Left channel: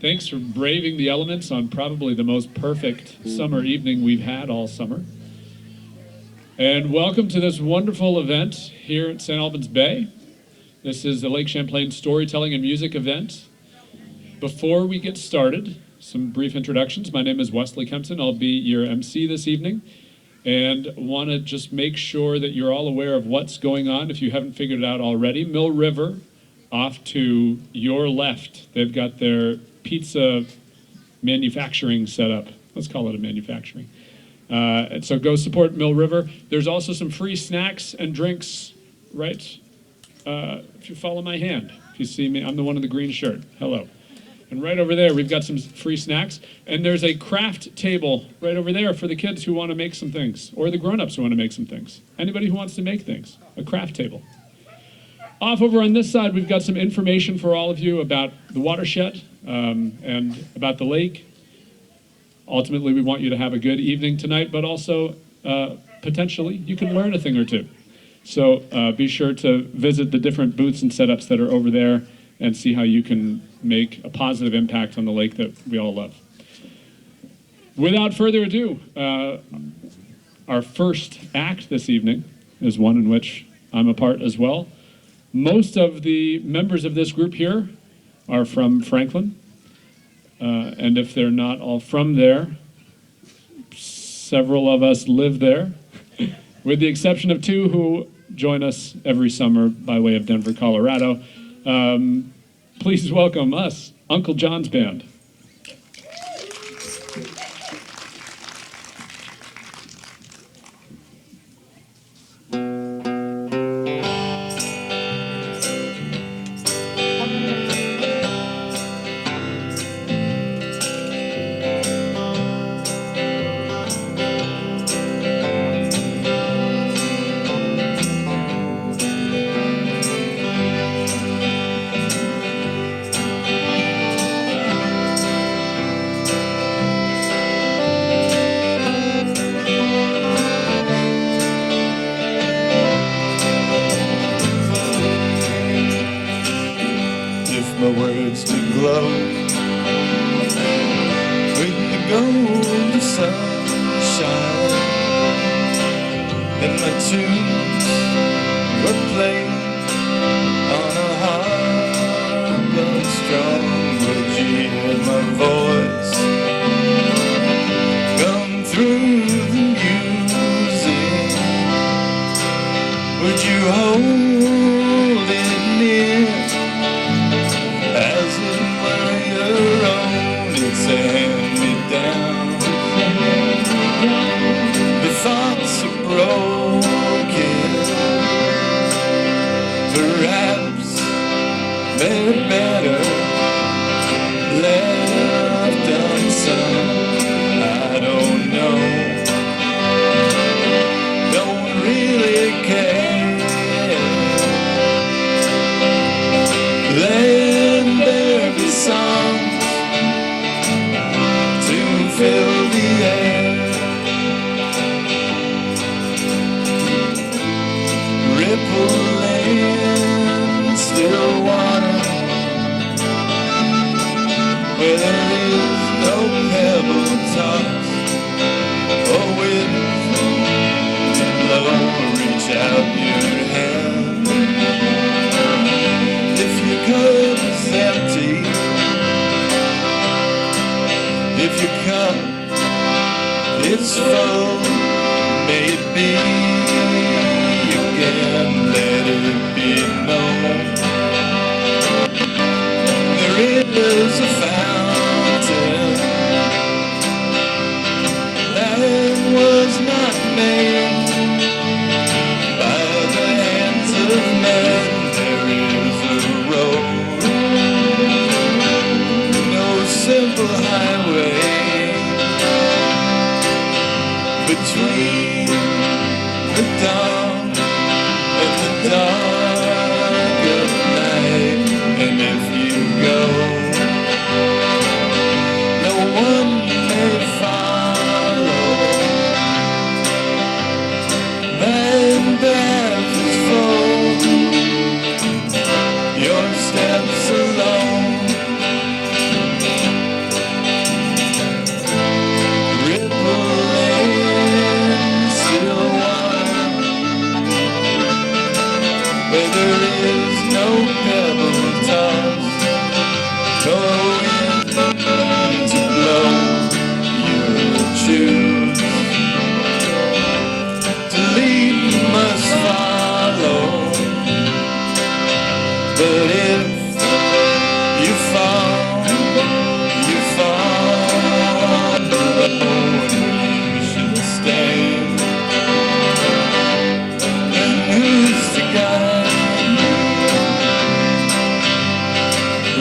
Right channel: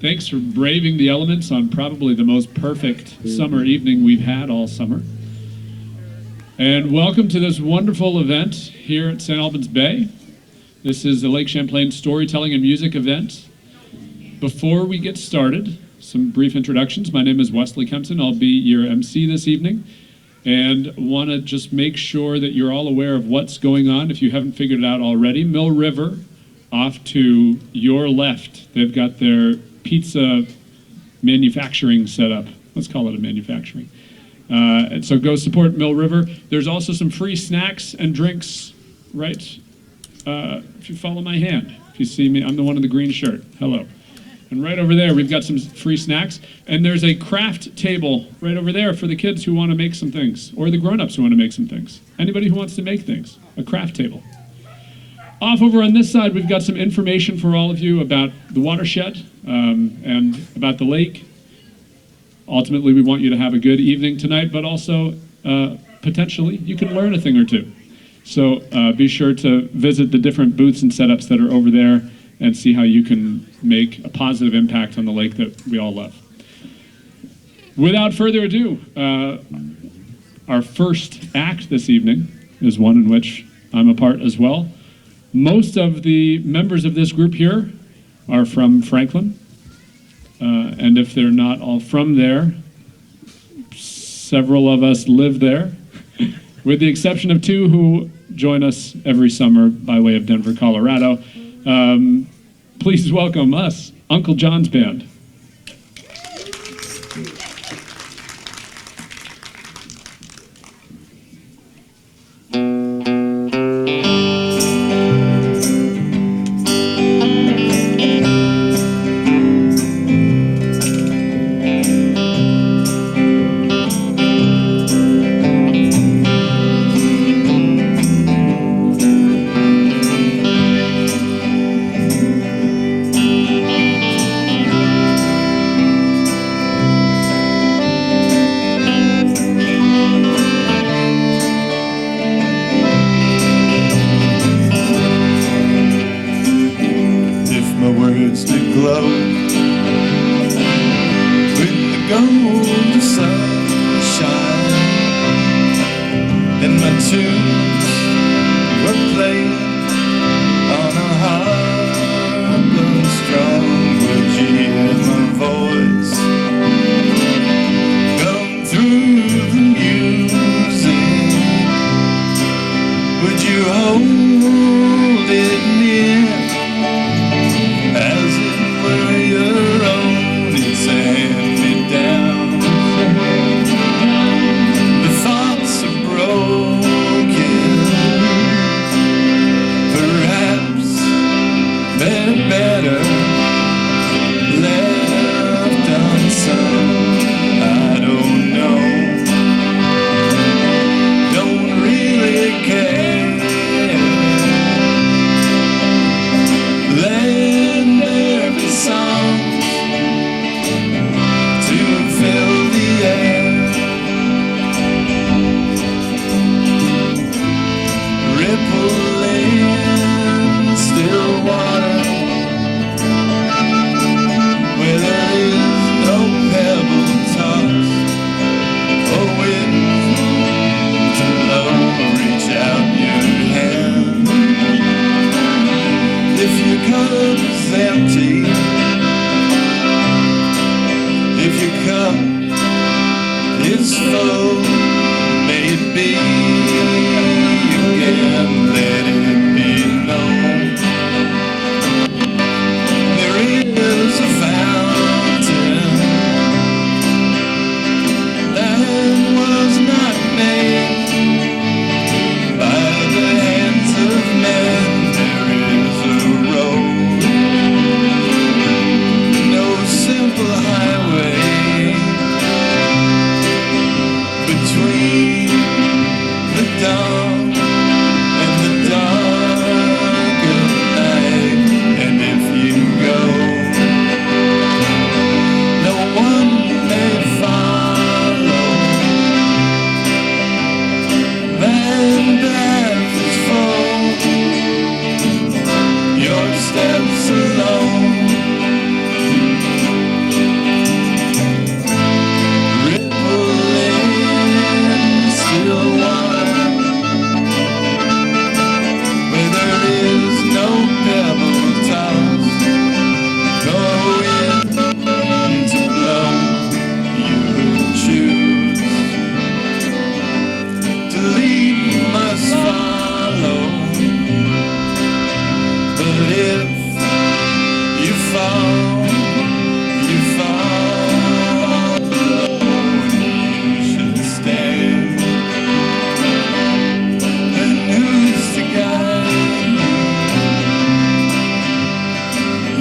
Thanks for braving the elements on probably the most perfect summer evening we've had all summer. And welcome to this wonderful event here at St. Albans Bay. This is the Lake Champlain Storytelling and Music event. Before we get started, some brief introductions. My name is Wesley Kempton. I'll be your MC this evening, and want to just make sure that you're all aware of what's going on if you haven't figured it out already. Mill River, off to your left, they've got their pizza manufacturing set up. Let's call it a manufacturing. And so go support Mill River. There's also some free snacks and drinks, right? If you follow my hand, if you see me, I'm the one in the green shirt. Hello. And right over there, we've got some free snacks. And there's a craft table right over there for the kids who want to make some things, or the grown-ups who want to make some things. Anybody who wants to make things, a craft table. Off over on this side, we've got some information for all of you about the watershed and about the lake. Ultimately, we want you to have a good evening tonight, but also potentially you can learn a thing or two. So be sure to visit the different booths and setups that are over there and see how you can make a positive impact on the lake that we all love. Without further ado, our first act this evening is one in which I'm a part as well. Most of the members of this group here are from Franklin, and if they're not all from there, several of us live there, with the exception of two who join us every summer by way of Denver, Colorado. Please welcome us, Uncle John's Band.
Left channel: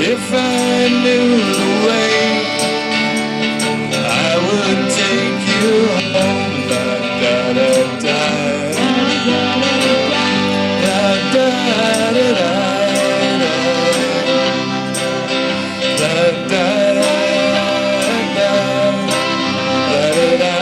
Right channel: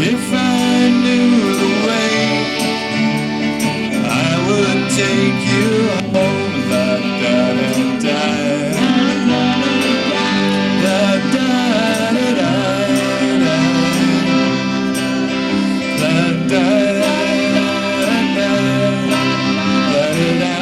If I knew the way, I would take you home. Da da da da. Da da da da. Da da da. Da da da.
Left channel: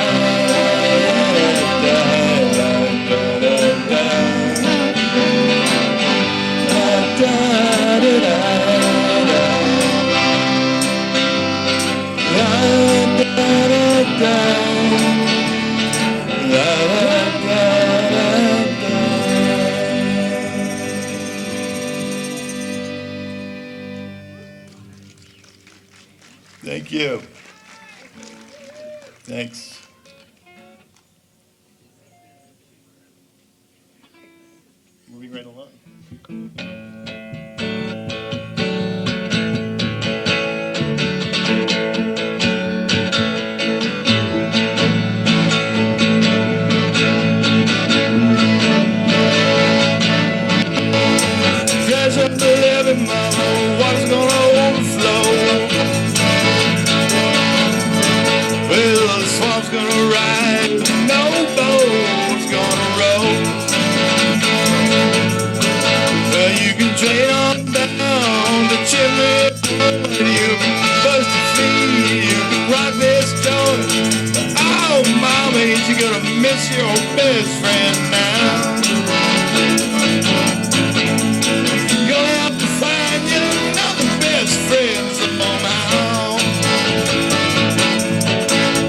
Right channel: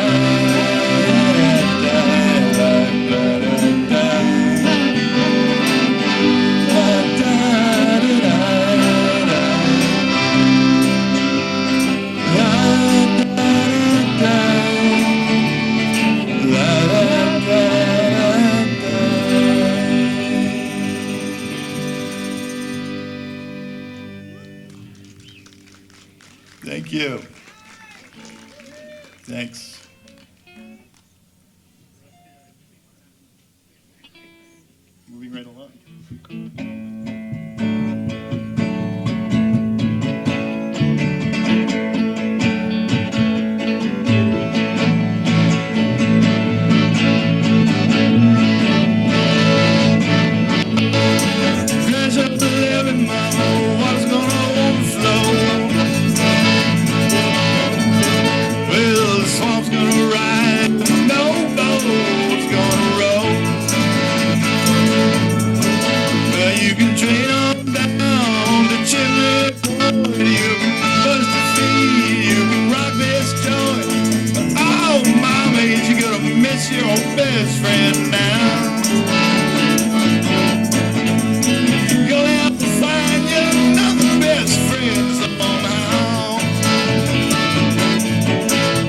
Thank you. Thanks. Moving right along. There's up to every mile, water's gonna overflow. Well, the swamp's gonna ride, no boat's gonna row. Well, you can train on down the chimney, you can bust your feet, you can rock this joint. Oh, mama, ain't you gonna miss your best friend now? Gonna have to find you another best friend somehow.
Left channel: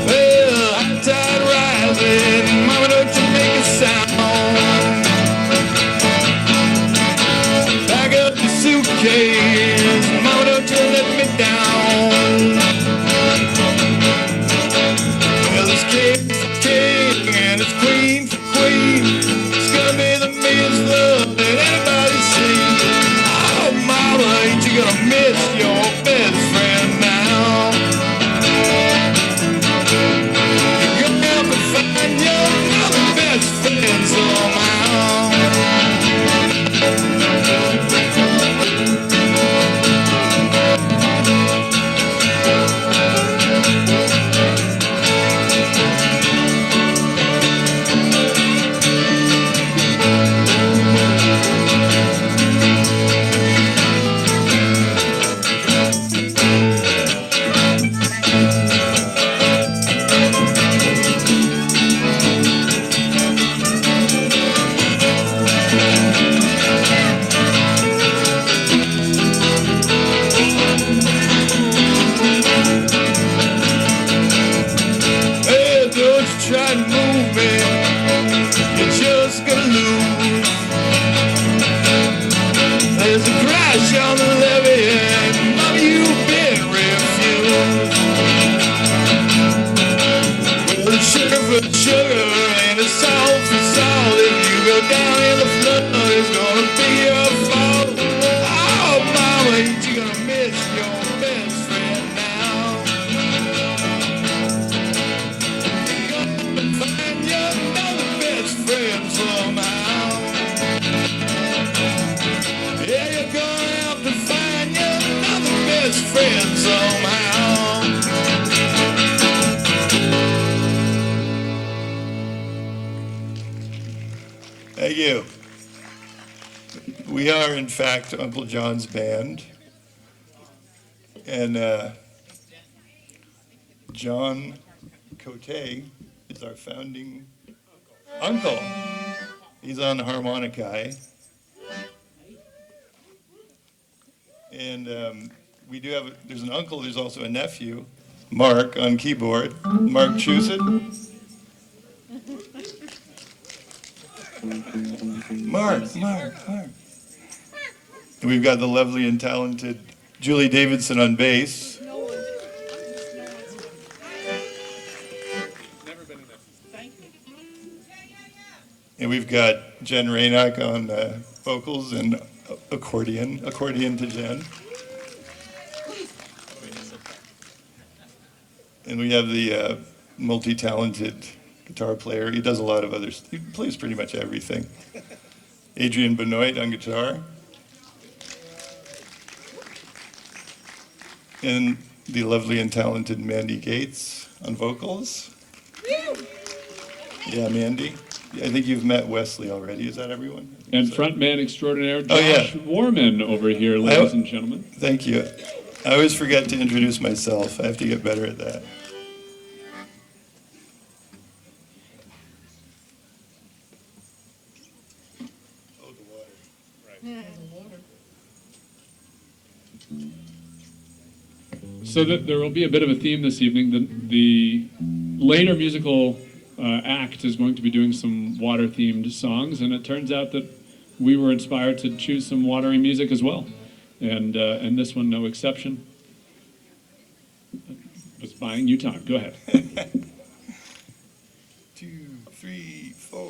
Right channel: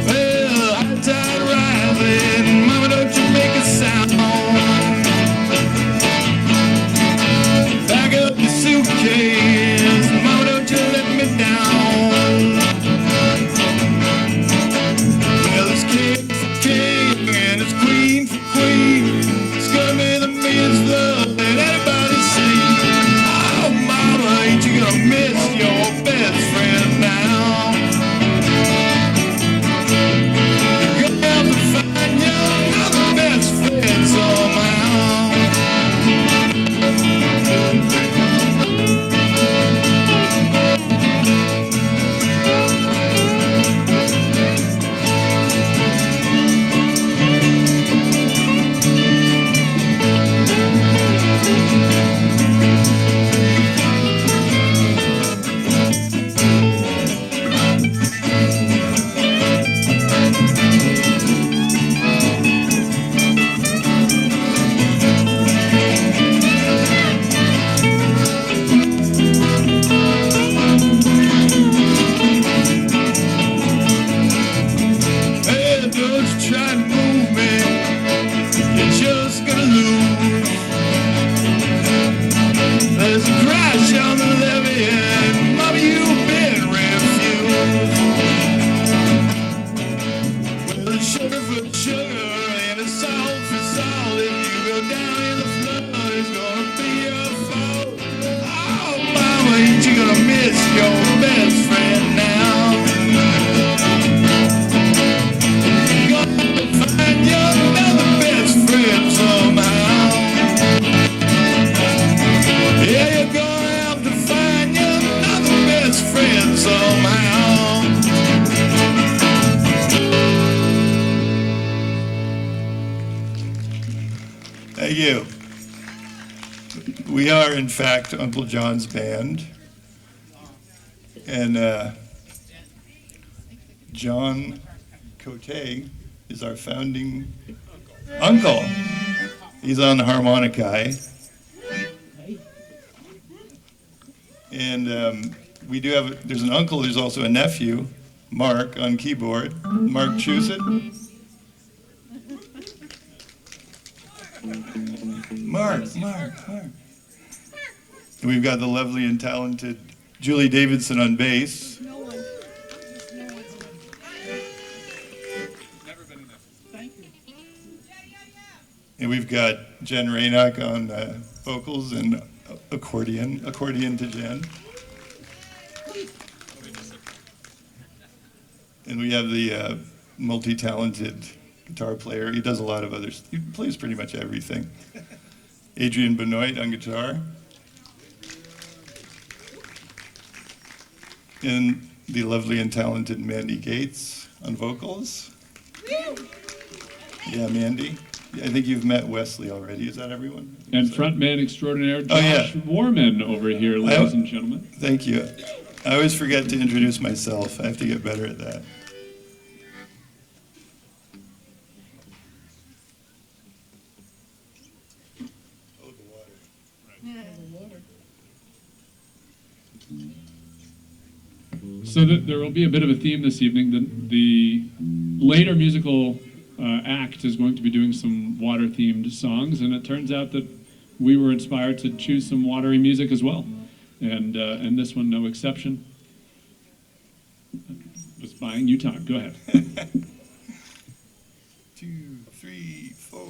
Well, high tide rising, mama, don't you make a sound. Pack up your suitcase, mama, don't you let me down. Well, it's king for king and it's queen for queen. It's gonna be the meanest love that anybody seen. Oh, mama, ain't you gonna miss your best friend now? You're gonna have to find you another best friend somehow. Hey, don't you try to move me, you're just gonna lose. There's a crash on the levee and mama, you've been refused. Well, it's sugar for sugar and it's salt for salt. If you go down in the flood, it's gonna be your fault. Oh, mama, ain't you gonna miss your best friend now? You're gonna find your another best friend somehow. Yeah, you're gonna have to find you another best friend somehow. Thank you. We are, in fact, Uncle John's band. And John Cote is our founding uncle. He's on the harmonica. And we do have, there's an uncle, there's also a nephew, Mark, on keyboard. Mark Chusett. Mark. And we've got the lovely and talented Julie Davidson on bass. And we've got Jen Raynock on vocals and accordion to Jen. And we have the multi-talented guitar player. He does a lot of others. He plays pretty much everything. Adrian Benoit on guitar. and the lovely and talented Mandy Gates on vocals. Yeah, Mandy. I think you've met Wesley already. Is that everyone? And frontman extraordinaire Oh, yeah. Josh Warman over here, ladies and gentlemen. Thank you. I always forget to introduce myself. I have to get better at that. Oh, the water. So that there will be a bit of a theme this evening. The later musical act is going to be doing some water-themed songs, and it turns out that we were inspired to choose some watery music as well, and this one no exception. Was buying you time. Go ahead. 2, 3, 4.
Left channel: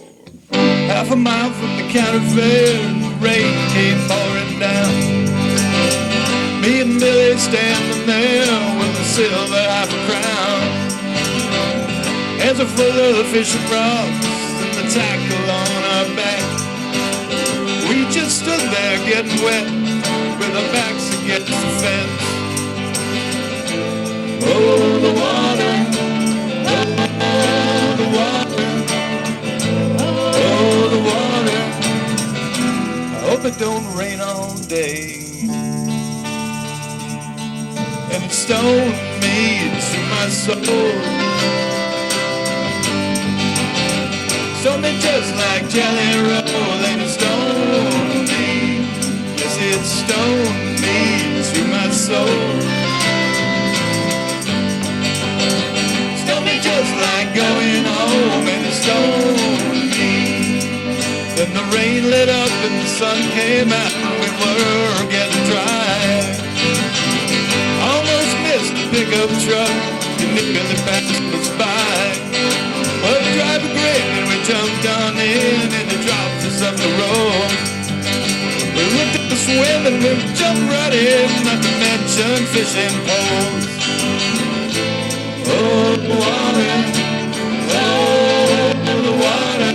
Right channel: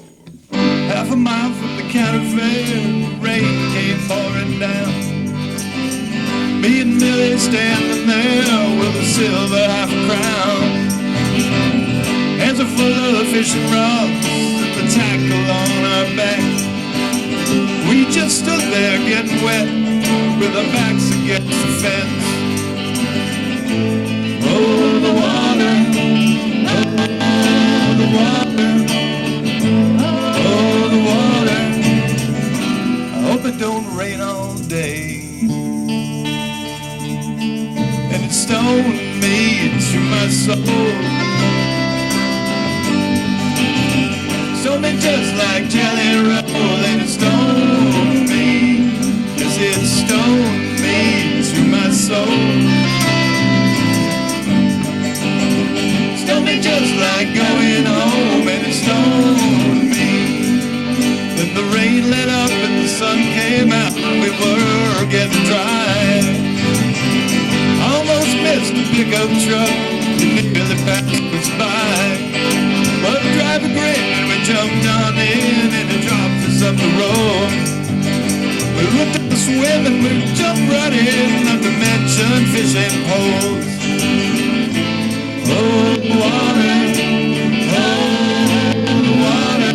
Half a mile from the county fair, rain came pouring down. Me and Billy standing there with a silver half a crown. Hands are full of fishing rods and the tackle on our back. We just stood there getting wet with our backs against the fence. Oh, the water, oh, the water, oh, the water. I hope it don't rain all day. And it's stoned me to my soul. Stoned me just like jelly roll, and it stoned me. Yes, it stoned me to my soul. Just like going home, and it stoned me. Then the rain lit up and the sun came out, and we were getting dry. Almost missed the pickup truck, and nearly passed us by. But the driver grinned and we jumped on in, and it dropped us up the road. We looked at the swim and we jumped right in, not to mention fishing poles. Oh, the water, oh, the water,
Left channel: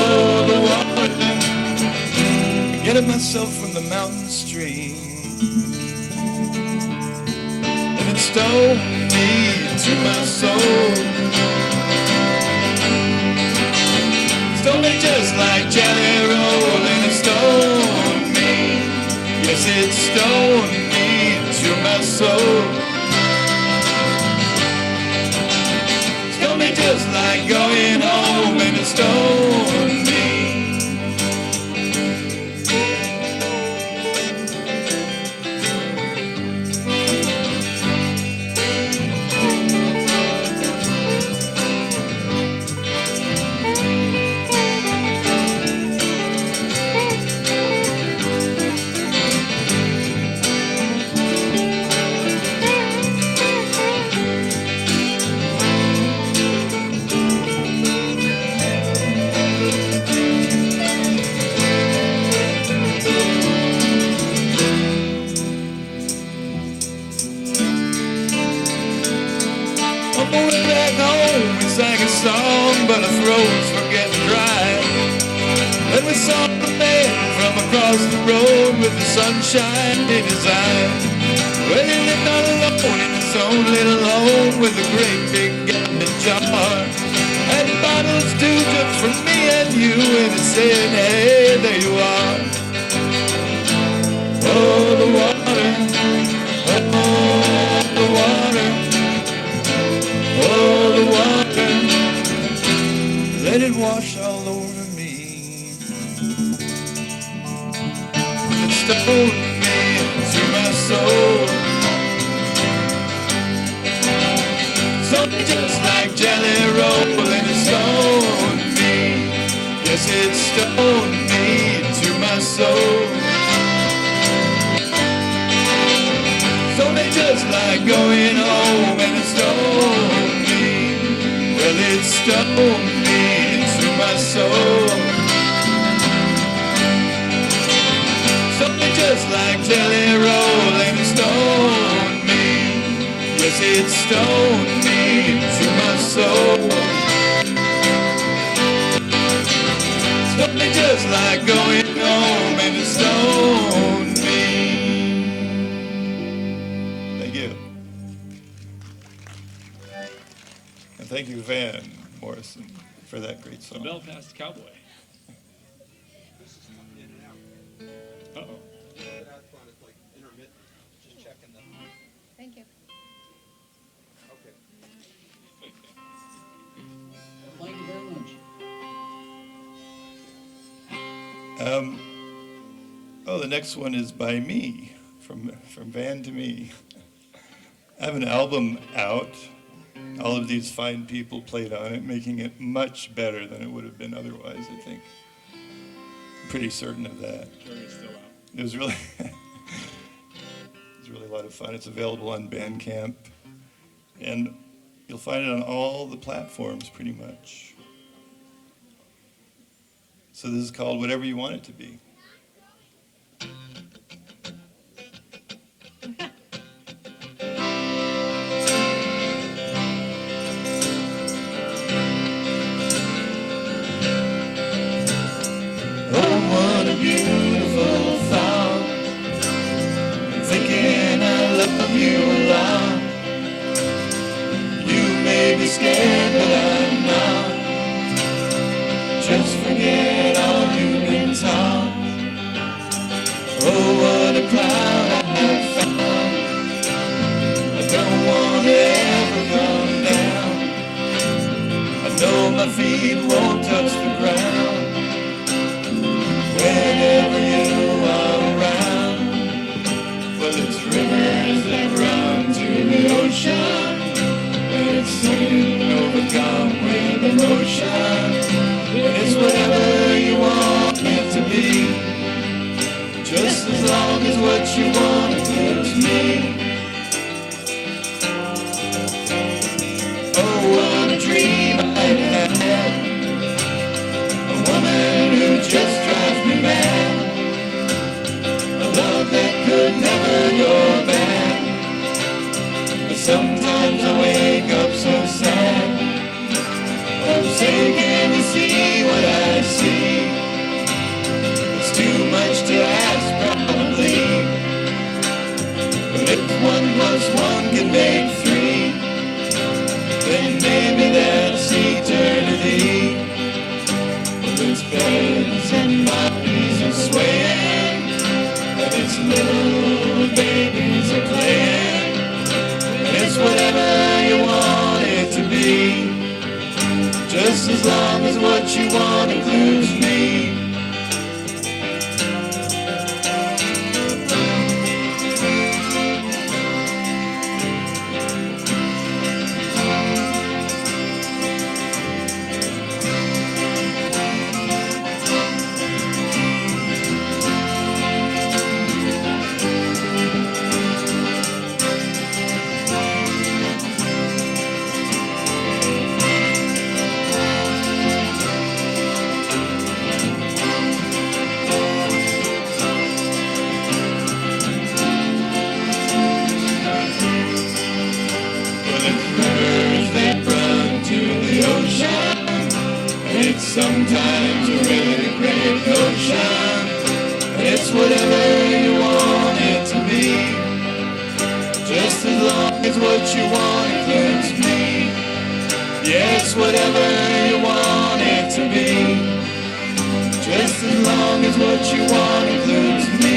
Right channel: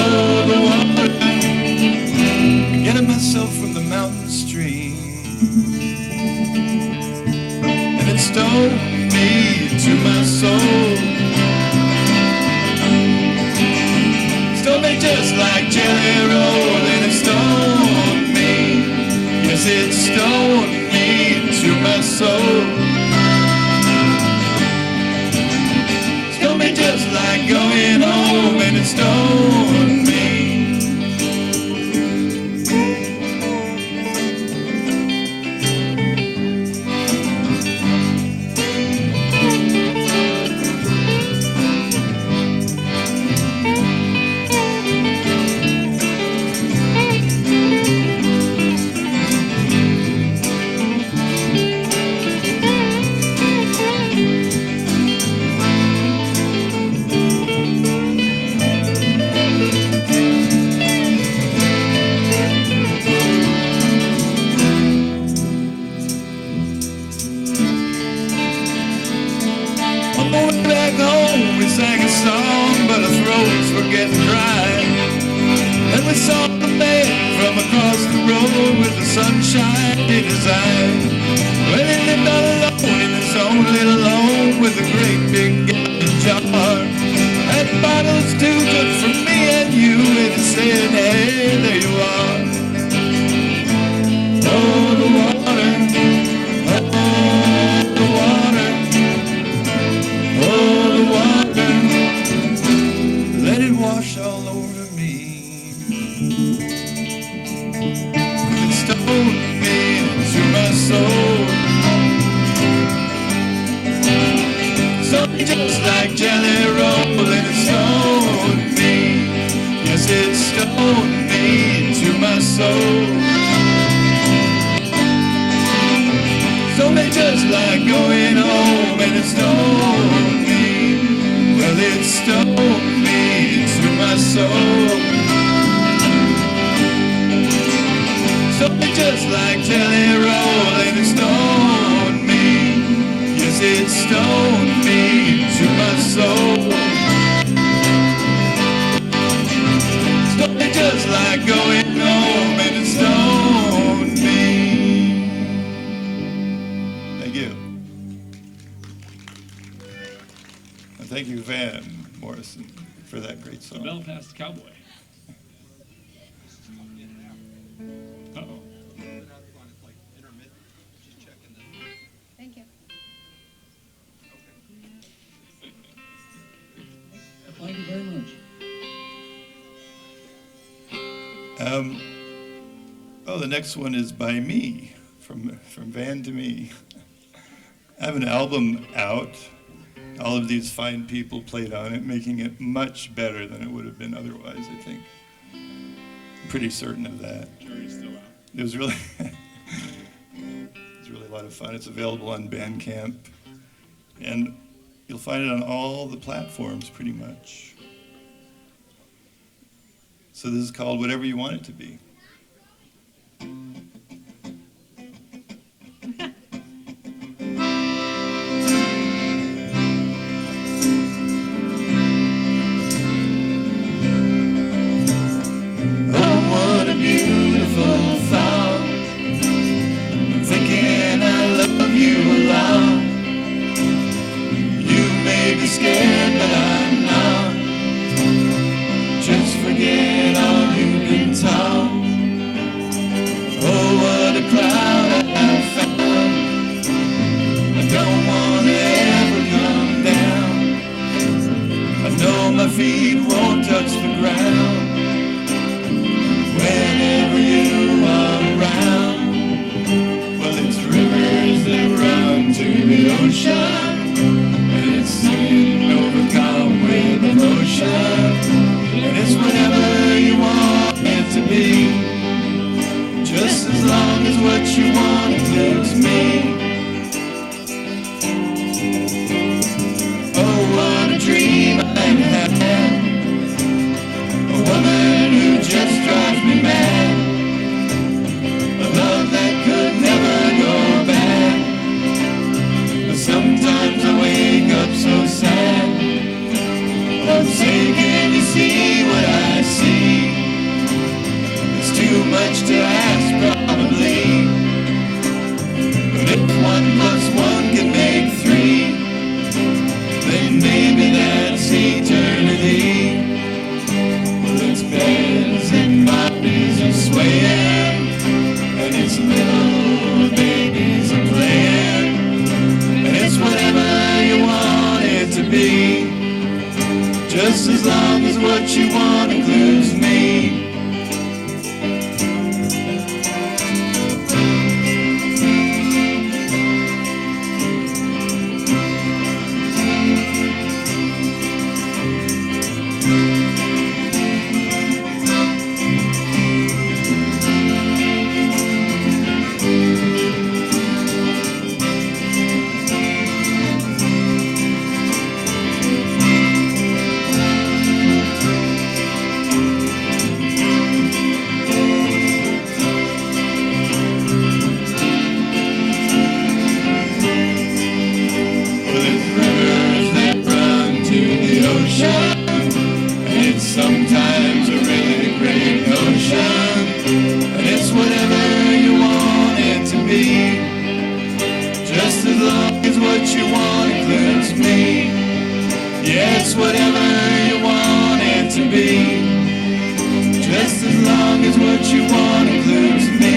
oh, the water. Getting myself from the mountain stream, and it stoned me to my soul. Stoned me just like jelly roll, and it stoned me. Yes, it stoned me to my soul. Just like going home, and it stoned me. Sang a song, but our throats were getting dry. And we saw the man from across the road with the sunshine in his eyes. Well, he lived all alone in his own little home with a great big gallon jar. And bottles too good for me and you, and it said, hey, there you are. Oh, the water, oh, the water, oh, the water. Let it wash all over me. It stoned me into my soul. Stoned just like jelly roll, and it stoned me. Yes, it stoned me into my soul. Stoned just like going home, and it stoned me. Well, it stoned me to my soul. Something just like jelly roll, and it stoned me. Yes, it stoned me to my soul. Something just like going home, and it stoned me. thank you, Van Morrison, for that great The song. Belfast Cowboy. Uh-oh. Thank you. Thank you very much. The next one is by me, from Van to me. I have an album out. All of these fine people played on it, making it much better than it would have been otherwise, I think. I'm pretty certain of that. Sure, it's still out. It was really, it was really a lot of fun. It's available on Bandcamp, and you'll find it on all the platforms pretty much. So this is called Whatever You Want It to Be. Scared, but I'm not. Just forget all you've been taught. Oh, what a cloud I've found. I don't want to ever come down. I know my feet won't touch the ground whenever you are around. Well, it's rivers that run to the ocean. Overcome with emotion, and it's whatever you want it to be, just as long as what you want includes me. Oh, what a dream I had, a woman who just drives me mad, a love that could never go bad. But sometimes I wake up so sad. I'm saying, can you see what I see? It's too much to ask, probably. But if 1 plus 1 can make 3, then maybe that's eternity. Well, its beds and bodies are swaying, and its little babies are playing. It's whatever you want it to be, just as long as what you want includes me. Sometimes a really great notion, and it's whatever you want it to be, just as long as what you want includes me. Yeah, it's whatever you want it to be, just as long as what you want includes me.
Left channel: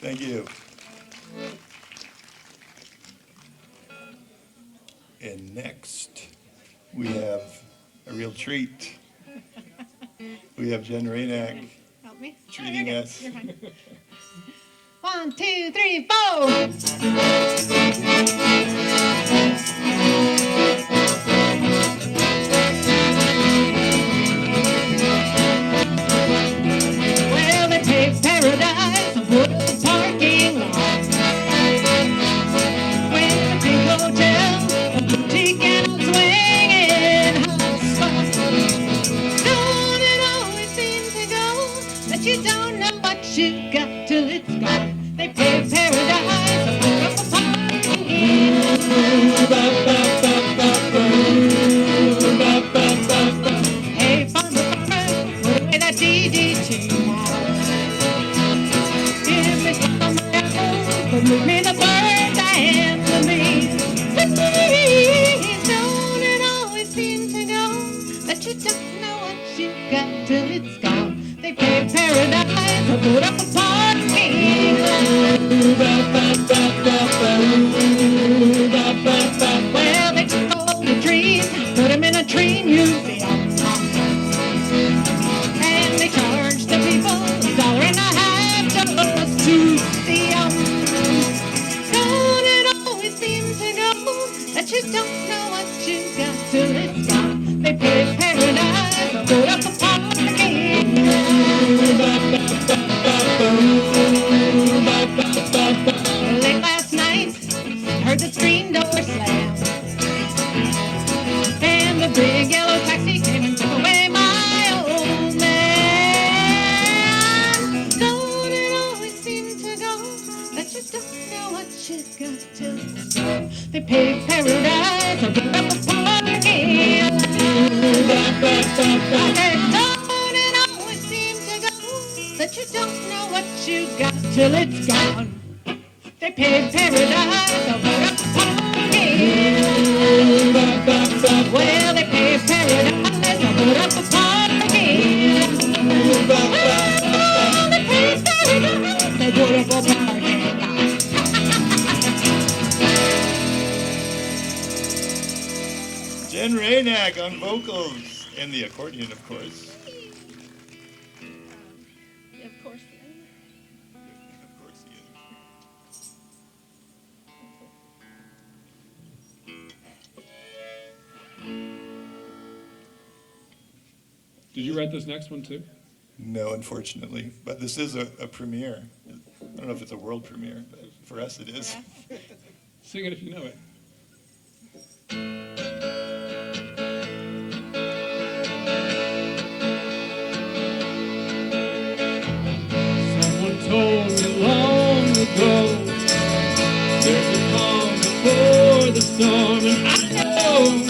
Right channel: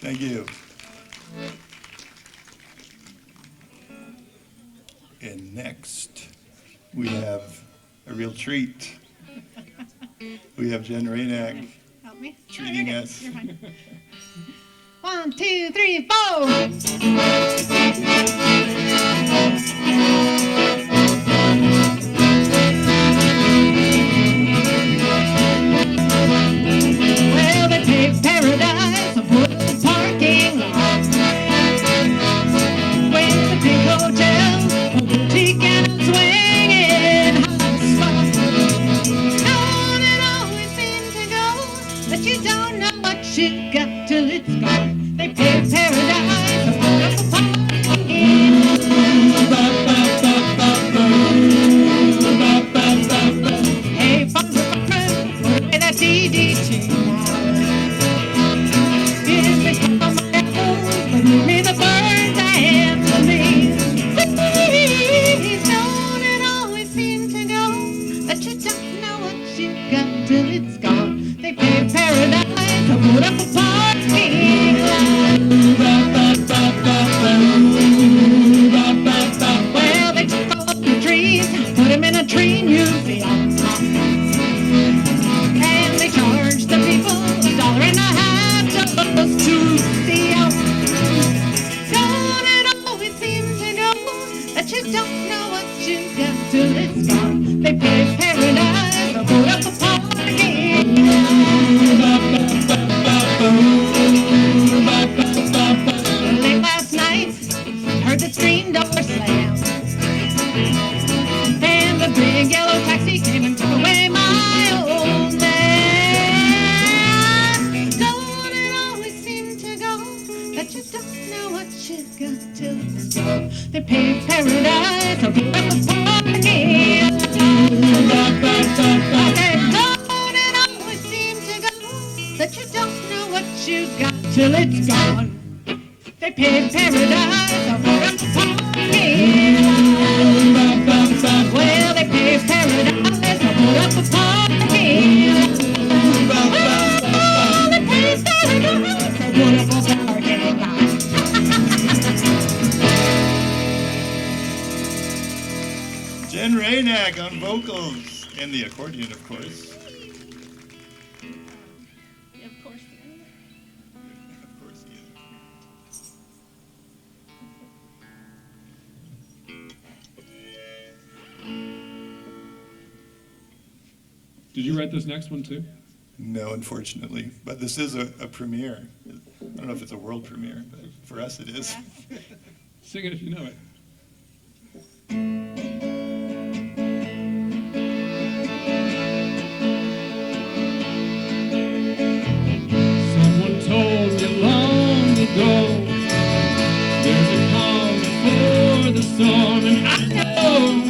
Thank you. And next, we have a real treat. We have Jen Rainack Help me. treating you're good. us. You're fine. 1, 2, 3, 4. Well, they take paradise and put the parking lot. When the big hotel, the boutique and swinging hot spot. On and always seems to go, but you don't know what you got till it's gone. They pay paradise and put up a to the store. They paved paradise, I put up a party. I said, Lord, it always seems to go that you don't know what you got till it's gone. They paved paradise, I put up a party. Well, they paved paradise, I put up a party. Oh, they paved paradise, I put up a party. Jen Raynack on vocals and the accordion, of course. Of course. Of course, yeah. Did you write this next one too? No, unfortunately, but this is a premiere. I don't know if it's a world premiere, but for us it is. Sing it if you know it. Someone told me long ago there's a calm before the storm, and I know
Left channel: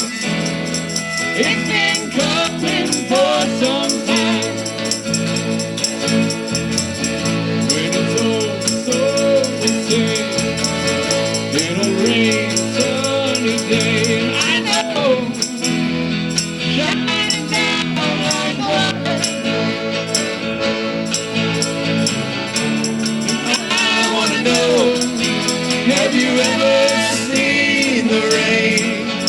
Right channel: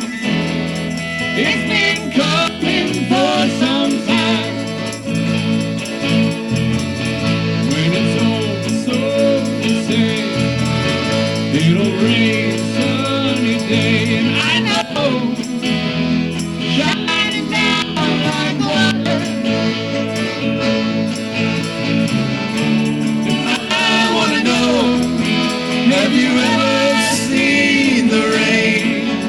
it's been coming for some time. When it's over, so we'll say it'll rain a sunny day, and I know shining down like water. I want to know, have you ever seen the rain?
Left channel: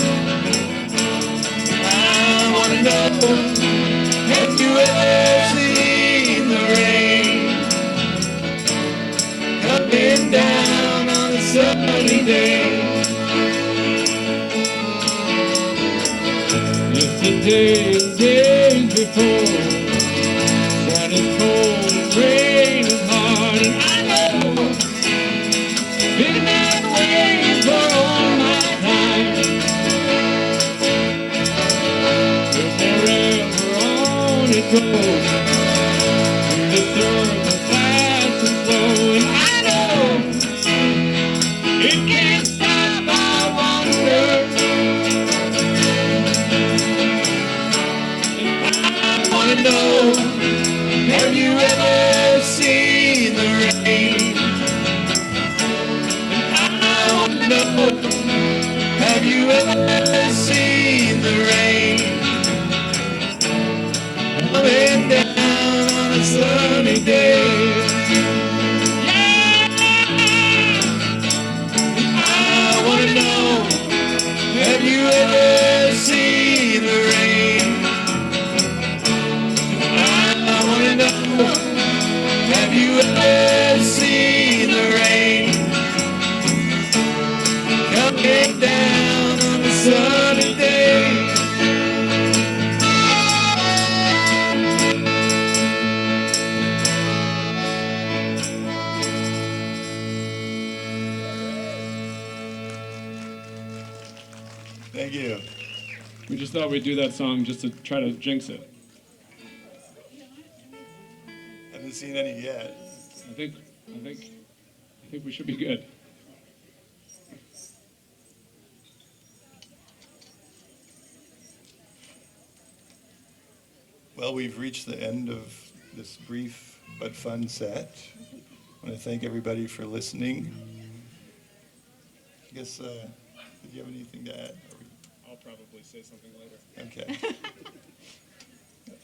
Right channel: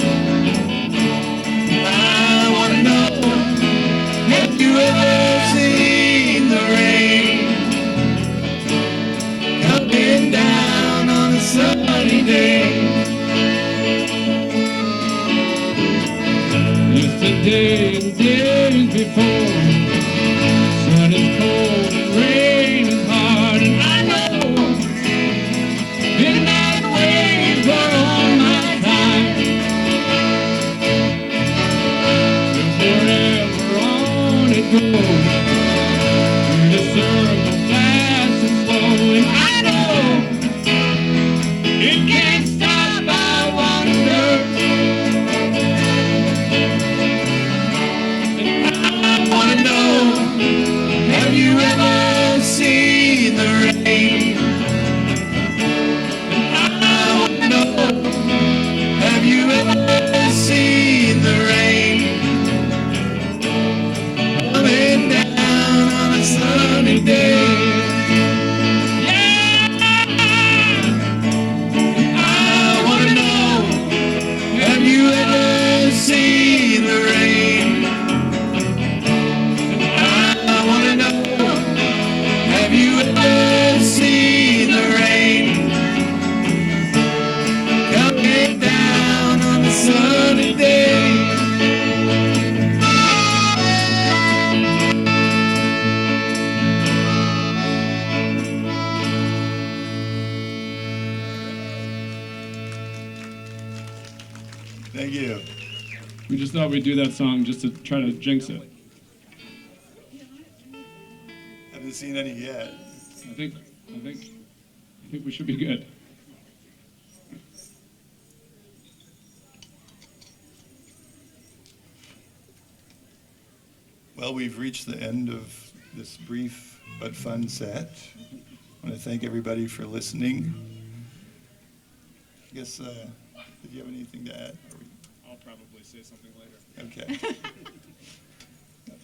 I want to know, have you ever seen the rain? Coming down on a sunny day. Yesterday and days before, sun is cold and rain is hard, and I know it's been waiting for all my time. But forever on it goes, through the circle fast and slow, and I know it can't stop, I wonder. I want to know, have you ever seen the rain? I want to know, have you ever seen the rain? Coming down on a sunny day. I want to know, have you ever seen the rain? I want to know, have you ever seen the rain? Coming down on a sunny day. Thank you. We just thought we'd do that song just to try to jinx it. Haven't seen any yet. I think we should be good. Well, we've reached the end of this brief but fun set. I want to thank everybody for listening. I guess, did you have anything to add? I'll probably say something later. Okay.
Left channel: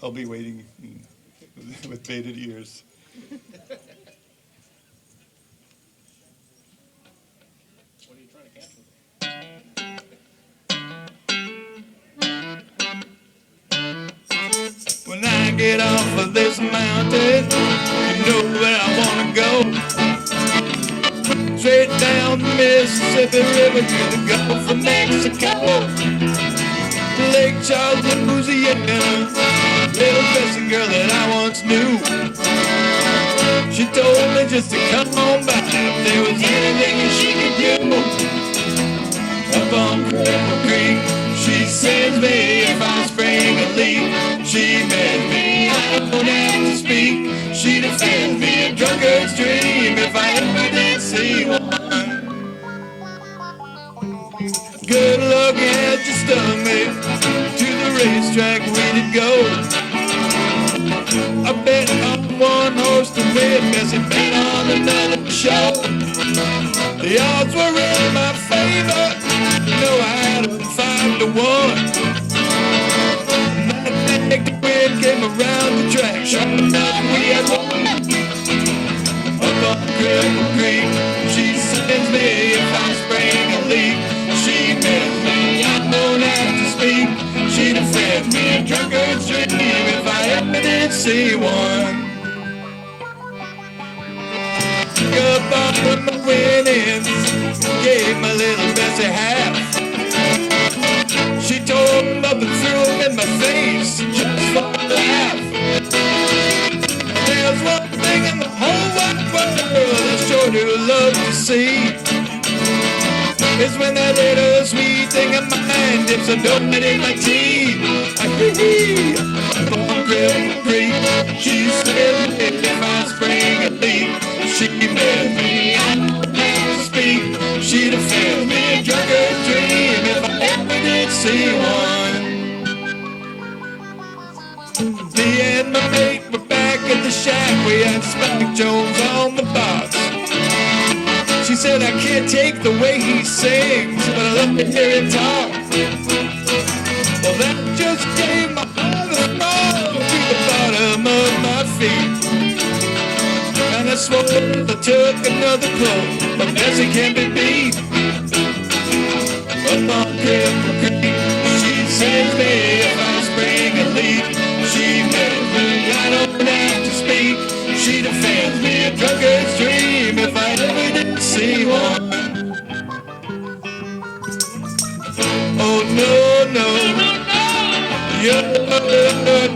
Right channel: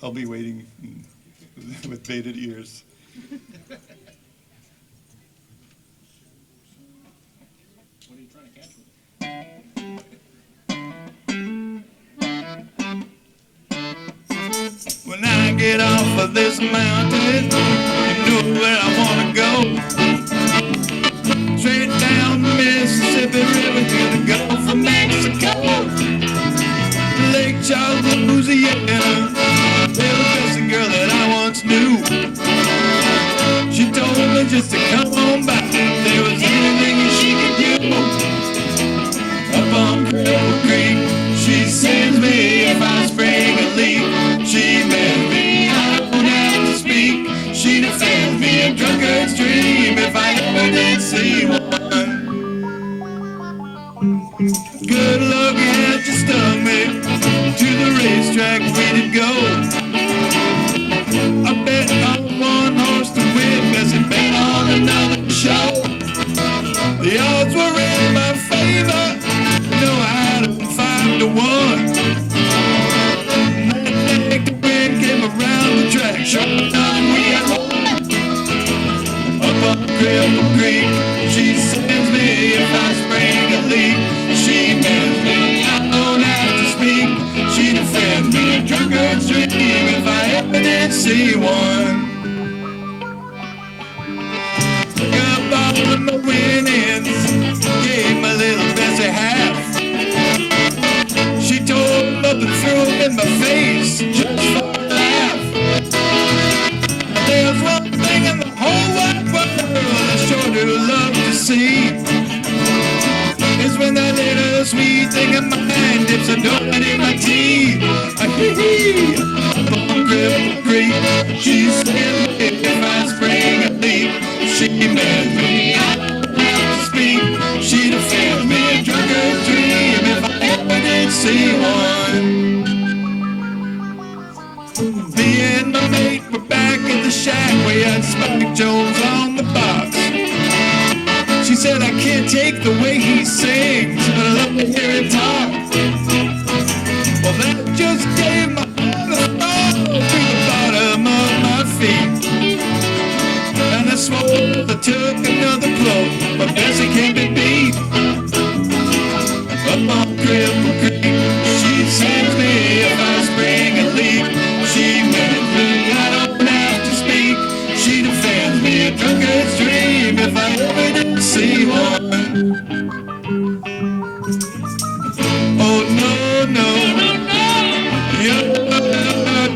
I'll be waiting with bated ears. What are you trying to catch with When I get off of this mountain, you know where I want to go. Straight down the Mississippi River to the Gulf of Mexico. Lake Champlain, Louisiana, little missing girl that I once knew. She told me just to come on back if there was anything she could do. Up on Cripple Creek, she sends me if I spring a leak. She bends me, I don't have to speak. She defends me a drunkard's dream if I ever did see one. racetrack we did go. I bet on one horse to win, Bessie bet on another show. The odds were in my favor, you know I had them 5-1. That day the wind came around the track, sure enough we had won. Up on Cripple Creek, she sends me if I spring a leak. She tells me I don't have to speak. She defends me a drunkard's dream if I ever did see one. Up all my winnings, gave my little Bessie half. She tore up and threw them in my face just for a laugh. There's one thing in the whole wide world I sure do love to see. It's when that little sweet thing in my mind dips a donut in my tea. Up on Cripple Creek, she says if I spring a leak, she bears me, I don't have to speak. She defends me a drunkard's dream if I ever did see one. Me and my mate were back at the shack. We had Smokey Jones on the box. She said I can't take the way he sings, but I love to hear him talk. Well, that just gave my heart a fall through the bottom of my feet. And I swore if I took another blow, but Bessie can't be beat. Up on Cripple Creek, she sends me if I spring a leak. She makes me, I don't have to speak. She defends me a drunkard's dream if I ever did see one. Oh no, no, no,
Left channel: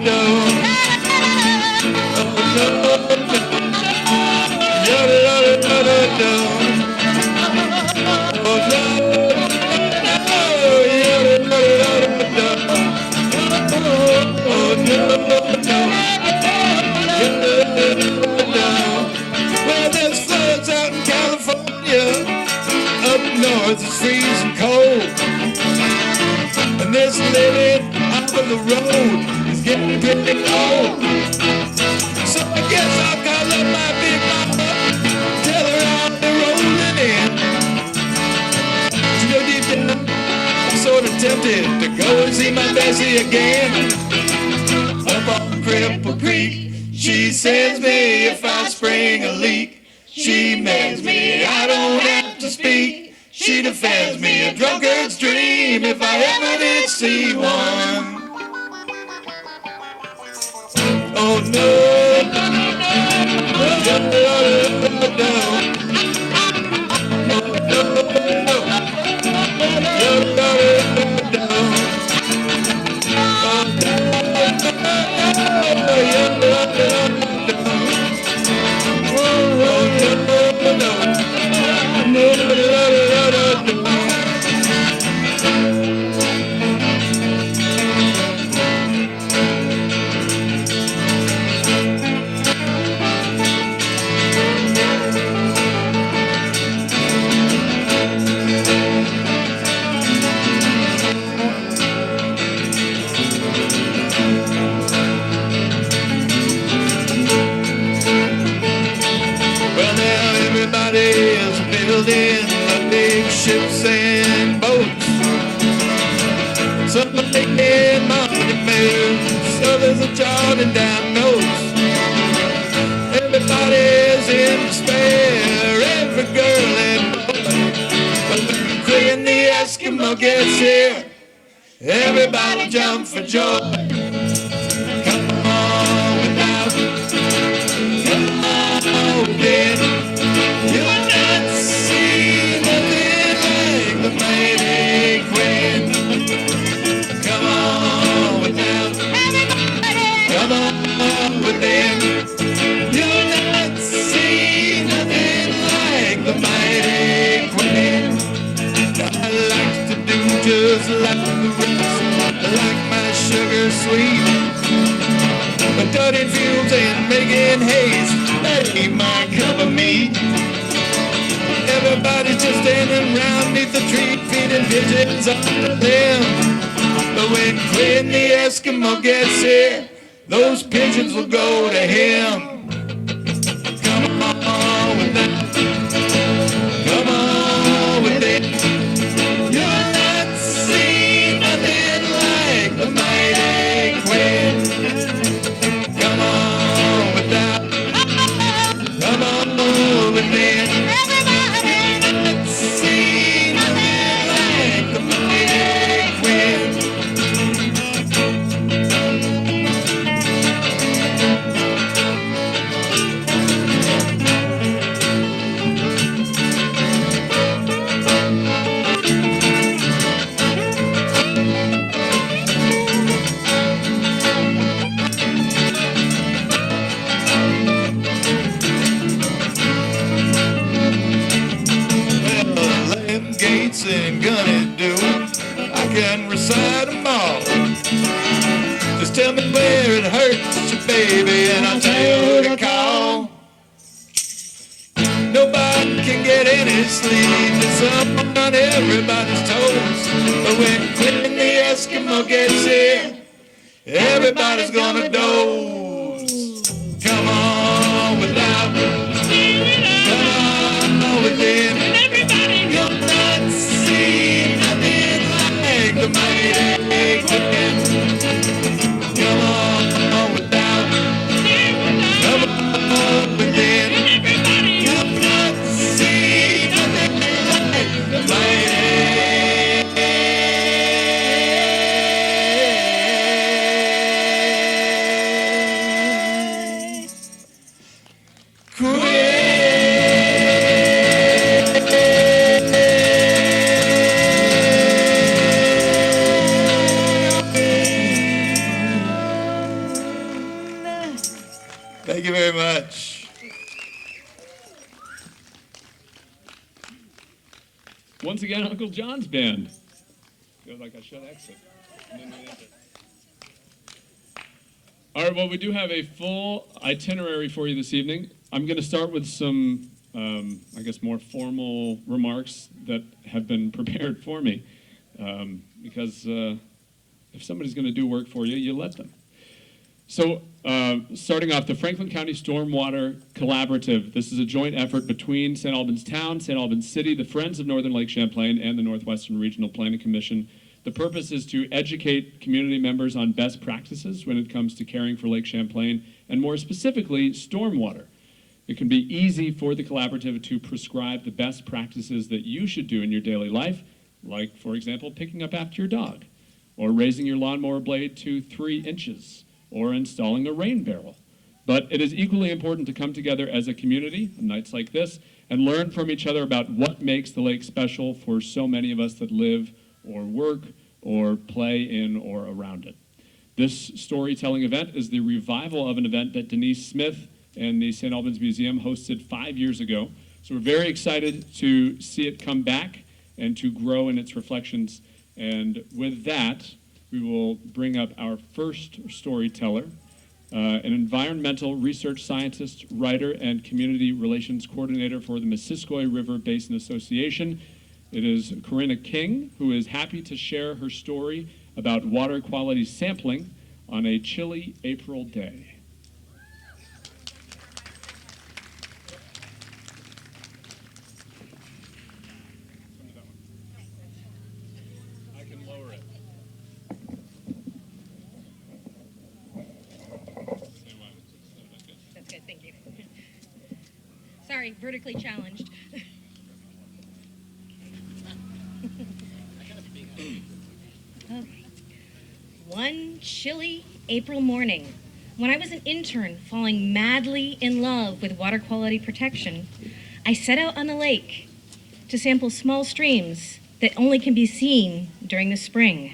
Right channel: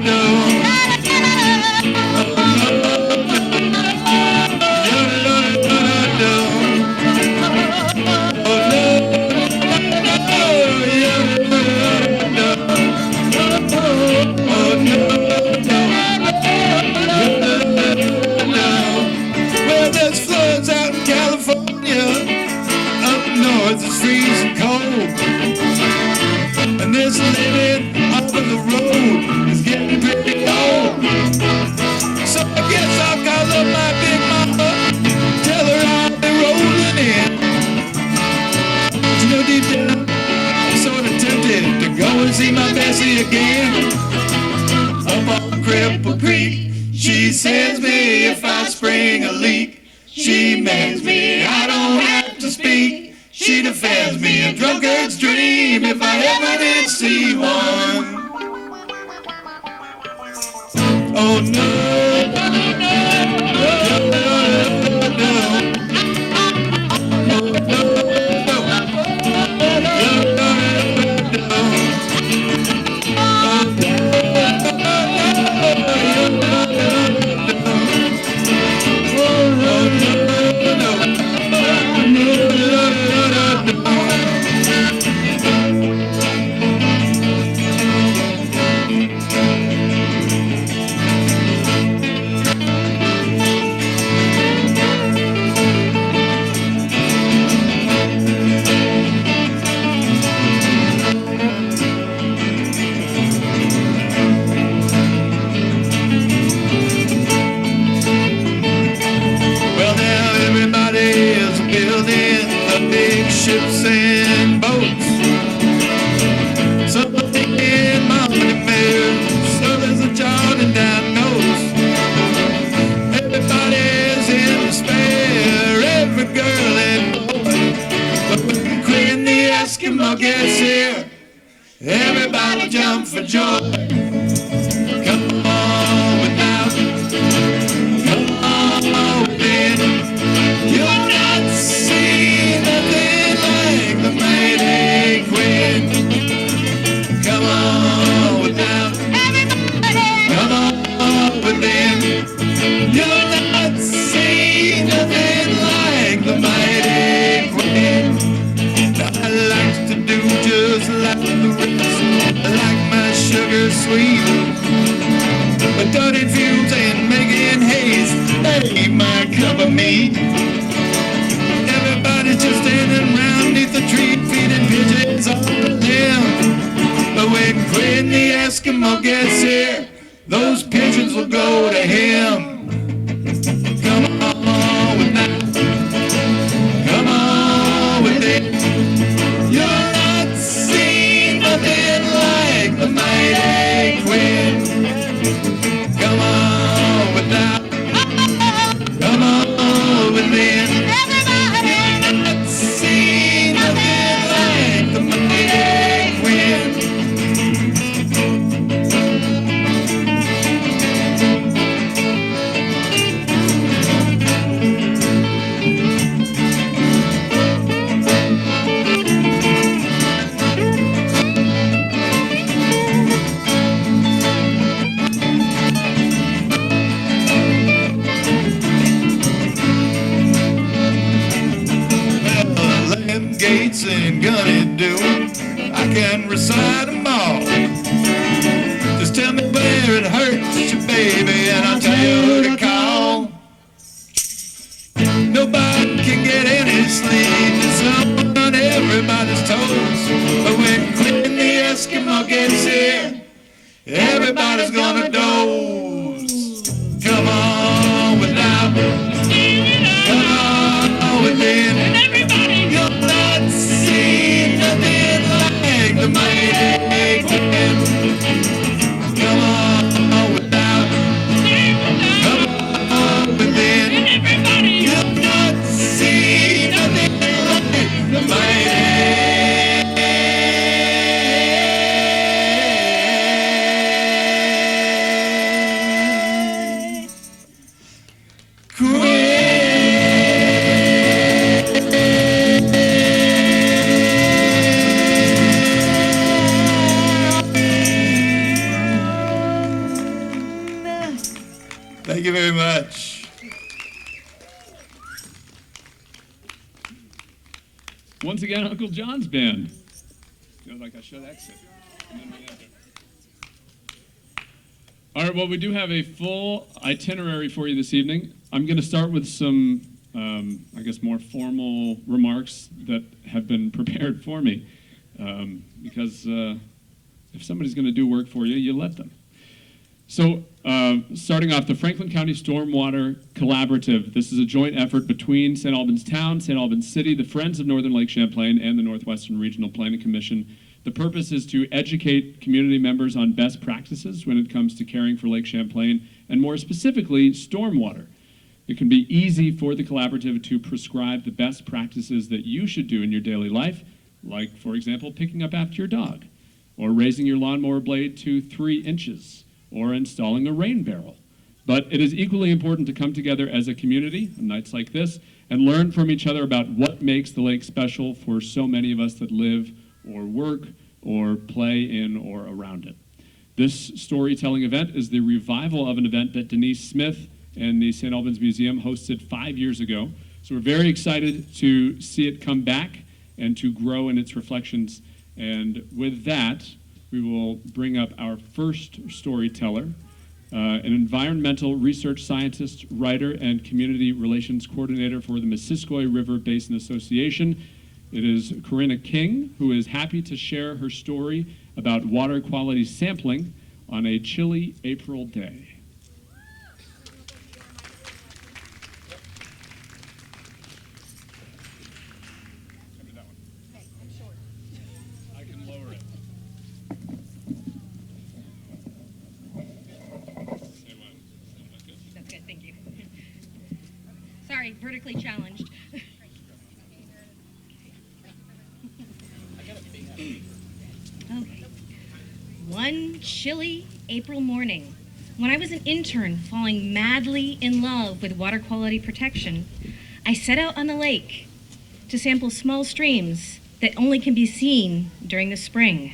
no. Oh no, no. Well, there's floods out in California. Up north it's freezing cold. And this living off of the road is getting pretty low. So I guess I'll call up my big mama, tell her I'll be rolling in. You know, deep down, I'm sort of tempted to go and see my Bessie again. Up on Cripple Creek, she sends me if I spring a leak. She makes me, I don't have to speak. She defends me a drunkard's dream if I ever did see one. Oh no, no, no, no, no, no. Oh no, no, no, no, no, no. Oh everybody's building the big ships and boats. Some are making money moves, others are jotting down notes. Everybody's in despair, every girl and boy. But when the Eskimo gets here, everybody jump for joy. Come on without, come on within. You'll not see nothing like the mighty Queen. Come on without, come on within. You'll not see nothing like the mighty Queen. Now I like to do just like the rest, like my sugar sweet. But dirty fumes and making haste, that ain't my cup of meat. Everybody's just standing round neath the tree, feeding pigeons on the limb. But when Quinn the Eskimo gets here, those pigeons will go to him. Come on with that. Come on with it. You're not seeing nothing like the mighty Queen. Come on with that. Come on with it. You're not seeing nothing like the mighty Queen. Them gates ain't gonna do. I can recite them all. Just tell me where it hurts you, baby, and I'll tell you who to call. Nobody can get any sleep. It's up on everybody's toes. But when Clint the Eskimo gets here, everybody's gonna doze. Come on without. Come on with it. You're not seeing nothing like the mighty Queen. Come on without. Come on with it. You're not seeing nothing like the mighty. Thank you very much. Once again, Uncle John's band. Feels like I should exit. All right, well, we do have a full itinerary for you this evening. I'm going to start with some, I guess, more formal remarks that have been prepared for me. Because if somebody's going to do work for you, you let them. So, starting off, the Franklin County Stormwater Collaborative. This is a joint effort between St. Albans Town, St. Albans City, the Friends of Northern Lake Champlain, and the Northwestern Regional Planning Commission. The purpose is to educate community members on best practices when it comes to caring for Lake Champlain, and more specifically, stormwater. It can be easy for the collaborative to prescribe the best practices that you should do in your daily life, like, for example, picking up after your dog, or raising your lawnmower blade to 3 inches, or installing a rain barrel. But it is equally important to come together as a community on nights like this and learn from each other about what makes the lake special for so many of us that live or work or play in or around it. This storytelling event is the revival of an event that Denise Smith and the St. Albans Museum hosted 5 years ago. So we're very excited to see it come back and to grow in its reflections. And with that, we will bring up our first storyteller, an environmental research scientist, writer, and community relations coordinator for the Missisquoi River Basin Association. It is Corinna King, who is happy to share her story about water quality sampling on a chilly April day. Sorry, vertically challenged. Okay. One chilly April morning, when I was an intern falling madly in love with water quality protection, I set out on the lake to sample small streams that only can be seen during the spring.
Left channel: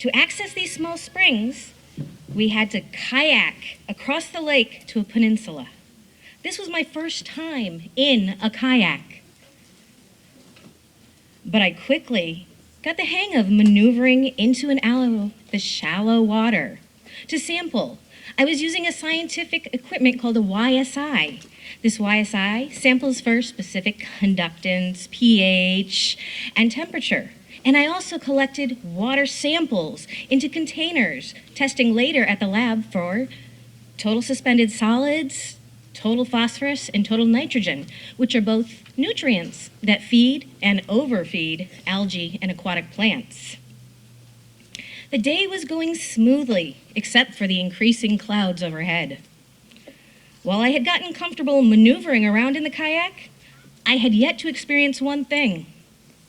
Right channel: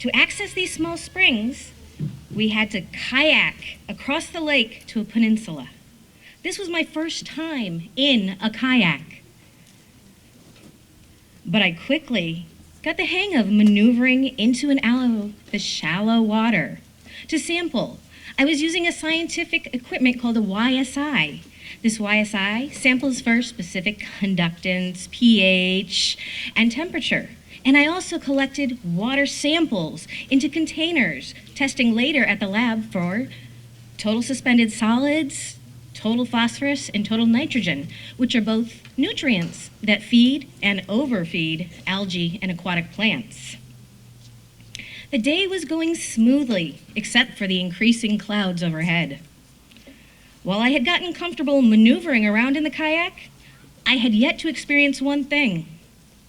To access these small springs, we had to kayak across the lake to a peninsula. This was my first time in a kayak. But I quickly got the hang of maneuvering into and out of the shallow water. To sample, I was using a scientific equipment called a YSI. This YSI samples for specific conductance, pH, and temperature. And I also collected water samples into containers, testing later at the lab for total suspended solids, total phosphorus, and total nitrogen, which are both nutrients that feed and overfeed algae and aquatic plants. The day was going smoothly, except for the increasing clouds overhead. While I had gotten comfortable maneuvering around in the kayak, I had yet to experience one thing:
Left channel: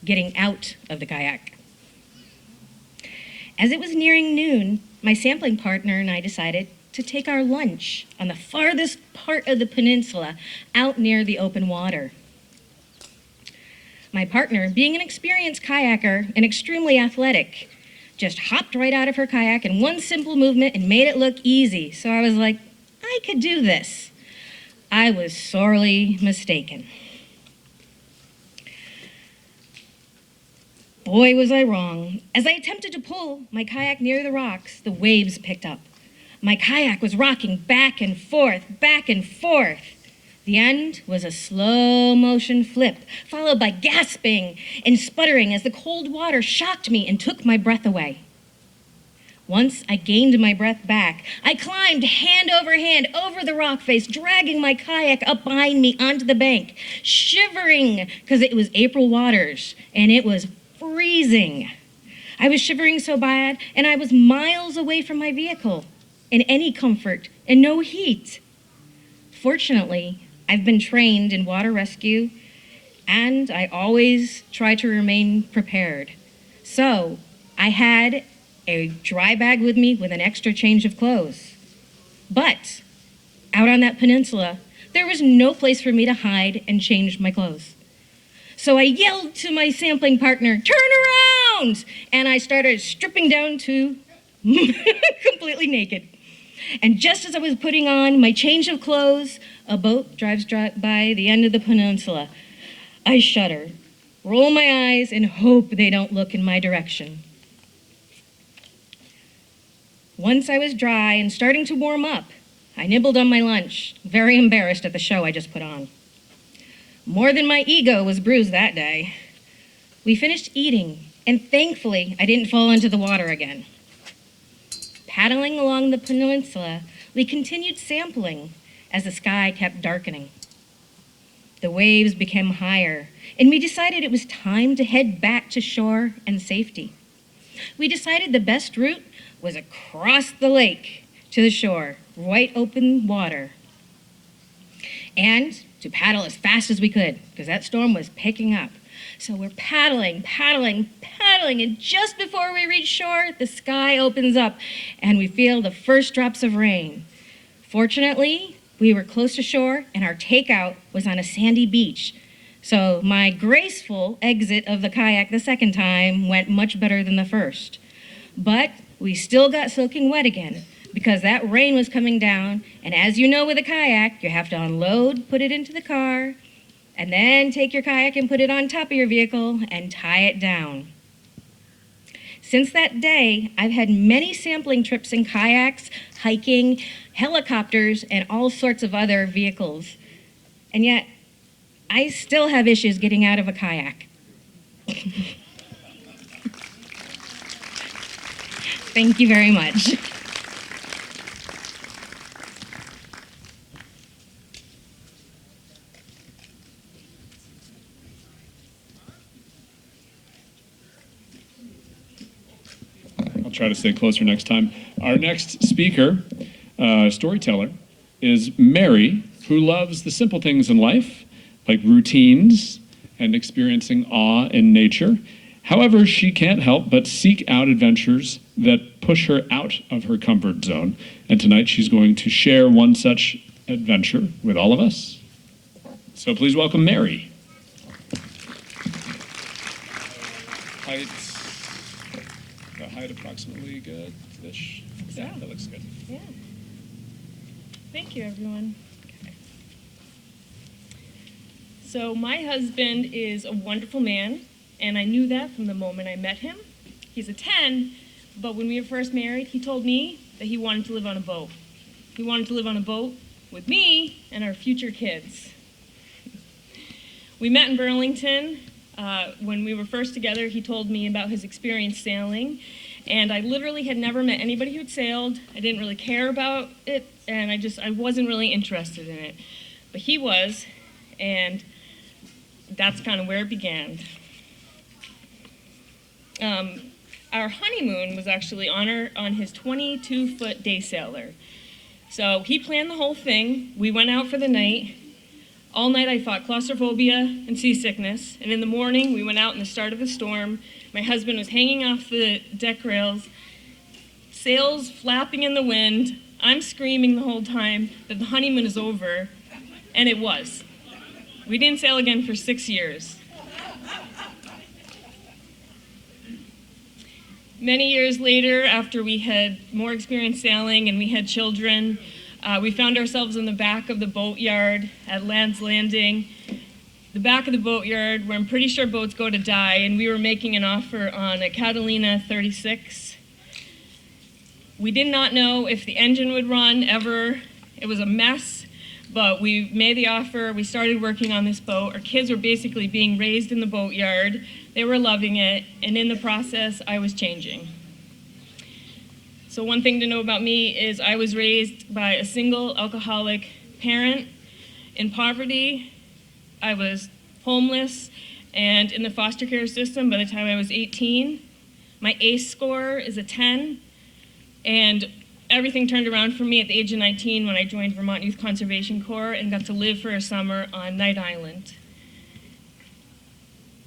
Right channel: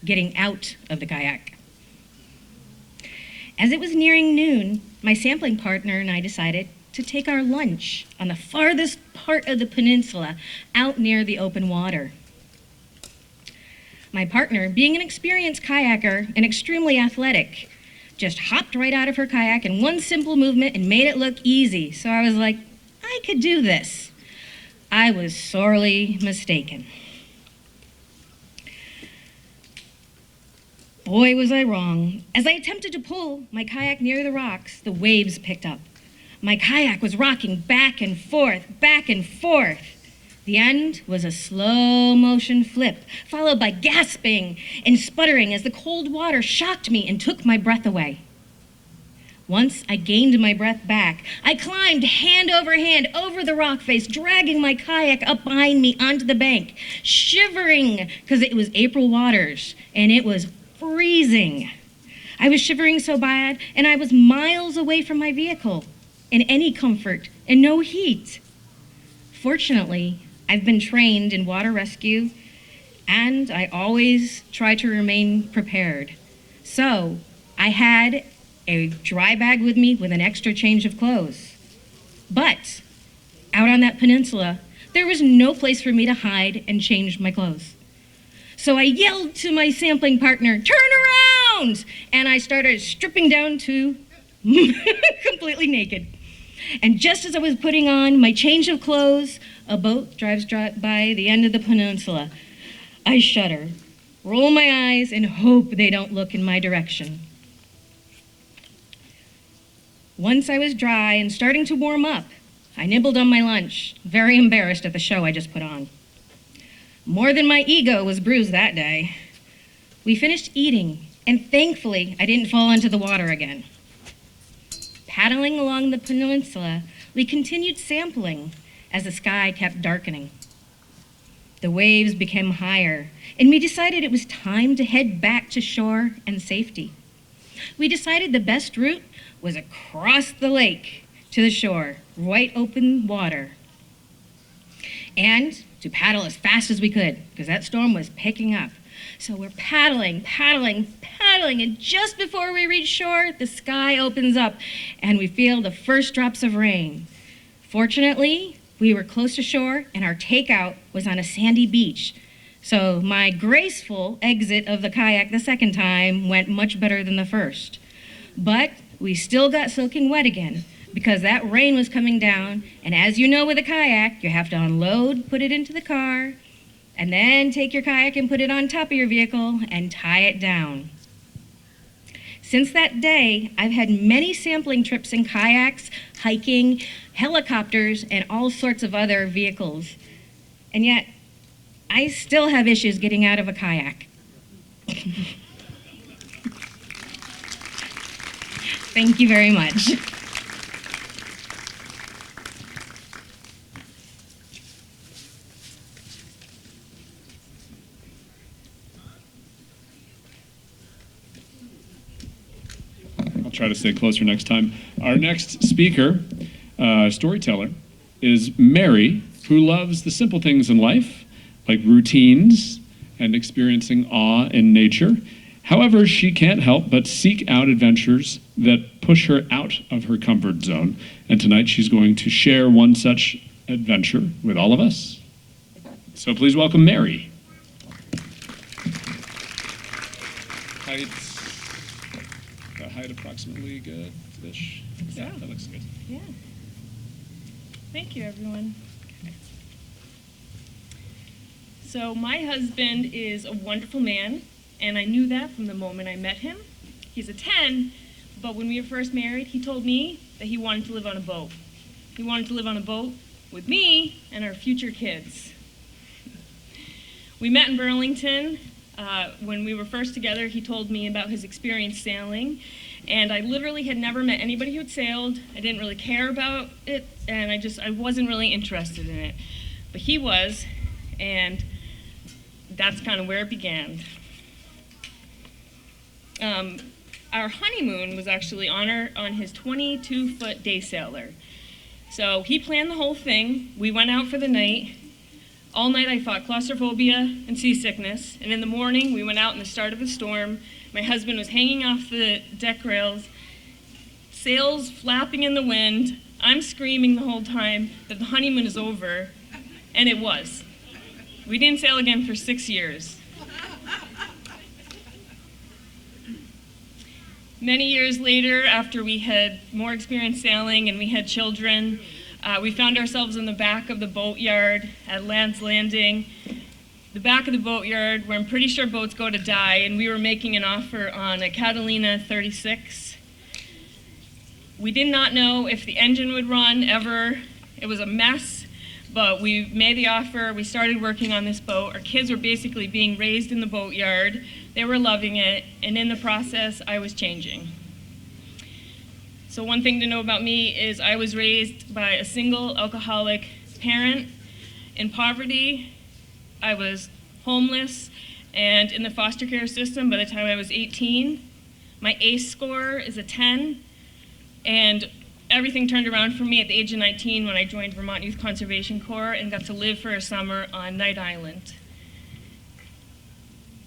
getting out of the kayak. As it was nearing noon, my sampling partner and I decided to take our lunch on the farthest part of the peninsula, out near the open water. My partner, being an experienced kayaker and extremely athletic, just hopped right out of her kayak in one simple movement and made it look easy. So I was like, I could do this. I was sorely mistaken. Boy, was I wrong. As I attempted to pull my kayak near the rocks, the waves picked up. My kayak was rocking back and forth, back and forth. The end was a slow motion flip, followed by gasping and sputtering as the cold water shocked me and took my breath away. Once I gained my breath back, I climbed hand over hand over the rock face, dragging my kayak up behind me onto the bank, shivering because it was April waters and it was freezing. I was shivering so bad, and I was miles away from my vehicle in any comfort and no heat. Fortunately, I've been trained in water rescue, and I always try to remain prepared. So I had a dry bag with me with an extra change of clothes. But out on that peninsula, there was no place for me to hide and change my clothes. So I yelled to my sampling partner, "Turn around!" And I started stripping down to completely naked. And just as I was putting on my change of clothes, a boat drives by the end of the peninsula. I shudder, roll my eyes, and hope they don't look in my direction. Once I was dry and starting to warm up, I nibbled on my lunch, very embarrassed at the show I just put on. More than my ego was bruised that day. We finished eating, and thankfully, I didn't fall into the water again. Paddling along the peninsula, we continued sampling as the sky kept darkening. The waves became higher, and we decided it was time to head back to shore and safety. We decided the best route was across the lake to the shore, wide open water, and to paddle as fast as we could, because that storm was picking up. So we're paddling, and just before we reach shore, the sky opens up, and we feel the first drops of rain. Fortunately, we were close to shore, and our takeout was on a sandy beach. So my graceful exit of the kayak the second time went much better than the first. But we still got soaking wet again, because that rain was coming down, and as you know with a kayak, you have to unload, put it into the car, and then take your kayak and put it on top of your vehicle and tie it down. Since that day, I've had many sampling trips in kayaks, hiking, helicopters, and all sorts of other vehicles. And yet, I still have issues getting out of a kayak. Thank you very much. I'll try to stay closer next time. Our next speaker, storyteller, is Mary, who loves the simple things in life, like routines and experiencing awe in nature. However, she can't help but seek out adventures that push her out of her comfort zone. And tonight she's going to share one such adventure with all of us. So please welcome Mary. Height approximately good-ish. Yeah, that looks good. Yeah. Thank you, everyone. Okay. So my husband is a wonderful man, and I knew that from the moment I met him. He's a 10, but when we were first married, he told me that he wanted to live on a boat. He wanted to live on a boat with me and our future kids. We met in Burlington, When we were first together, he told me about his experience sailing, and I literally had never met anybody who had sailed. I didn't really care about it, and I wasn't really interested in it. But he was, and that's kind of where it began. Our honeymoon was actually on his 22-foot day sailor. So he planned the whole thing. We went out for the night. All night I fought claustrophobia and seasickness, and in the morning we went out in the start of the storm. My husband was hanging off the deck rails, sails flapping in the wind. I'm screaming the whole time that the honeymoon is over, and it was. We didn't sail again for 6 years. Many years later, after we had more experience sailing and we had children, we found ourselves in the back of the boatyard at Land's Landing, the back of the boatyard where I'm pretty sure boats go to die, and we were making an offer on a Catalina 36. We did not know if the engine would run ever. It was a mess, but we made the offer. We started working on this boat. Our kids were basically being raised in the boatyard. They were loving it, and in the process, I was changing. So one thing to know about me is I was raised by a single alcoholic parent in poverty. I was homeless and in the foster care system by the time I was 18. My ACE score is a 10, and everything turned around for me at the age of 19 when I joined Vermont Youth Conservation Corps and got to live for a summer on Night Island.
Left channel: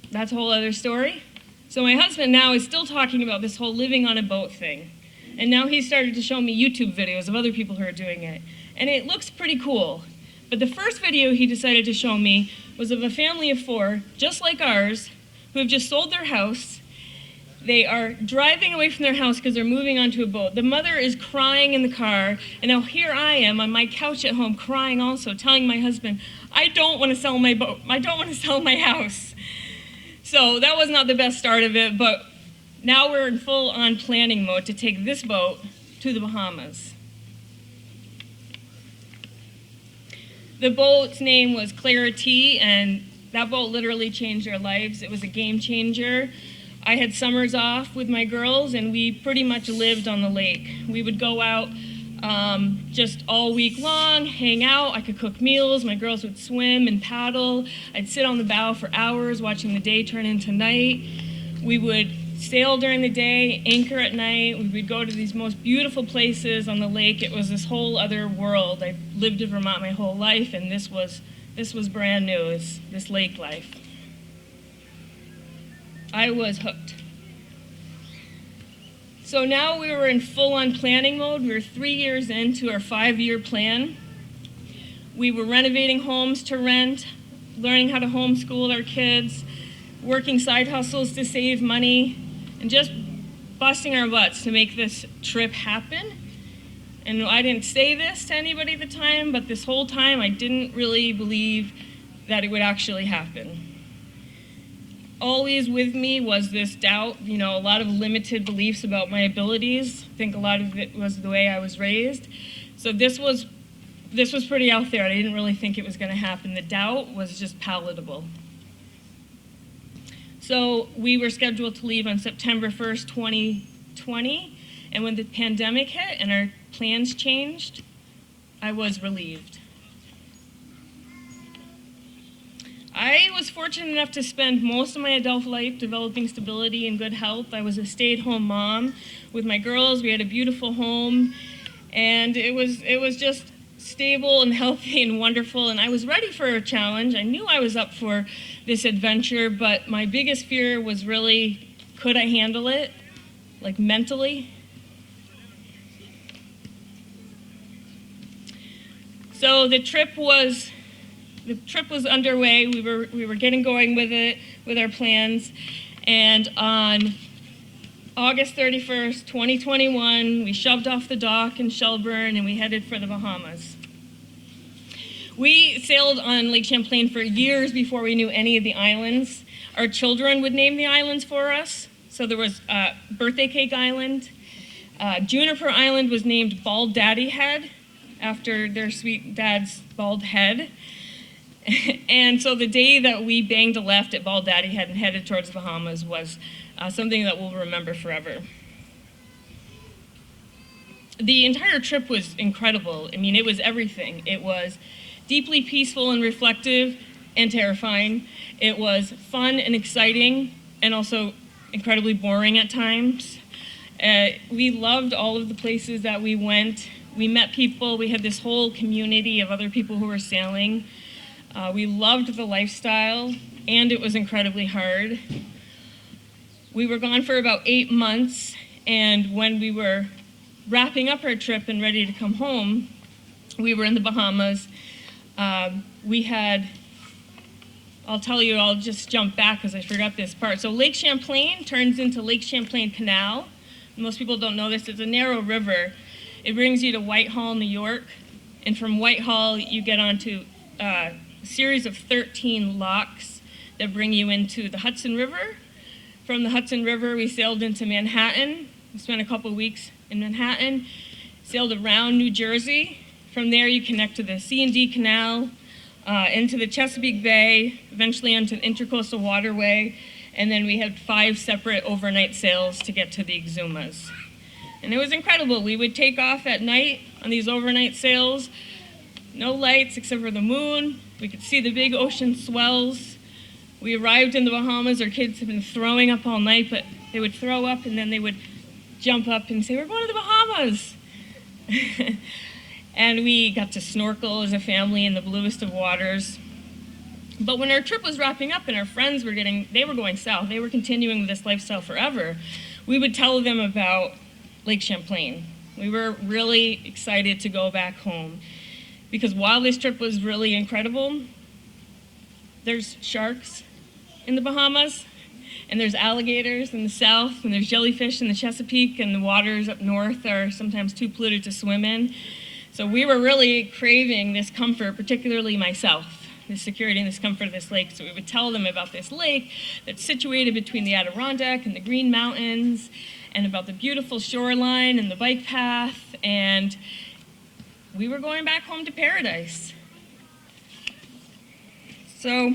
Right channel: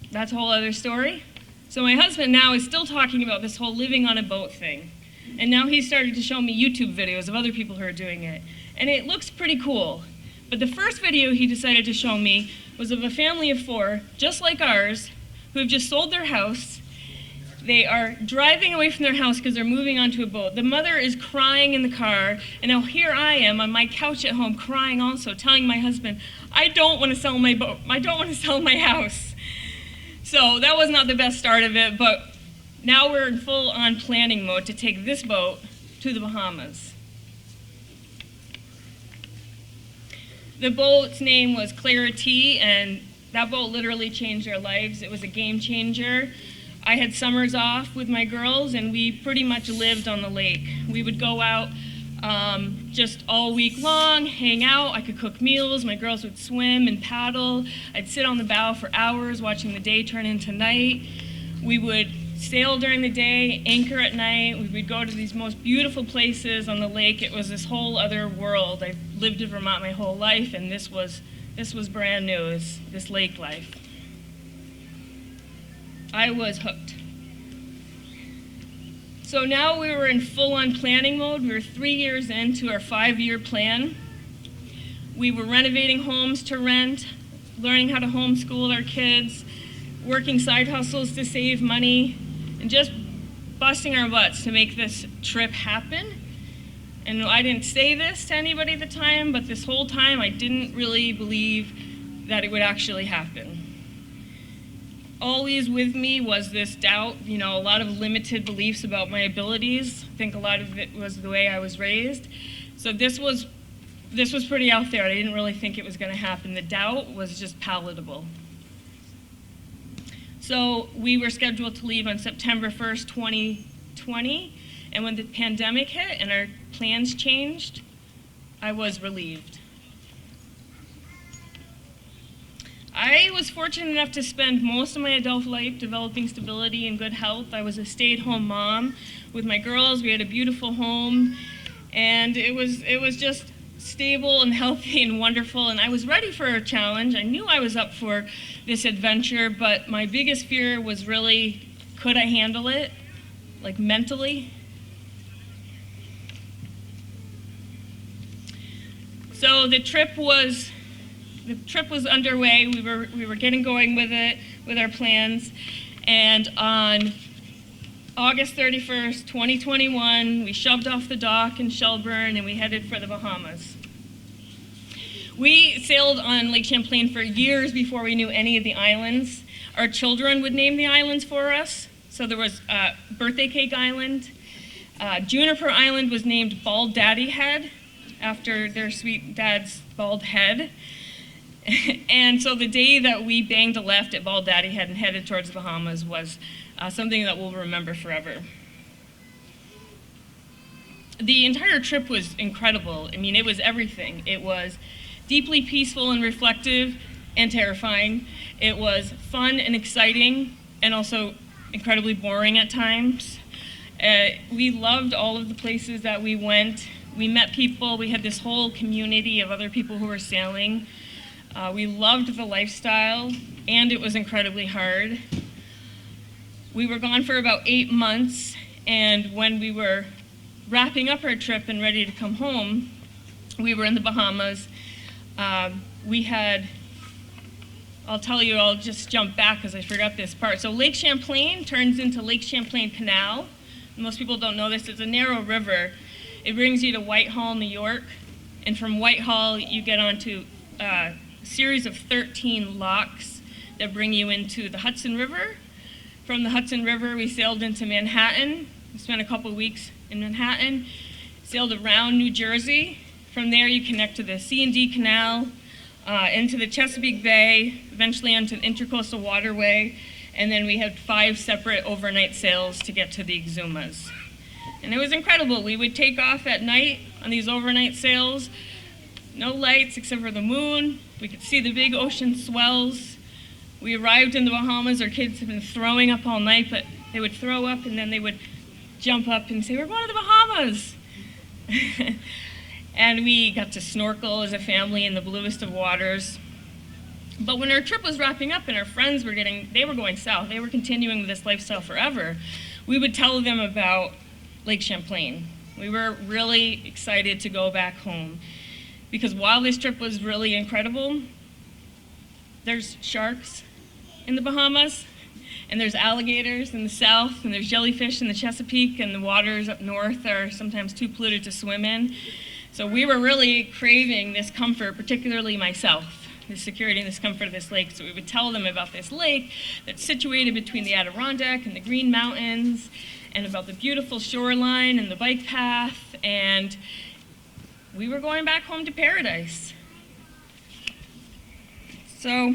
That's a whole other story. So my husband now is still talking about this whole living on a boat thing. And now he's started to show me YouTube videos of other people who are doing it. And it looks pretty cool. But the first video he decided to show me was of a family of 4, just like ours, who have just sold their house. They are driving away from their house because they're moving onto a boat. The mother is crying in the car, and now here I am on my couch at home crying also, telling my husband, I don't want to sell my boat. I don't want to sell my house. So that was not the best start of it, but now we're in full-on planning mode to take this boat to the Bahamas. The boat's name was Clarity, and that boat literally changed our lives. It was a game changer. I had summers off with my girls, and we pretty much lived on the lake. We would go out just all week long, hang out. I could cook meals. My girls would swim and paddle. I'd sit on the bow for hours watching the day turn into night. We would sail during the day, anchor at night. We would go to these most beautiful places on the lake. It was this whole other world. I've lived in Vermont my whole life, and this was brand new, this lake life. I was hooked. So now we were in full-on planning mode. We were 3 years into our 5-year plan. We were renovating homes to rent, learning how to homeschool our kids, working side hustles to save money, and just busting our butts to make this trip happen. And I didn't say this to anybody at the time, but this whole time I didn't really believe that it would actually happen. Always with me was this doubt, a lot of limited beliefs about my abilities. I think a lot of it was the way I was raised. So this was pretty out there. I didn't really think it was going to happen. The doubt was just palatable. So we were scheduled to leave on September 1st, 2020, and when the pandemic hit and our plans changed, I was relieved. I was fortunate enough to spend most of my adult life developing stability and good health. I was a stay-at-home mom with my girls. We had a beautiful home, and it was just stable and healthy and wonderful, and I was ready for a challenge. I knew I was up for this adventure, but my biggest fear was really, could I handle it, like mentally? So the trip was underway. We were getting going with it, with our plans, and on August 31st, 2021, we shoved off the dock in Shelburne and we headed for the Bahamas. We sailed on Lake Champlain for years before we knew any of the islands. Our children would name the islands for us. So there was Birthday Cake Island. Juniper Island was named Bald Daddy Head after their sweet dad's bald head. And so the day that we banged a left at Bald Daddy Head and headed towards the Bahamas was something that we'll remember forever. The entire trip was incredible. I mean, it was everything. It was deeply peaceful and reflective and terrifying. It was fun and exciting and also incredibly boring at times. We loved all of the places that we went. We met people. We had this whole community of other people who were sailing. We loved the lifestyle, and it was incredibly hard. We were gone for about 8 months, and when we were wrapping up our trip and ready to come home, we were in the Bahamas. We had, I'll tell you, I'll just jump back because I forgot this part. So Lake Champlain turns into Lake Champlain Canal. Most people don't know this. It's a narrow river. It brings you to Whitehall, New York, and from Whitehall you get onto a series of 13 locks that bring you into the Hudson River. From the Hudson River, we sailed into Manhattan. We spent a couple weeks in Manhattan, sailed around New Jersey. From there, you connect to the C&D Canal, into the Chesapeake Bay, eventually onto the Intercoastal Waterway, and then we had 5 separate overnight sails to get to the Exumas. And it was incredible. We would take off at night on these overnight sails, no lights except for the moon. We could see the big ocean swells. We arrived in the Bahamas. Our kids had been throwing up all night, but they would throw up and then they would jump up and say, "We're going to the Bahamas." And we got to snorkel as a family in the bluest of waters. But when our trip was wrapping up and our friends were going south, they were continuing with this lifestyle forever, we would tell them about Lake Champlain. We were really excited to go back home because while this trip was really incredible, there's sharks in the Bahamas, and there's alligators in the south, and there's jellyfish in the Chesapeake, and the waters up north are sometimes too polluted to swim in. So we were really craving this comfort, particularly myself, the security and this comfort of this lake. So we would tell them about this lake that's situated between the Adirondack and the Green Mountains, and about the beautiful shoreline and the bike path, and we were going back home to paradise. So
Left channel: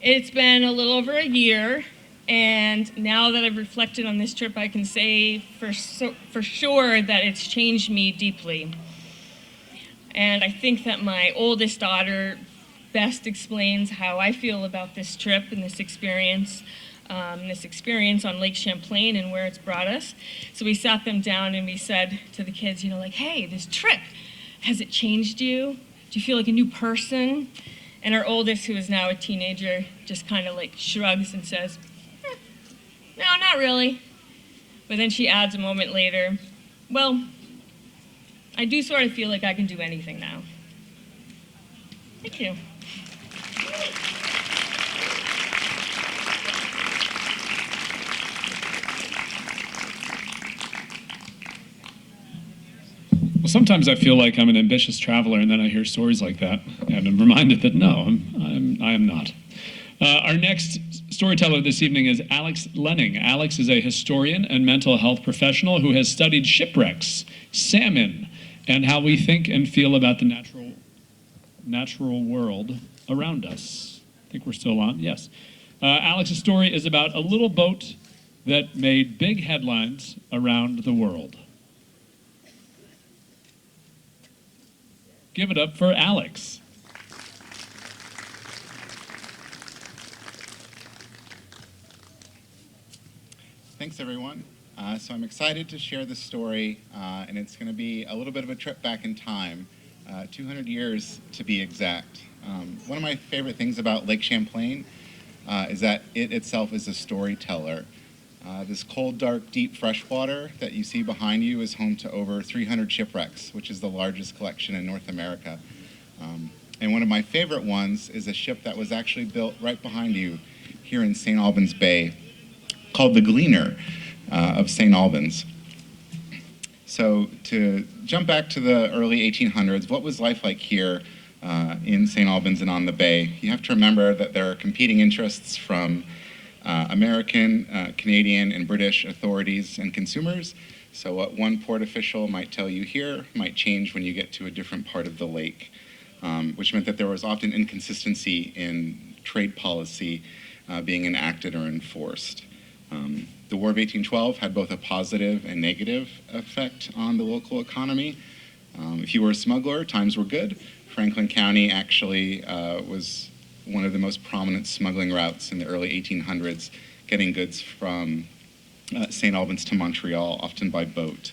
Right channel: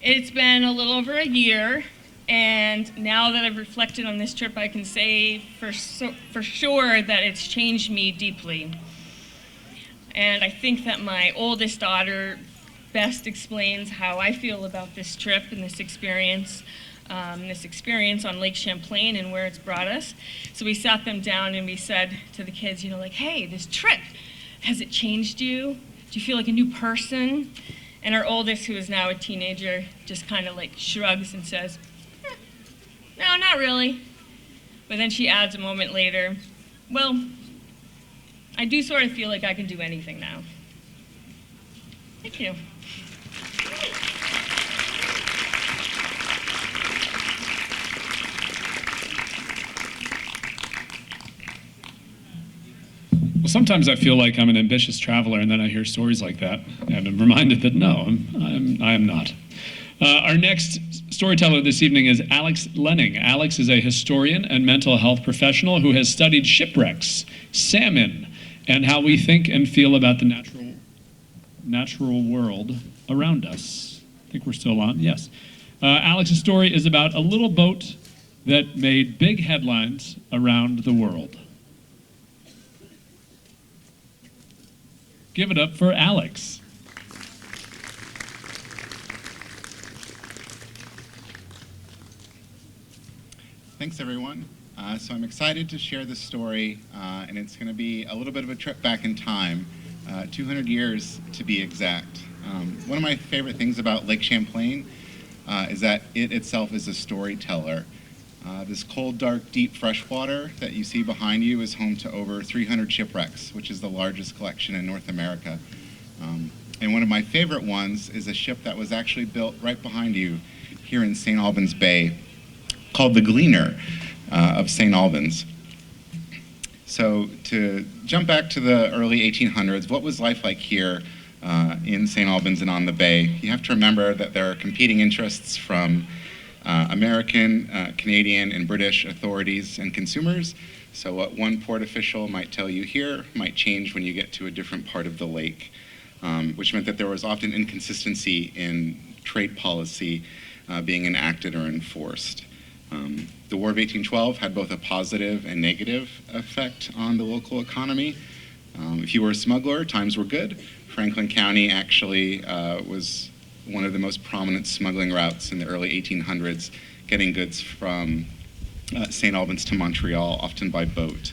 it's been a little over a year, and now that I've reflected on this trip, I can say for sure that it's changed me deeply. And I think that my oldest daughter best explains how I feel about this trip and this experience on Lake Champlain and where it's brought us. So we sat them down and we said to the kids, like, "Hey, this trip, has it changed you? Do you feel like a new person?" And our oldest, who is now a teenager, just kind of like shrugs and says, "No, not really." But then she adds a moment later, "Well, I do sort of feel like I can do anything now." Thank you. Well, sometimes I feel like I'm an ambitious traveler, and then I hear stories like that, and I'm reminded that no, I am not. Our next storyteller this evening is Alex Lenning. Alex is a historian and mental health professional who has studied shipwrecks, salmon, and how we think and feel about the natural world around us. I think we're still on, yes. Alex's story is about a little boat that made big headlines around the world. Give it up for Alex. Thanks, everyone. So I'm excited to share this story, and it's going to be a little bit of a trip back in time, 200 years to be exact. One of my favorite things about Lake Champlain is that it itself is a storyteller. This cold, dark, deep freshwater that you see behind you is home to over 300 shipwrecks, which is the largest collection in North America. And one of my favorite ones is a ship that was actually built right behind you here in St. Albans Bay, called the Gleaner of St. Albans. So to jump back to the early 1800s, what was life like here in St. Albans and on the bay? You have to remember that there are competing interests from American, Canadian, and British authorities and consumers. So what one port official might tell you here might change when you get to a different part of the lake. which meant that there was often inconsistency in trade policy being enacted or enforced. The War of 1812 had both a positive and negative effect on the local economy. If you were a smuggler, times were good. Franklin County actually was one of the most prominent smuggling routes in the early 1800s, getting goods from St. Albans to Montreal, often by boat.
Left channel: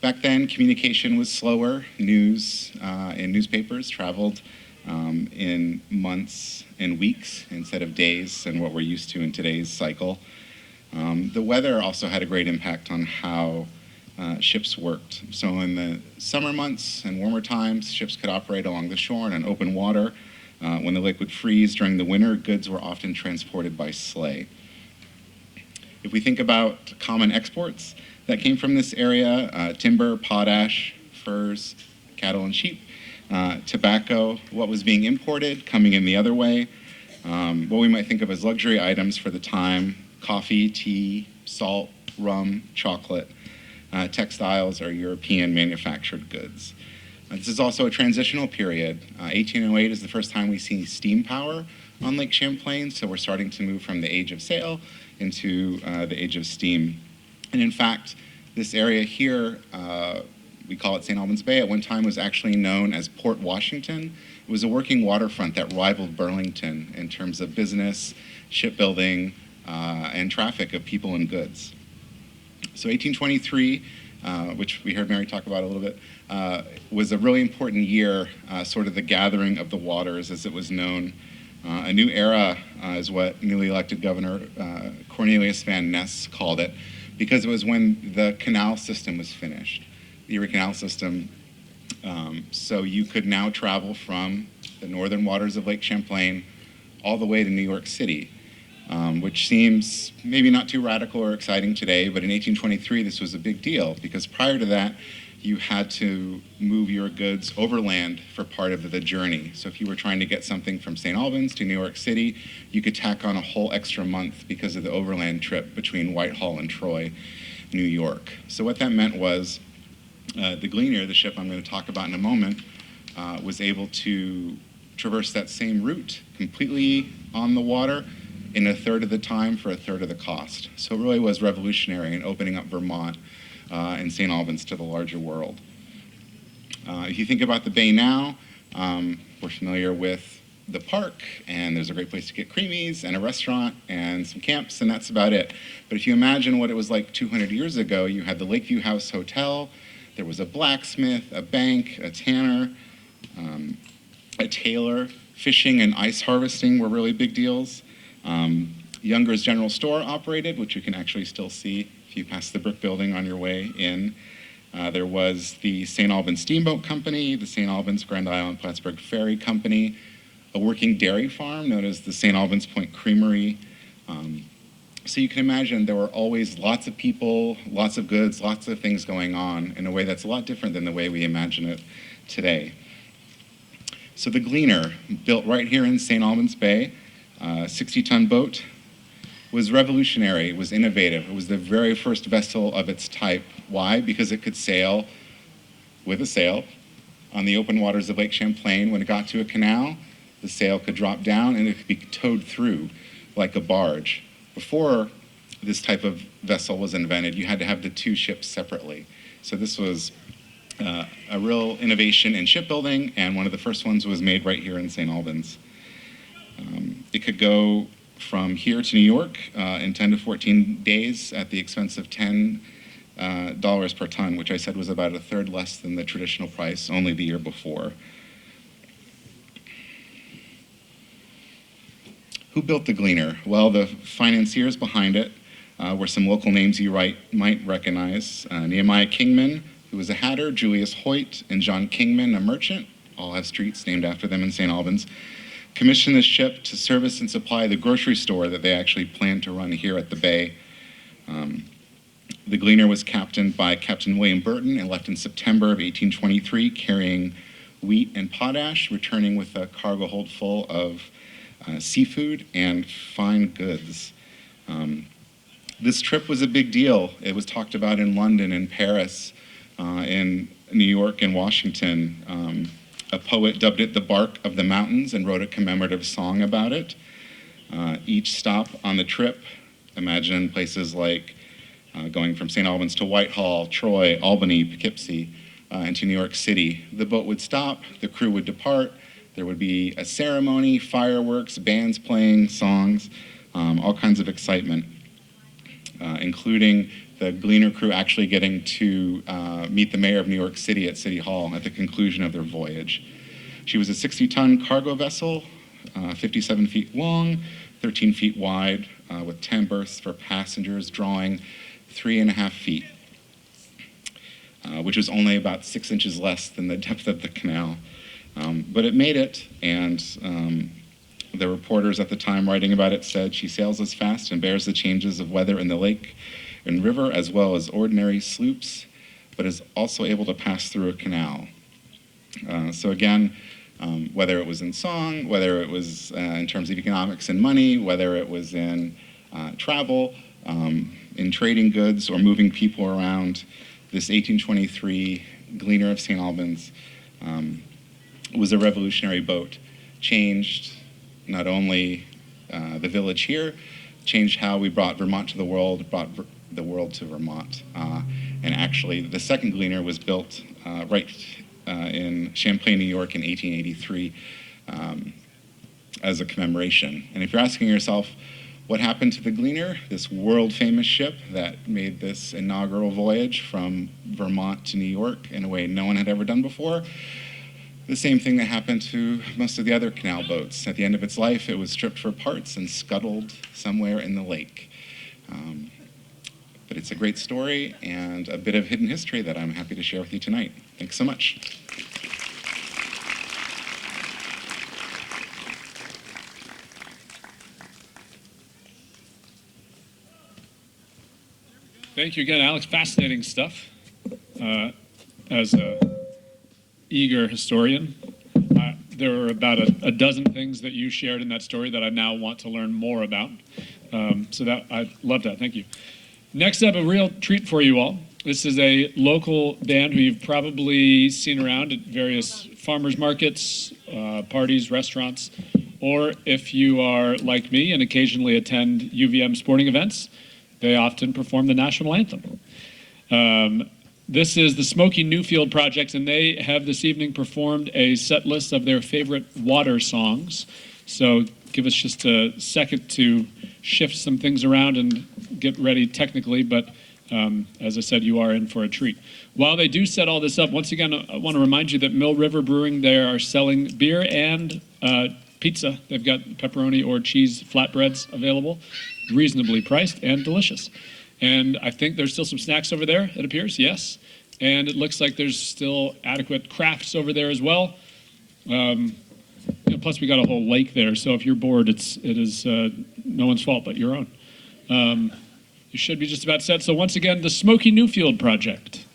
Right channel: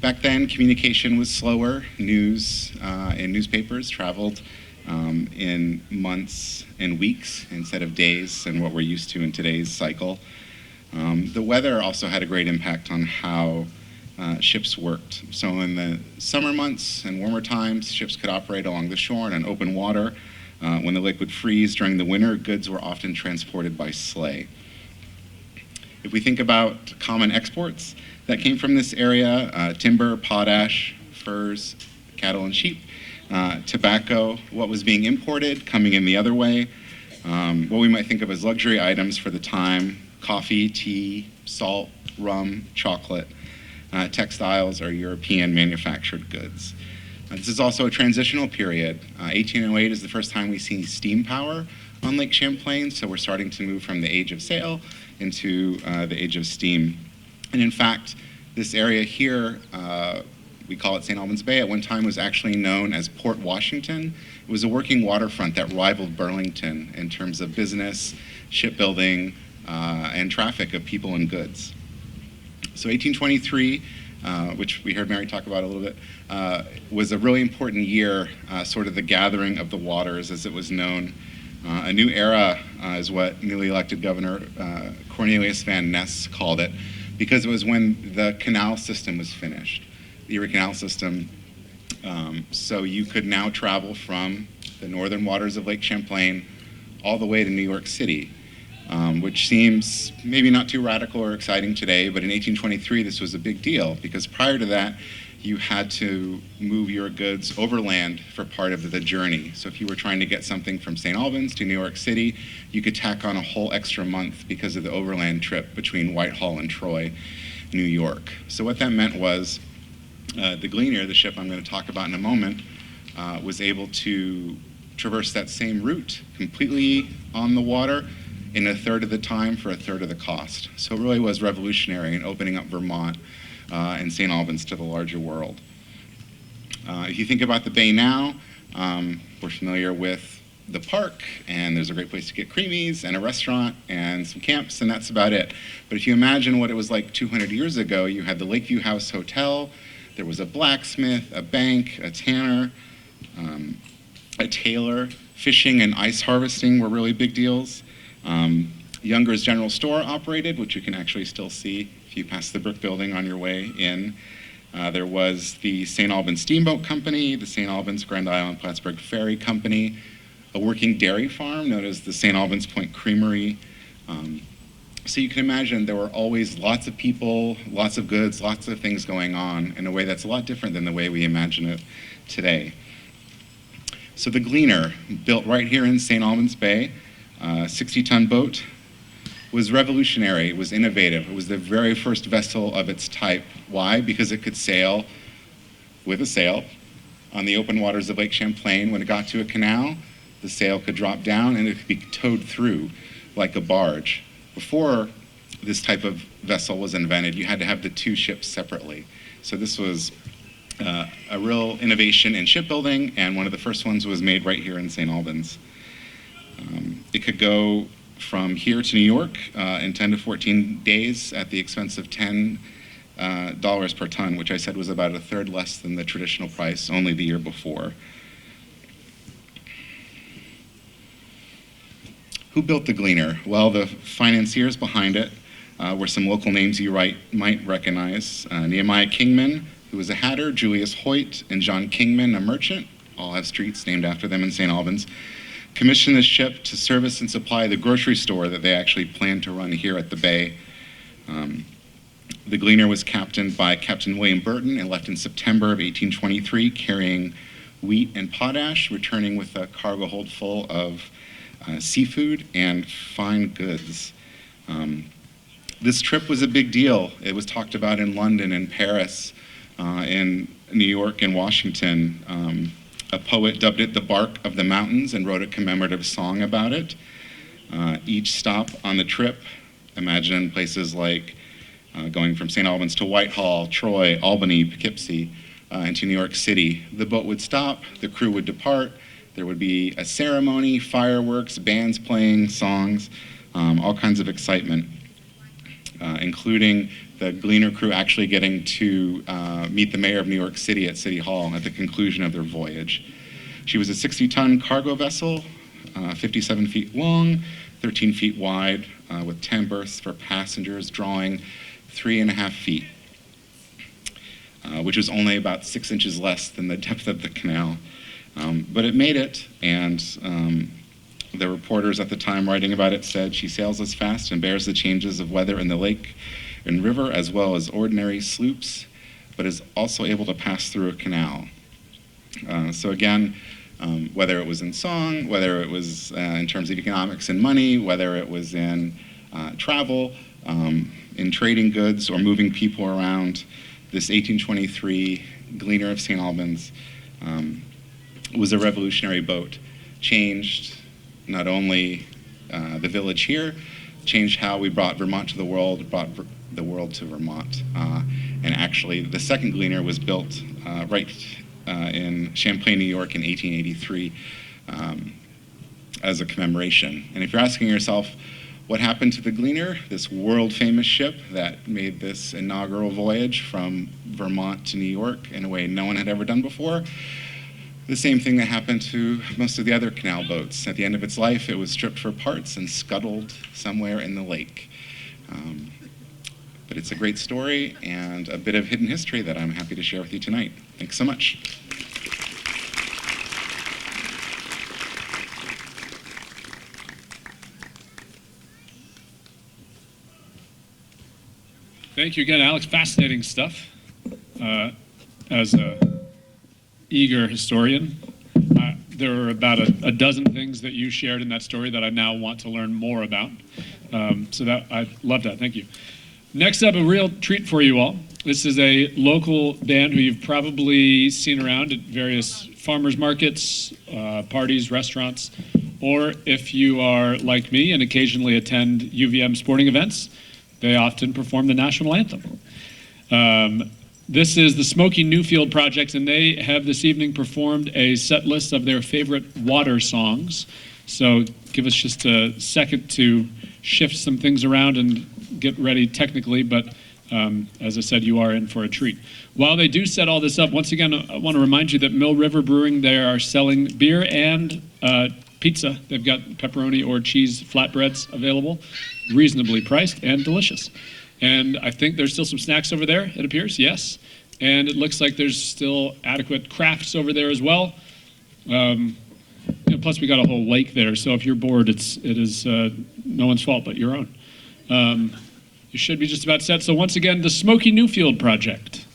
Back then, communication was slower. News and newspapers traveled in months and weeks instead of days and what we're used to in today's cycle. The weather also had a great impact on how ships worked. So in the summer months and warmer times, ships could operate along the shore and on open water. When the lake would freeze during the winter, goods were often transported by sleigh. If we think about common exports that came from this area, timber, potash, furs, cattle and sheep, tobacco, what was being imported coming in the other way, what we might think of as luxury items for the time, coffee, tea, salt, rum, chocolate, textiles, or European manufactured goods. This is also a transitional period. 1808 is the first time we see steam power on Lake Champlain, so we're starting to move from the age of sail into the age of steam. And in fact, this area here, we call it St. Albans Bay, at one time was actually known as Port Washington. It was a working waterfront that rivaled Burlington in terms of business, shipbuilding, and traffic of people and goods. So 1823, which we heard Mary talk about a little bit, was a really important year, sort of the gathering of the waters as it was known. A new era is what newly elected Governor Cornelius Van Ness called it, because it was when the canal system was finished, the Erie Canal system. So you could now travel from the northern waters of Lake Champlain all the way to New York City, which seems maybe not too radical or exciting today, but in 1823 this was a big deal, because prior to that you had to move your goods overland for part of the journey. So if you were trying to get something from St. Albans to New York City, you could tack on a whole extra month because of the overland trip between Whitehall and Troy, New York. So what that meant was the Gleaner, the ship I'm going to talk about in a moment, was able to traverse that same route completely on the water in a third of the time for a third of the cost. So it really was revolutionary in opening up Vermont and St. Albans to the larger world. If you think about the bay now, we're familiar with the park, and there's a great place to get creamies and a restaurant and some camps, and that's about it. But if you imagine what it was like 200 years ago, you had the Lakeview House Hotel, there was a blacksmith, a bank, a tanner, a tailor. Fishing and ice harvesting were really big deals. Younger's General Store operated, which you can actually still see if you pass the brick building on your way in. There was the St. Albans Steamboat Company, the St. Albans Grand Island Plattsburgh Ferry Company, a working dairy farm known as the St. Albans Point Creamery. So you can imagine there were always lots of people, lots of goods, lots of things going on in a way that's a lot different than the way we imagine it today. So the Gleaner, built right here in St. Albans Bay, 60-ton boat, was revolutionary. It was innovative. It was the very first vessel of its type. Why? Because it could sail with a sail on the open waters of Lake Champlain. When it got to a canal, the sail could drop down and it could be towed through like a barge. Before this type of vessel was invented, you had to have the two ships separately. So this was a real innovation in shipbuilding, and one of the first ones was made right here in St. Albans. It could go from here to New York in 10 to 14 days at the expense of $10 per ton, which I said was about a third less than the traditional price only the year before. Who built the Gleaner? Well, the financiers behind it were some local names you might recognize. Nehemiah Kingman, who was a hatter, Julius Hoyt, and John Kingman, a merchant, all have streets named after them in St. Albans, commissioned this ship to service and supply the grocery store that they actually planned to run here at the bay. The Gleaner was captained by Captain William Burton and left in September of 1823, carrying wheat and potash, returning with a cargo hold full of seafood and fine goods. This trip was a big deal. It was talked about in London and Paris, in New York and Washington. A poet dubbed it the bark of the mountains and wrote a commemorative song about it. Each stop on the trip, imagine places like going from St. Albans to Whitehall, Troy, Albany, Poughkeepsie, into New York City. The boat would stop, the crew would depart, there would be a ceremony, fireworks, bands playing, songs, all kinds of excitement, including the Gleaner crew actually getting to meet the mayor of New York City at City Hall at the conclusion of their voyage. She was a 60-ton cargo vessel, 57 feet long, 13 feet wide, with 10 berths for passengers, drawing 3.5 feet, which was only about 6 inches less than the depth of the canal. But it made it, and the reporters at the time writing about it said, "She sails as fast and bears the changes of weather in the lake and river as well as ordinary sloops, but is also able to pass through a canal." So again, whether it was in song, whether it was in terms of economics and money, whether it was in travel, in trading goods or moving people around, this 1823 Gleaner of St. Albans was a revolutionary boat. Changed not only the village here, changed how we brought Vermont to the world, brought the world to Vermont. And actually, the second Gleaner was built right in Champlain, New York in 1883 as a commemoration. And if you're asking yourself, what happened to the Gleaner, this world-famous ship that made this inaugural voyage from Vermont to New York in a way no one had ever done before? The same thing that happened to most of the other canal boats. At the end of its life, it was stripped for parts and scuttled somewhere in the lake. But it's a great story and a bit of hidden history that I'm happy to share with you tonight. Thanks so much. Thank you again, Alex. Fascinating stuff. As an eager historian, there are about a dozen things that you shared in that story that I now want to learn more about. So that I love that. Thank you. Next up, a real treat for you all. This is a local band who you've probably seen around at various farmers markets, parties, restaurants, or if you are like me and occasionally attend UVM sporting events, they often perform the national anthem. This is the Smokey Newfield Project, and they have this evening performed a set list of their favorite water songs. So give us just a second to shift some things around and get ready technically, but as I said, you are in for a treat. While they do set all this up, once again, I want to remind you that Mill River Brewing, they are selling beer and pizza. They've got pepperoni or cheese flatbreads available, reasonably priced and delicious. And I think there's still some snacks over there, it appears, yes. And it looks like there's still adequate crafts over there as well. Plus we got a whole lake there, so if you're bored, it is no one's fault but your own. You should be just about set. So once again, the Smokey Newfield Project.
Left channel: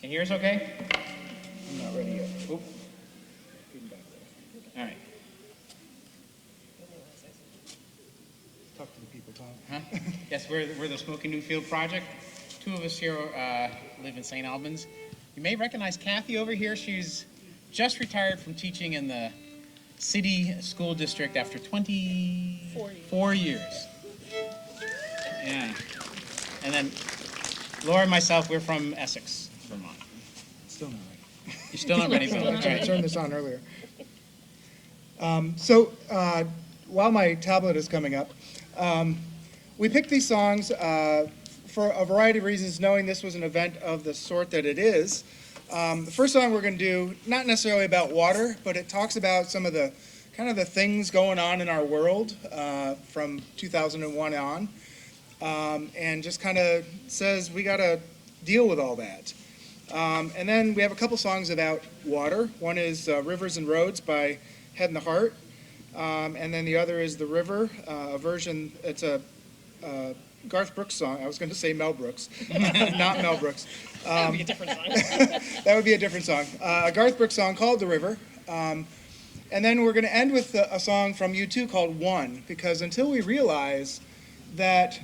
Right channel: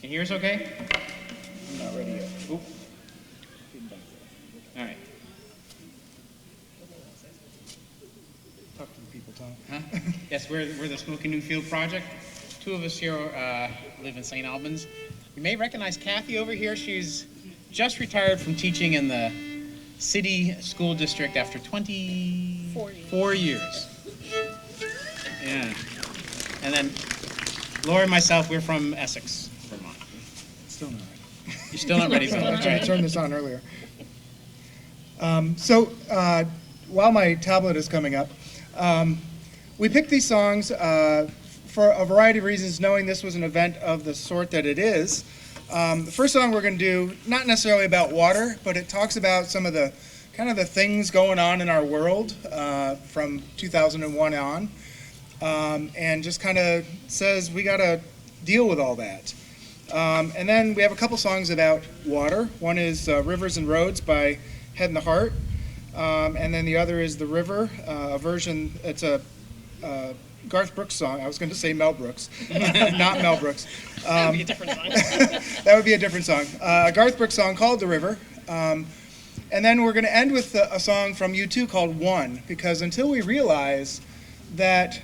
Can you hear us okay? Not ready yet. Oop. All right. Talk to the people, Tom. Huh? Yes, we're the Smokey Newfield Project. Two of us here live in St. Albans. You may recognize Kathy over here. She's just retired from teaching in the city school district after 24 years. Yeah. And then Laura and myself, we're from Essex, Vermont. Still not ready. You're still not ready, Bill. All I right. turned this on earlier. While my tablet is coming up, we picked these songs for a variety of reasons, knowing this was an event of the sort that it is. The first song we're going to do, not necessarily about water, but it talks about some of the kind of the things going on in our world from 2001 on, and just kind of says we got to deal with all that. And then we have a couple songs about water. One is Rivers and Roads by Head and the Heart, and then the other is The River, a version, it's a Garth Brooks song. I was going to say Mel Brooks, not Mel Brooks. That would be a different song. That would be a different song. A Garth Brooks song called The River. And then we're going to end with a song from U2 called One, because until we realize that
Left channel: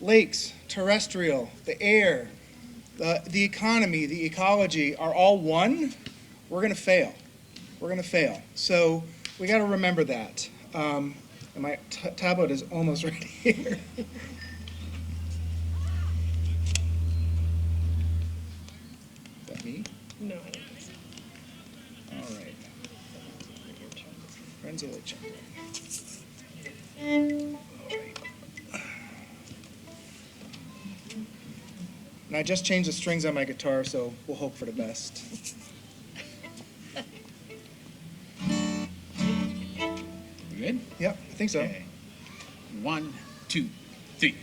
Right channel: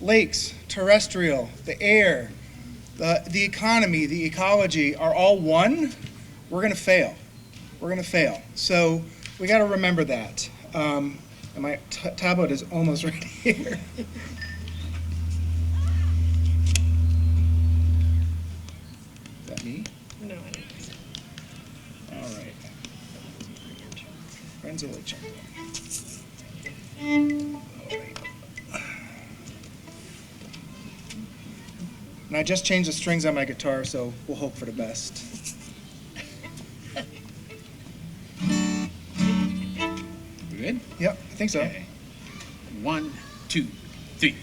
lakes, terrestrial, the air, the economy, the ecology are all one, we're going to fail. We're going to fail. So we got to remember that. And my tablet is almost right here. Is that me? No, I don't think so. All right. Friends of Lake Champlain. And I just changed the strings on my guitar, so we'll hope for the best. We good? Yep, I think so. Okay. 1, 2, 3.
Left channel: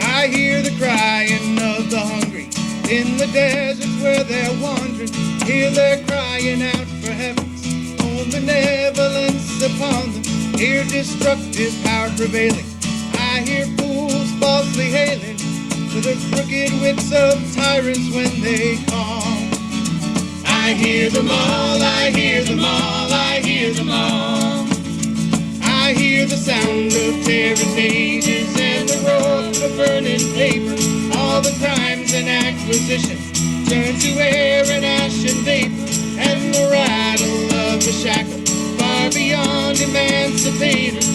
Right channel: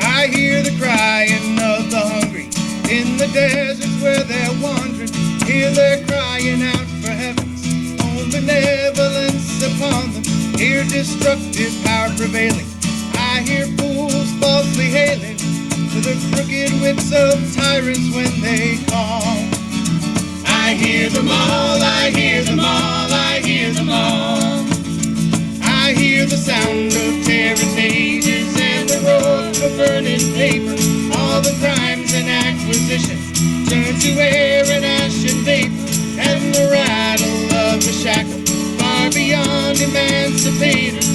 I hear the crying of the hungry in the deserts where they're wandering. Hear their crying out for heaven's own benevolence upon them. Hear destructive power prevailing. I hear fools falsely hailing to the crooked wits of tyrants when they call. I hear them all, I hear them all, I hear them all. I hear the sound of tearing pages and the roar of burning paper. All the crimes and acquisitions turn to air and ash and vapor, and the rattle of the shackle far beyond emancipators.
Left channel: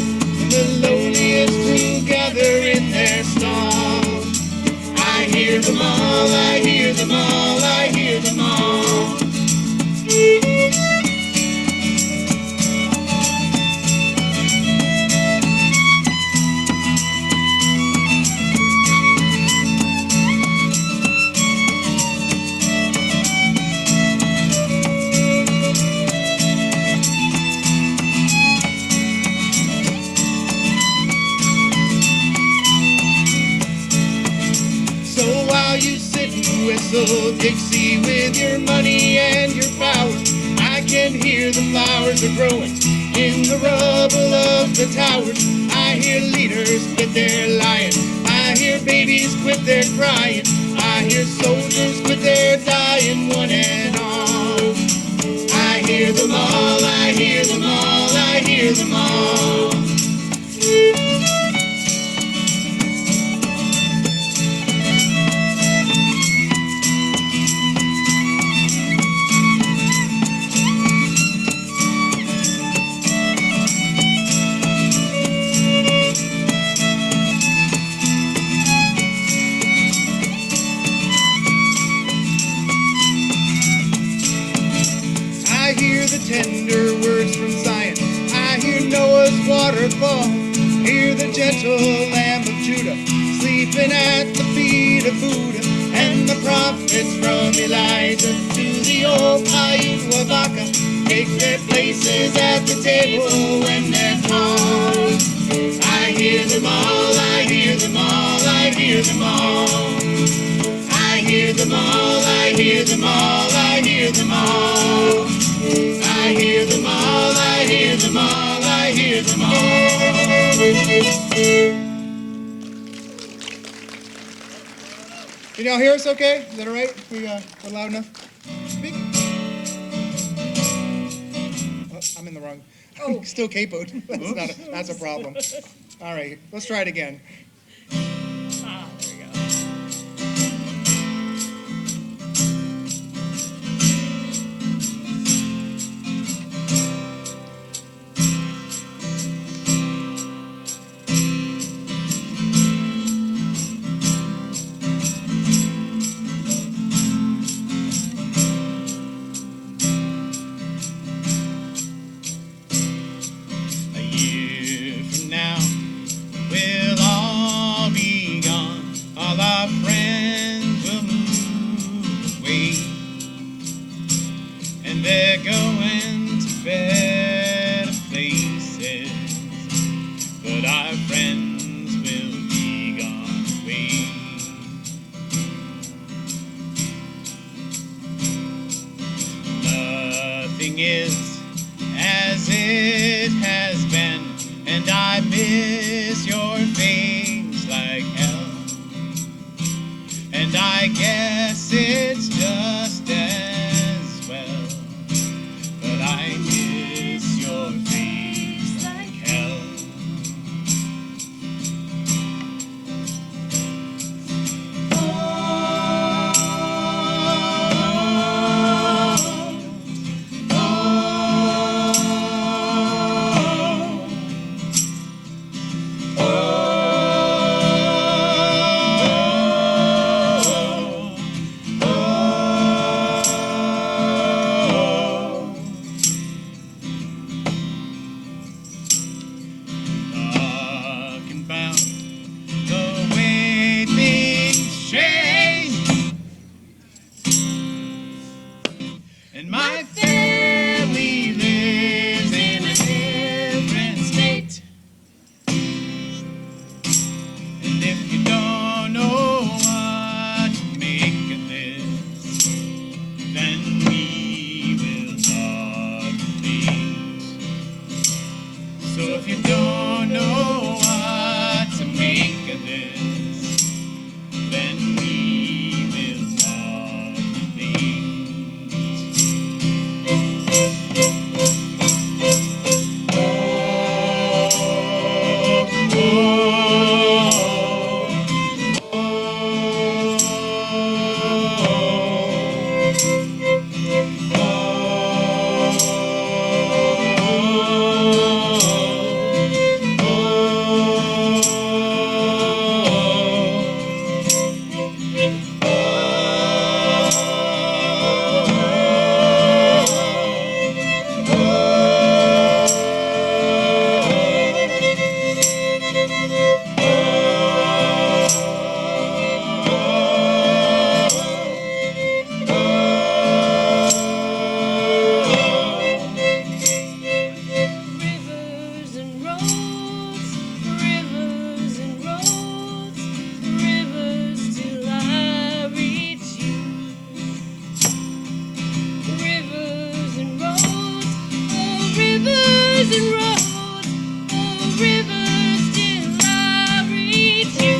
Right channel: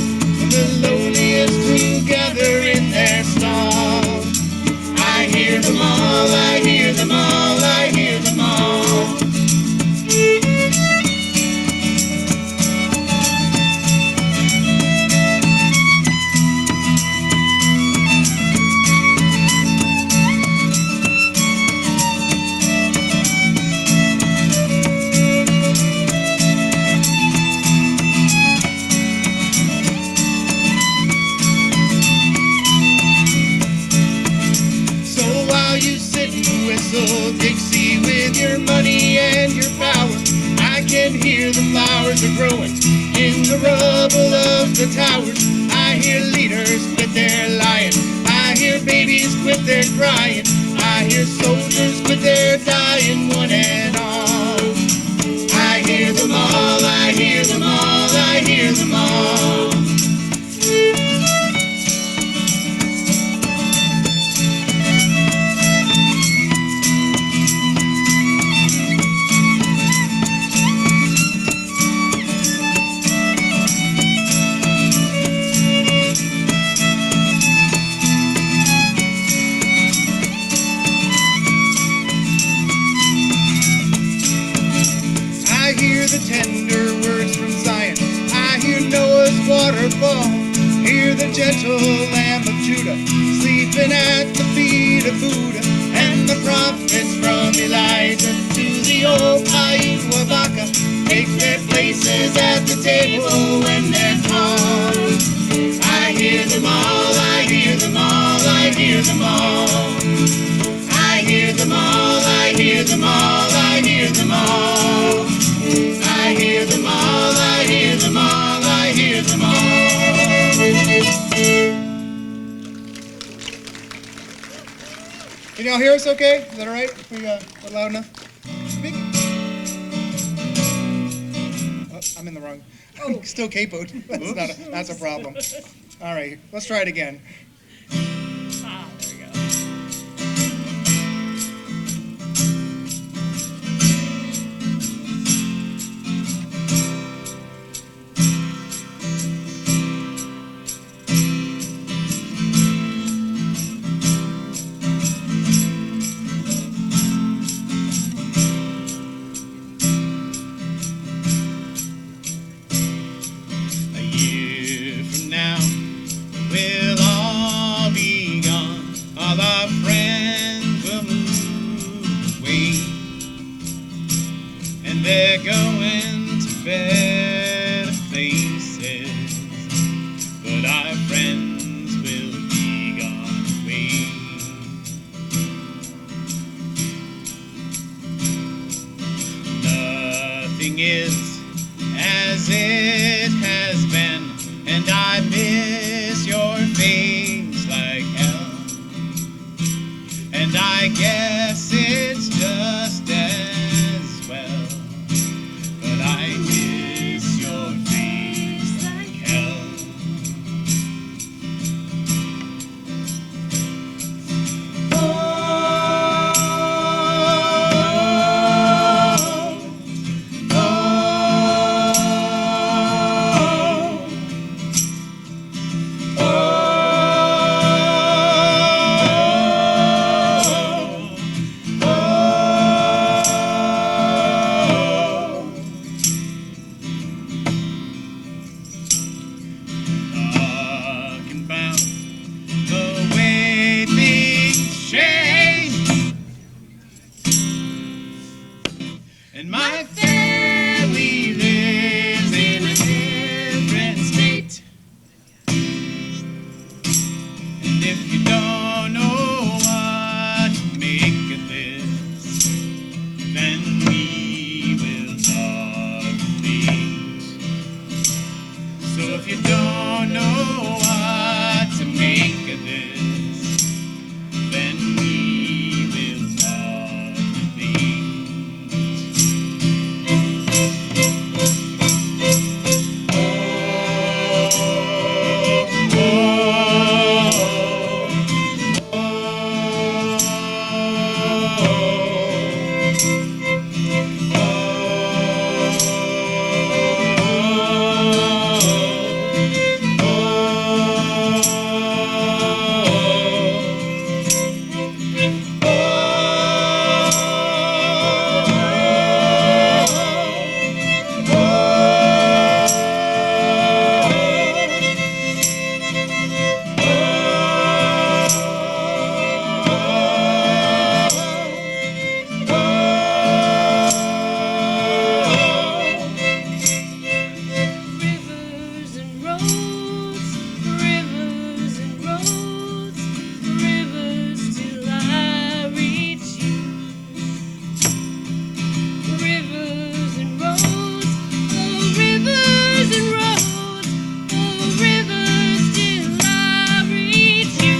The lowliest who gather in their stalls. I hear them all, I hear them all, I hear them all. Whistle Dixie with your money and your power. I can hear the flowers are growing in the rubble of the towers. I hear leaders quit their lying. I hear babies quit their crying. I hear soldiers quit their dying, one and all. I hear them all, I hear them all, I hear them all. Tender words from Zion. I hear Noah's waterfall. Hear the gentle Lamb of Judah sleeping at the feet of Buddha. And the prophets from Elijah to the old Aiwabaka take their places at the table when they're called. I hear them all, I hear them all, I hear them all. I hear them all, I hear them all, I hear them all. I hear them all, I hear them all, I hear them all. Can y'all hear us okay? Is that all right? We're loud enough? Speak. Oh, I'm in the wrong. Oh, still capoed. That's a problem. All right, let's try it again. Ah, there we go. We'll all be gone, all our friends will move away, and they're going to better places, but our friends will be gone away. Nothing is as it and I miss your face like hell. And I guess it's just as well, but I miss your face like hell. Talking about the way things change, and my family lives in a different state. And if you don't know what to make of this, then we will talk please. So if you don't know what to make of this, then we will talk please. Rivers and roads, rivers and roads, rivers till I reach you. Rivers and roads, oh rivers and roads, oh rivers till I reach you.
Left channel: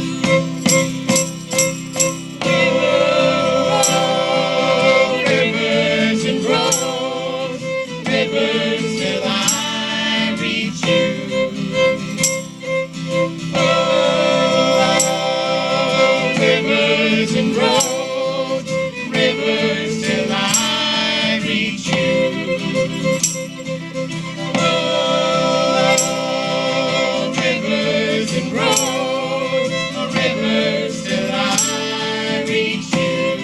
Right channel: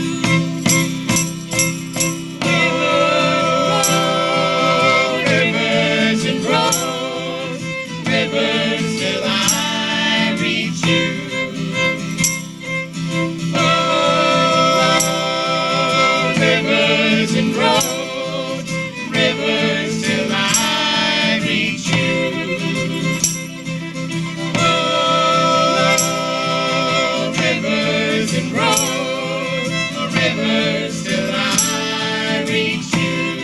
Rivers and roads, rivers till I reach you. Oh, rivers and roads, rivers till I reach you. Oh, rivers and roads, rivers till I reach you.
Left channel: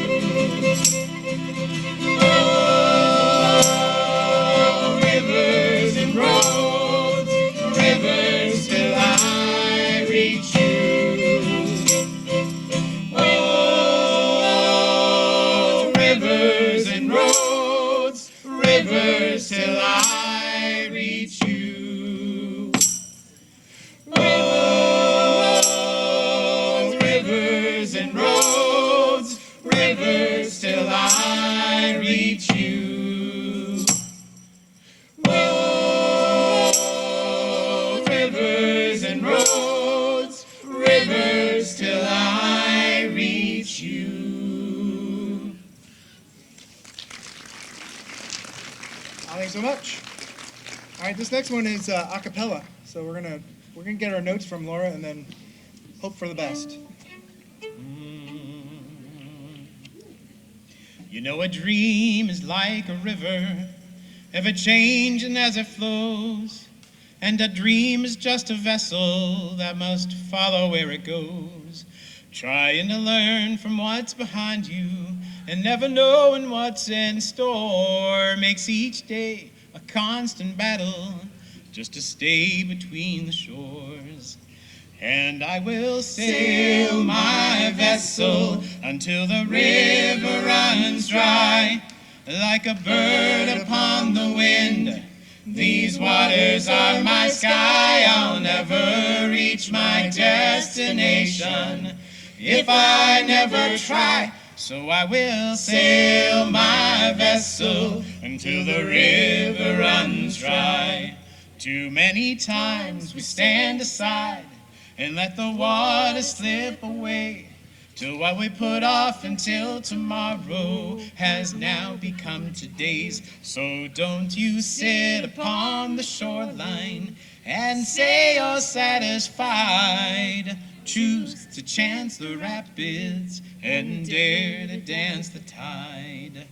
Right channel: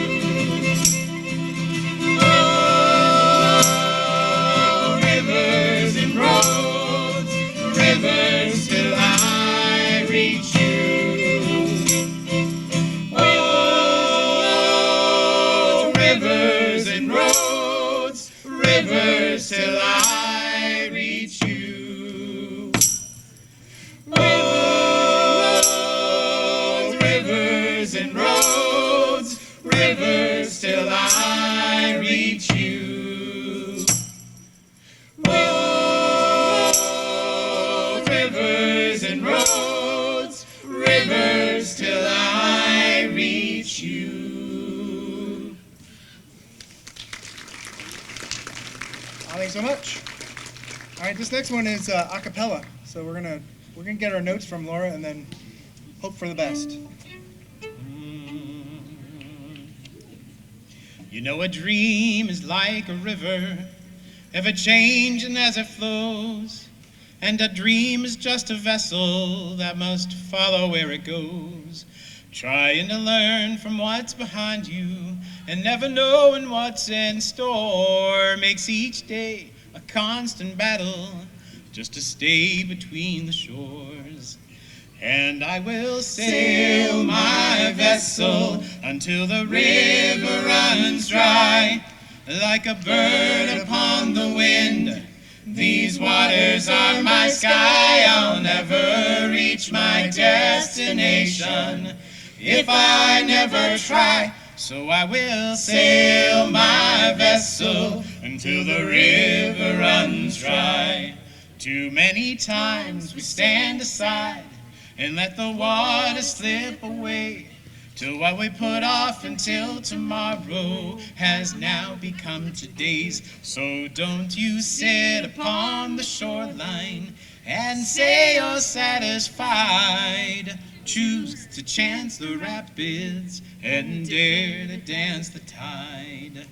Oh, rivers and roads, rivers till I reach you. Oh, rivers and roads, rivers till I reach you. Oh, rivers and roads, rivers till I reach you. Oh, rivers and roads, rivers till I reach you. Thanks so much. All right, this next one is a cappella. So we're gonna get our notes from Laura and then hope for the best. You know, a dream is like a river, ever changing as it flows. And a dream is just a vessel that must follow where it goes. Trying to learn from what's behind you and never knowing what's in store makes each day a constant battle just to stay between the shores. And I will sail my vessel until the river runs dry. Like a bird upon the wind, these waters are my sky. I'll never reach my destination if I never try. So I will sail my vessel until the river runs dry. Too many times we stand aside and let the water slip away, till what we put off until tomorrow has now become today's. So don't you sit upon the shoreline and say you're satisfied. Choose to chance the rapids and dare to dance the tide.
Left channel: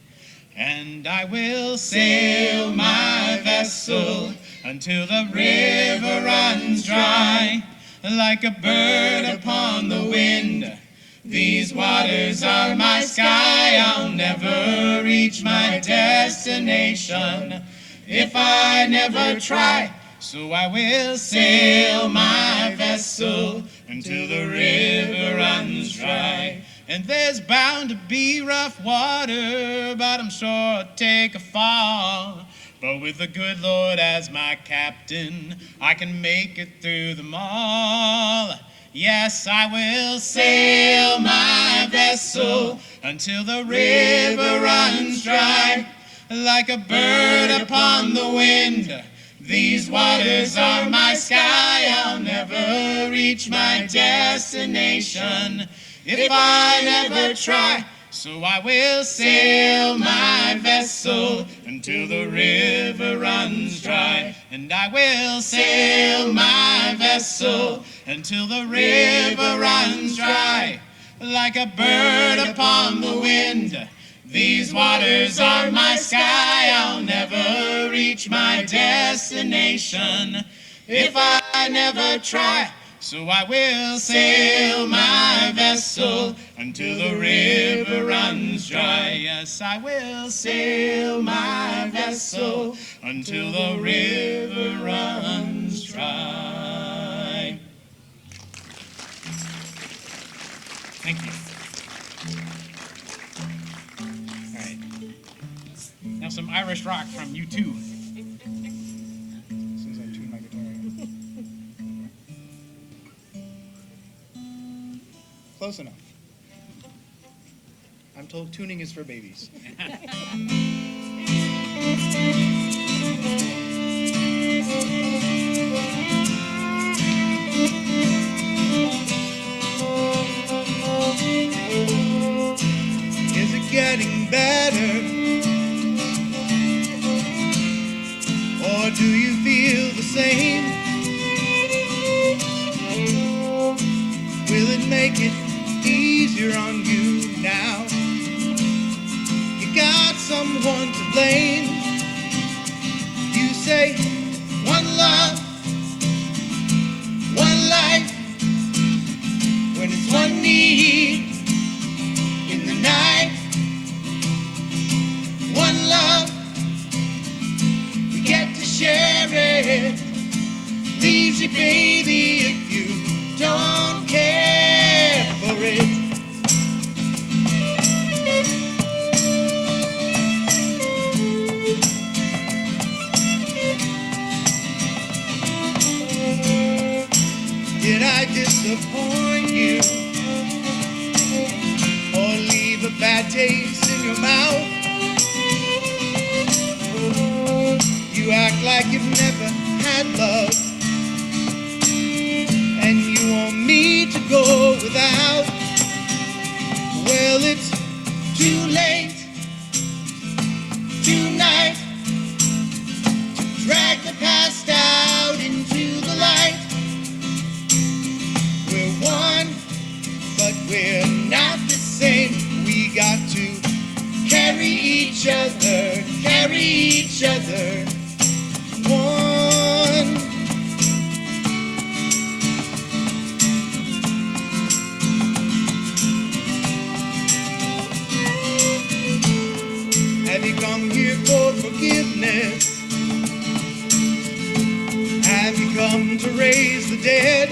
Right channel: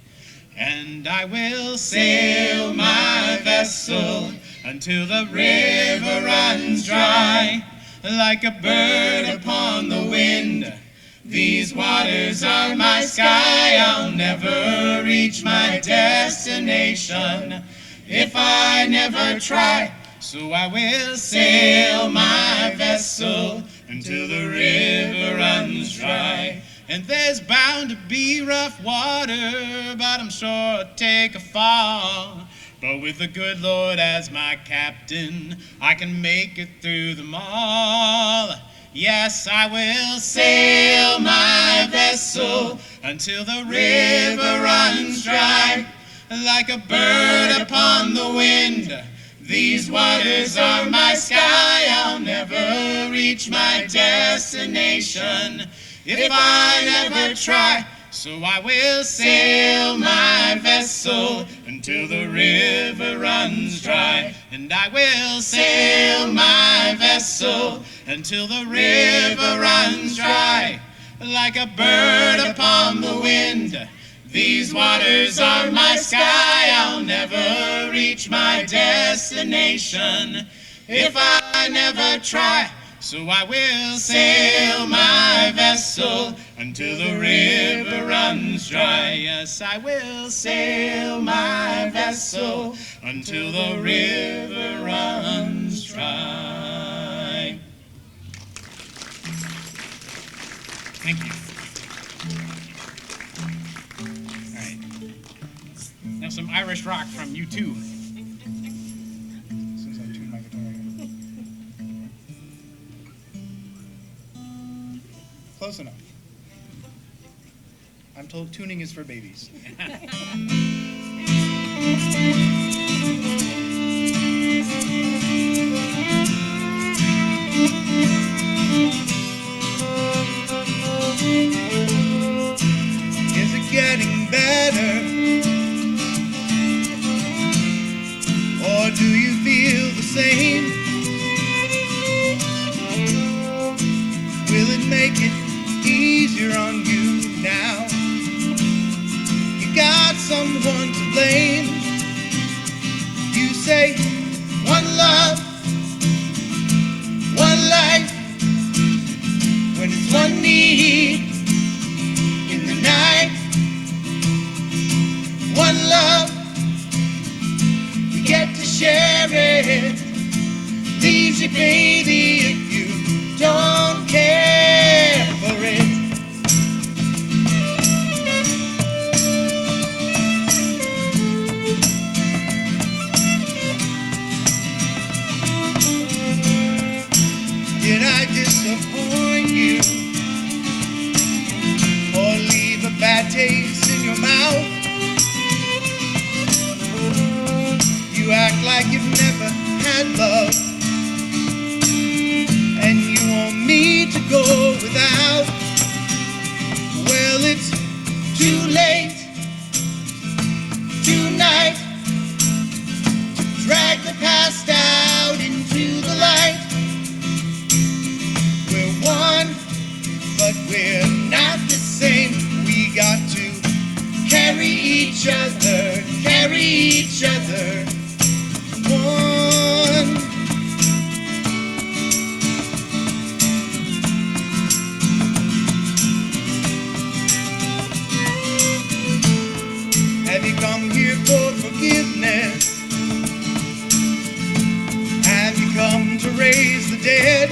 And I will sail my vessel until the river runs dry. Like a bird upon the wind, these waters are my sky. I'll never reach my destination if I never try. So I will sail my vessel until the river runs dry. And there's bound to be rough water, but I'm sure I'll take a fall. But with the good Lord as my captain, I can make it through them all. Yes, I will sail my vessel until the river runs dry. Like a bird upon the wind, these waters are my sky. I'll never reach my destination if I never try. So I will sail my vessel until the river runs dry. And I will sail my vessel until the river runs dry. Like a bird upon the wind, these waters are my sky. I'll never reach my destination if I never try. So I will sail my vessel until the river runs dry. Yes, I will sail my vessel until the river runs dry. Thank you. All right. Now some Irish rock from U2. Close enough. I'm told tuning is for babies. Is it getting better? Or do you feel the same? Will it make it easier on you now? You got someone to blame. You say, one love, one life, when it's one need in the night. One love, we get to share it. Leaves you, baby, if you don't care for it. Did I disappoint you or leave a bad taste in your mouth? You act like you've never had love, and you want me to go without. Well, it's too late tonight to drag the past out into the light. We're one, but we're not the same. We got to carry each other, carry each other. One. Have you come here for forgiveness? Have you come to raise the dead?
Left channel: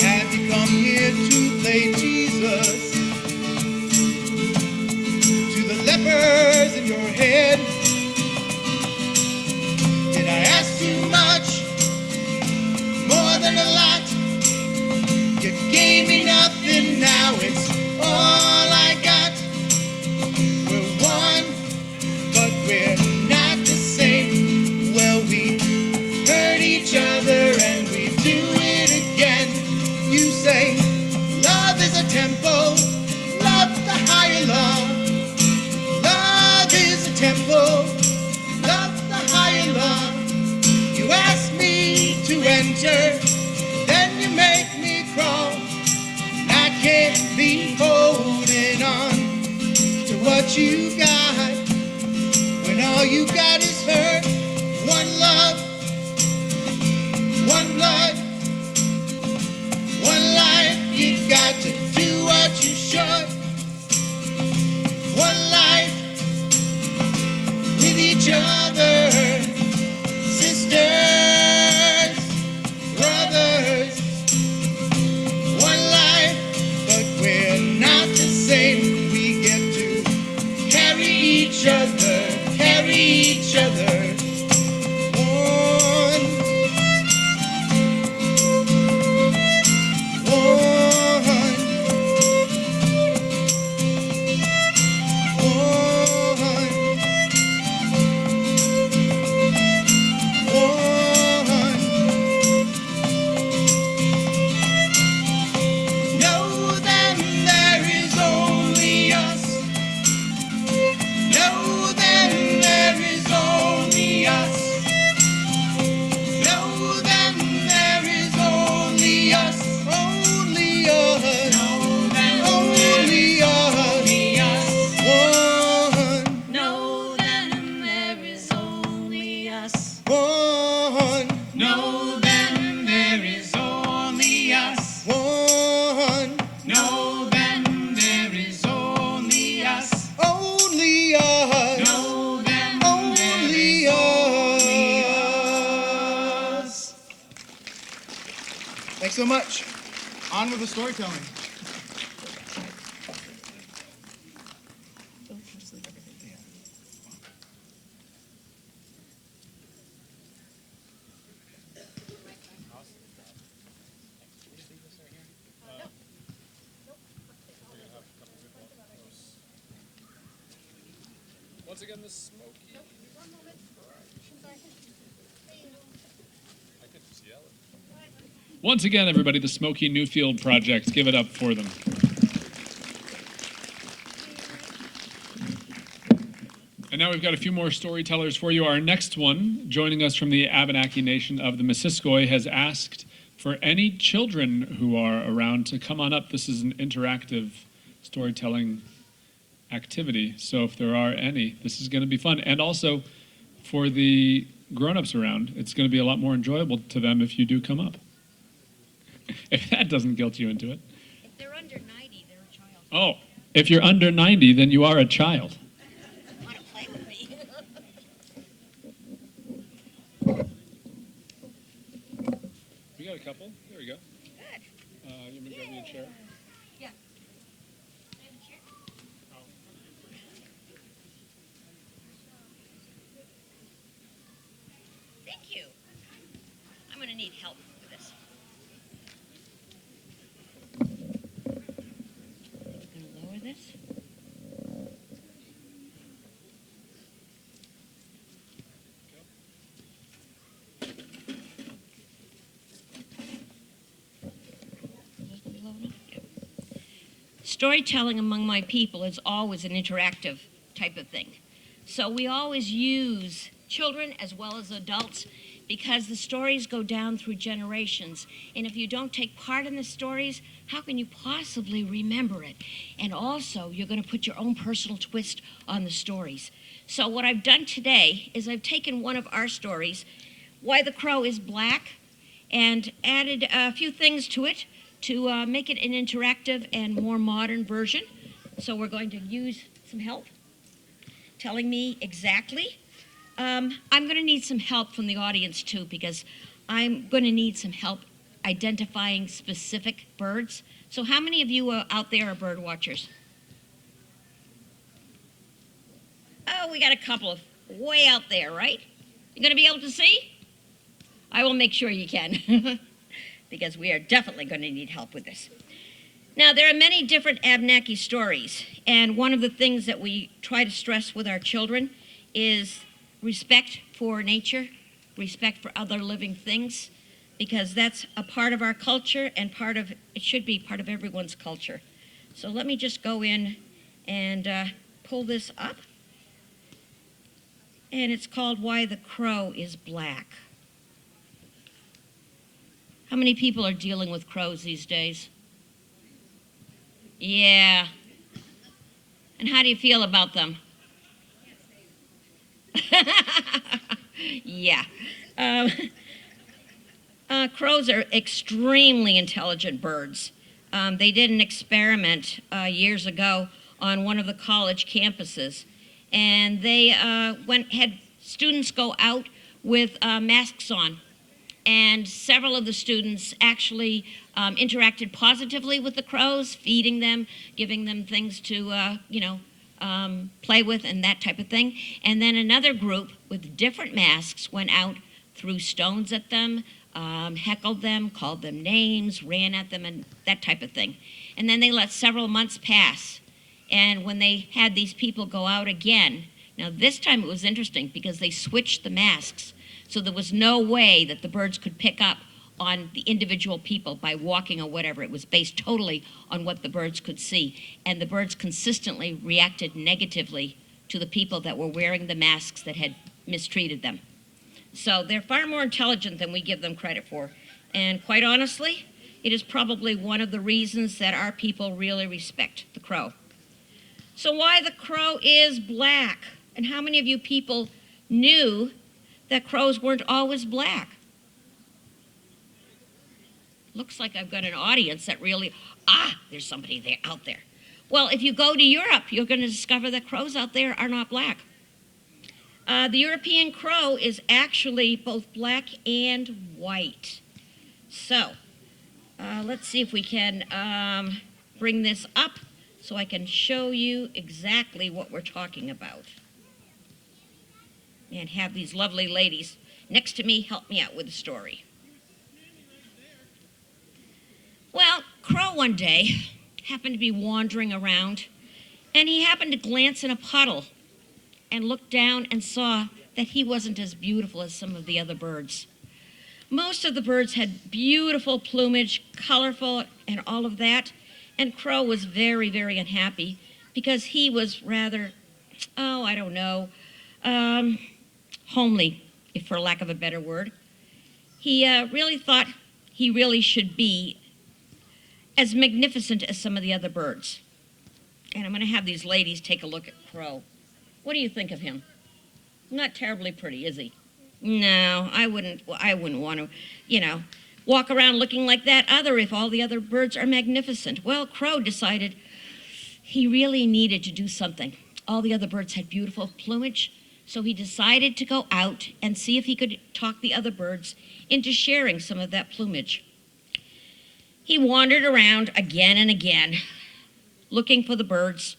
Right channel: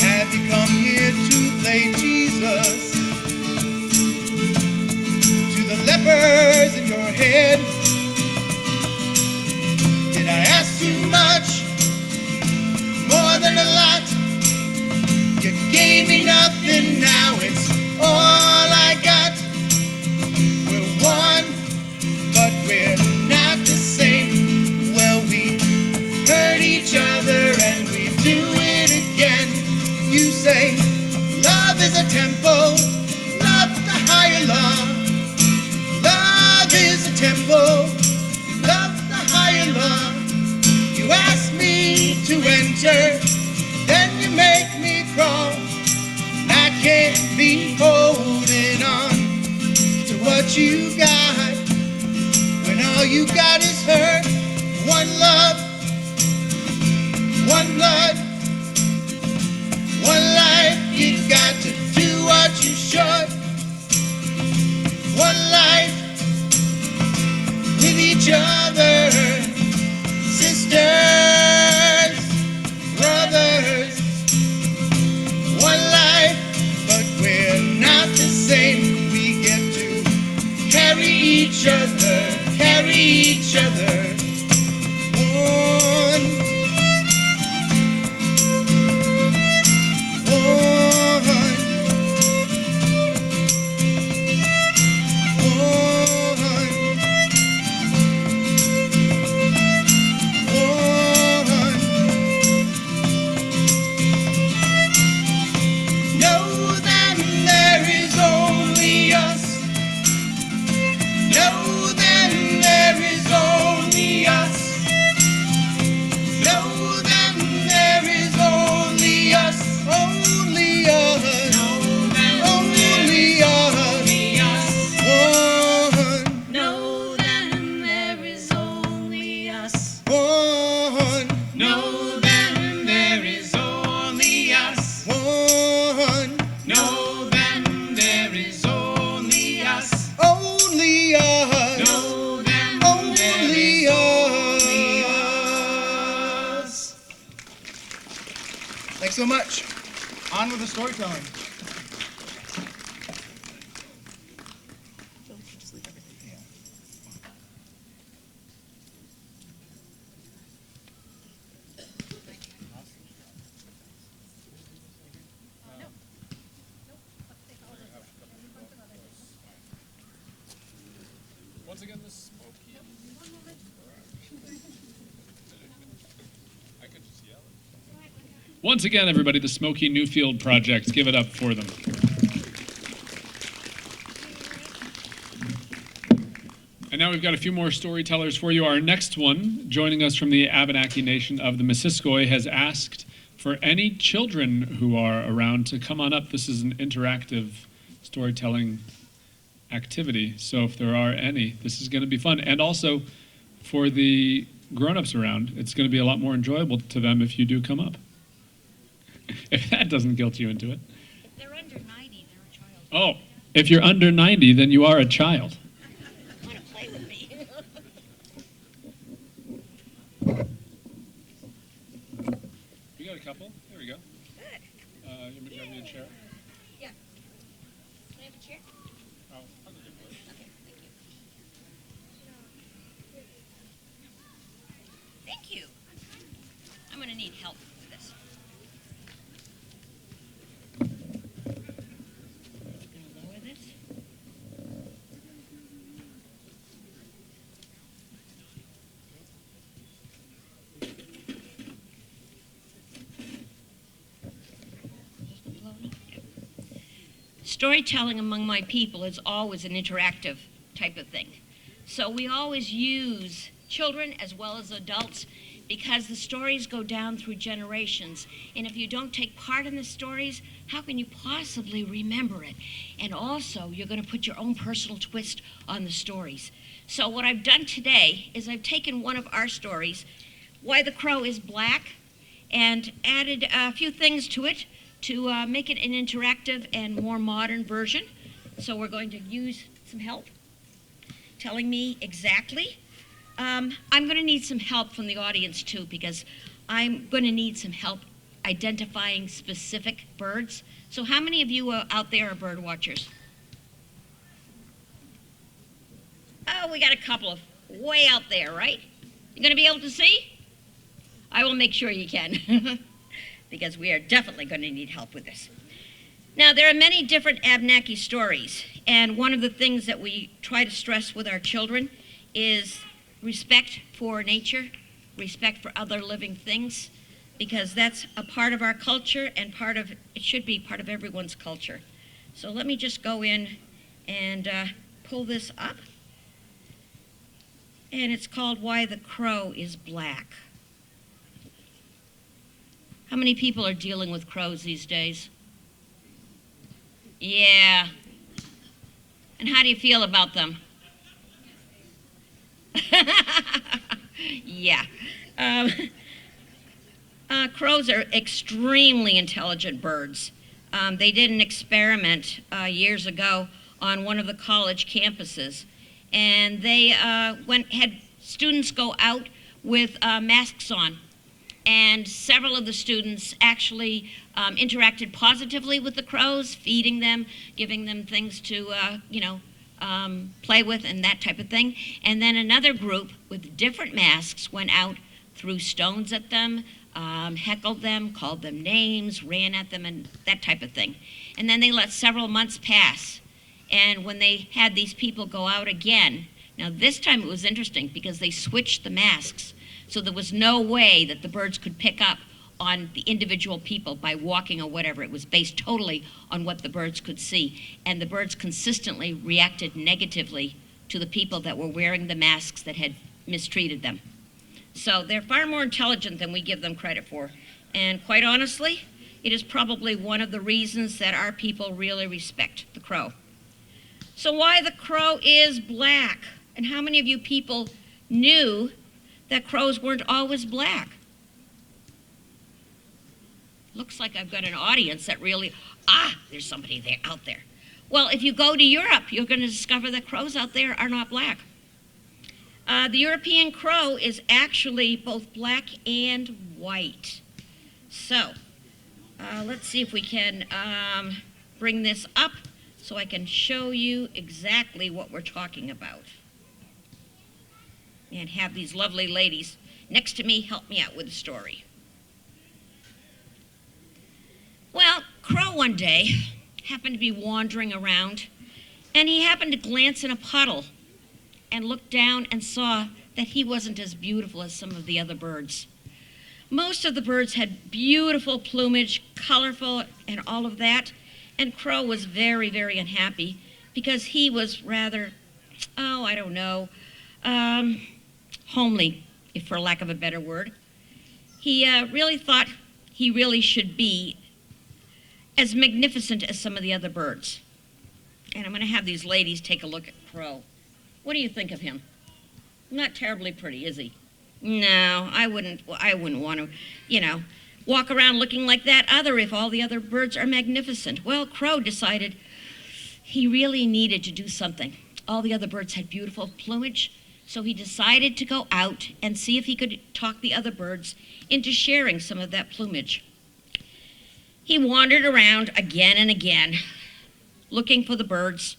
Have you come here to play Jesus to the lepers in your head? Did I ask too much? More than a lot. You gave me nothing, now it's all I got. We're one, but we're not the same. same. Love is a temple, love the higher law. Love is a temple, love the higher law. You ask me to enter, then you make me crawl. I can't be holding on to what you got when all you got is hurt. One love, one blood, one life. You got to do what you should. One life with each other, sisters, brothers. One life, but we're not the same. We get to carry each other, carry each other on. Thanks so much. On with the storytelling. Once again, the Smokey. Once again, everybody, the Smokey Newfield Project. Give it up for them. And now we've got a few more storytellers for you. Our next one, joining us from the Abenaki Nation of the Missisquoi, has asked for any children who are around to come on up. This is an interactive storytelling activity, so if there are any, this is going to be fun. And also, for the grown-ups around, it's going to be a lot more enjoyable to them if you do come up. If that doesn't guilt you into it. They're under 90, they're a child. Oh, if you're under 90, then you are a child. Want to play with me? We got a couple. There we go. Good. You can grab me a chair. Yeah. Can I have a chair? Oh, I'll give you a place. Thank you. I'm going to need help with this. Gonna lower this. Storytelling among my people is always an interactive type of thing. So we always use children as well as adults because the stories go down through generations. And if you don't take part in the stories, how can you possibly remember it? And also, you're going to put your own personal twist on the stories. So what I've done today is I've taken one of our stories, Why the Crow is Black, and added a few things to it to make it an interactive and more modern version. So we're going to use some help telling me exactly. I'm going to need some help from the audience too, because I'm going to need some help identifying specific birds. So how many of you out there are bird watchers? Oh, we got a couple of way out there, right? You going to be able to see? I will make sure you can, because we are definitely going to need help with this. Now, there are many different Abenaki stories, and one of the things that we try to stress with our children is respect for nature, respect for other living things. because that's a part of our culture and it should be part of everyone's culture. So let me just go in and pull this up. And it's called Why the Crow is Black. How many people are dealing with crows these days? Yeah. And how do you feel about them? Yeah. Crows are extremely intelligent birds. They did an experiment years ago on one of the college campuses, and they had students go out with masks on, and several of the students actually interacted positively with the crows, feeding them, giving them things to play with and that type of thing. And then another group with different masks went out, threw stones at them, heckled them, called them names, ran at them, and that type of thing. And then they let several months pass. And when they had these people go out again, now this time it was interesting because they switched the masks. So there was no way that the birds could pick up on the individual people by walking or whatever. It was based totally on what the birds could see. And the birds consistently reacted negatively to the people that were wearing the masks that had mistreated them. So they're far more intelligent than we give them credit for. And quite honestly, it is probably one of the reasons that our people really respect the crow. So why the crow is black? And how many of you people knew that crows weren't always black? Looks like I've got an audience that really, there's somebody there out there. Well, if you go to Europe, you're going to discover that crows out there are not black. The European crow is actually both black and white. So, let's see if we can bring this up so I can show you exactly what we're talking about. And have these lovely ladies next to me help me out with the story. Well, Crow one day happened to be wandering around, and he happened to glance in a puddle and looked down and saw that he wasn't as beautiful as some of the other birds. Most of the birds had beautiful plumage, colorful, and all of that, and Crow was very, very unhappy because he was rather, homely, if for lack of a better word. He really thought he really should be as magnificent as some of the other birds. And I'm going to have these ladies take a look at Crow. What do you think of him? Not terribly pretty, is he? No, I wouldn't want to, walk around looking like that either if all the other birds are magnificent. Well, Crow decided he really needed to do something. All the other birds had beautiful plumage, so he decided to go out and see if he could talk the other birds into sharing some of that plumage. He wandered around again and again, looking for the birds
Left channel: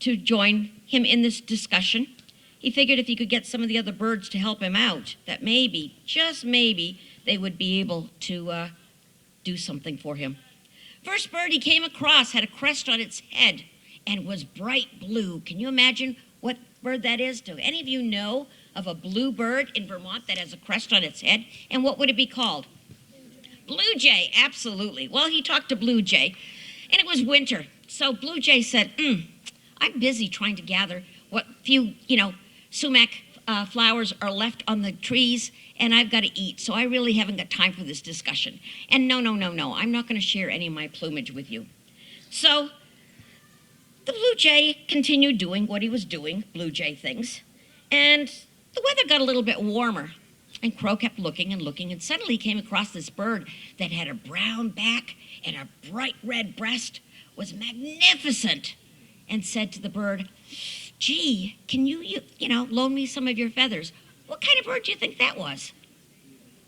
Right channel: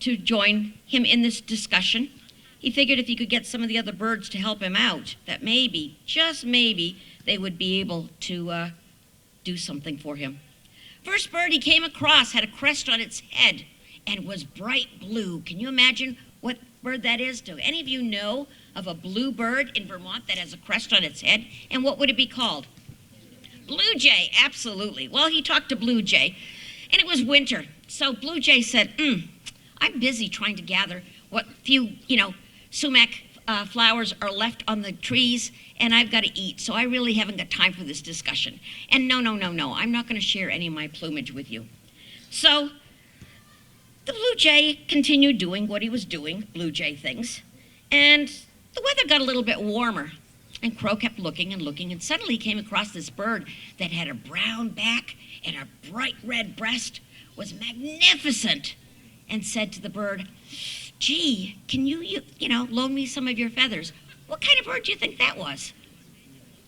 to join him in this discussion. He figured if he could get some of the other birds to help him out, that maybe, just maybe, they would be able to do something for him. First bird he came across had a crest on its head and was bright blue. Can you imagine what bird that is? Do any of you know of a blue bird in Vermont that has a crest on its head? And what would it be called? Blue jay, absolutely. Well, he talked to Blue Jay, and it was winter. So Blue Jay said, I'm busy trying to gather what few, sumac flowers are left on the trees, and I've got to eat, so I really haven't got time for this discussion. And no, I'm not going to share any of my plumage with you. So the Blue Jay continued doing what he was doing, Blue Jay things, and the weather got a little bit warmer. And Crow kept looking and looking, and suddenly he came across this bird that had a brown back and a bright red breast, was magnificent, and said to the bird, gee, can you loan me some of your feathers? What kind of bird do you think that was?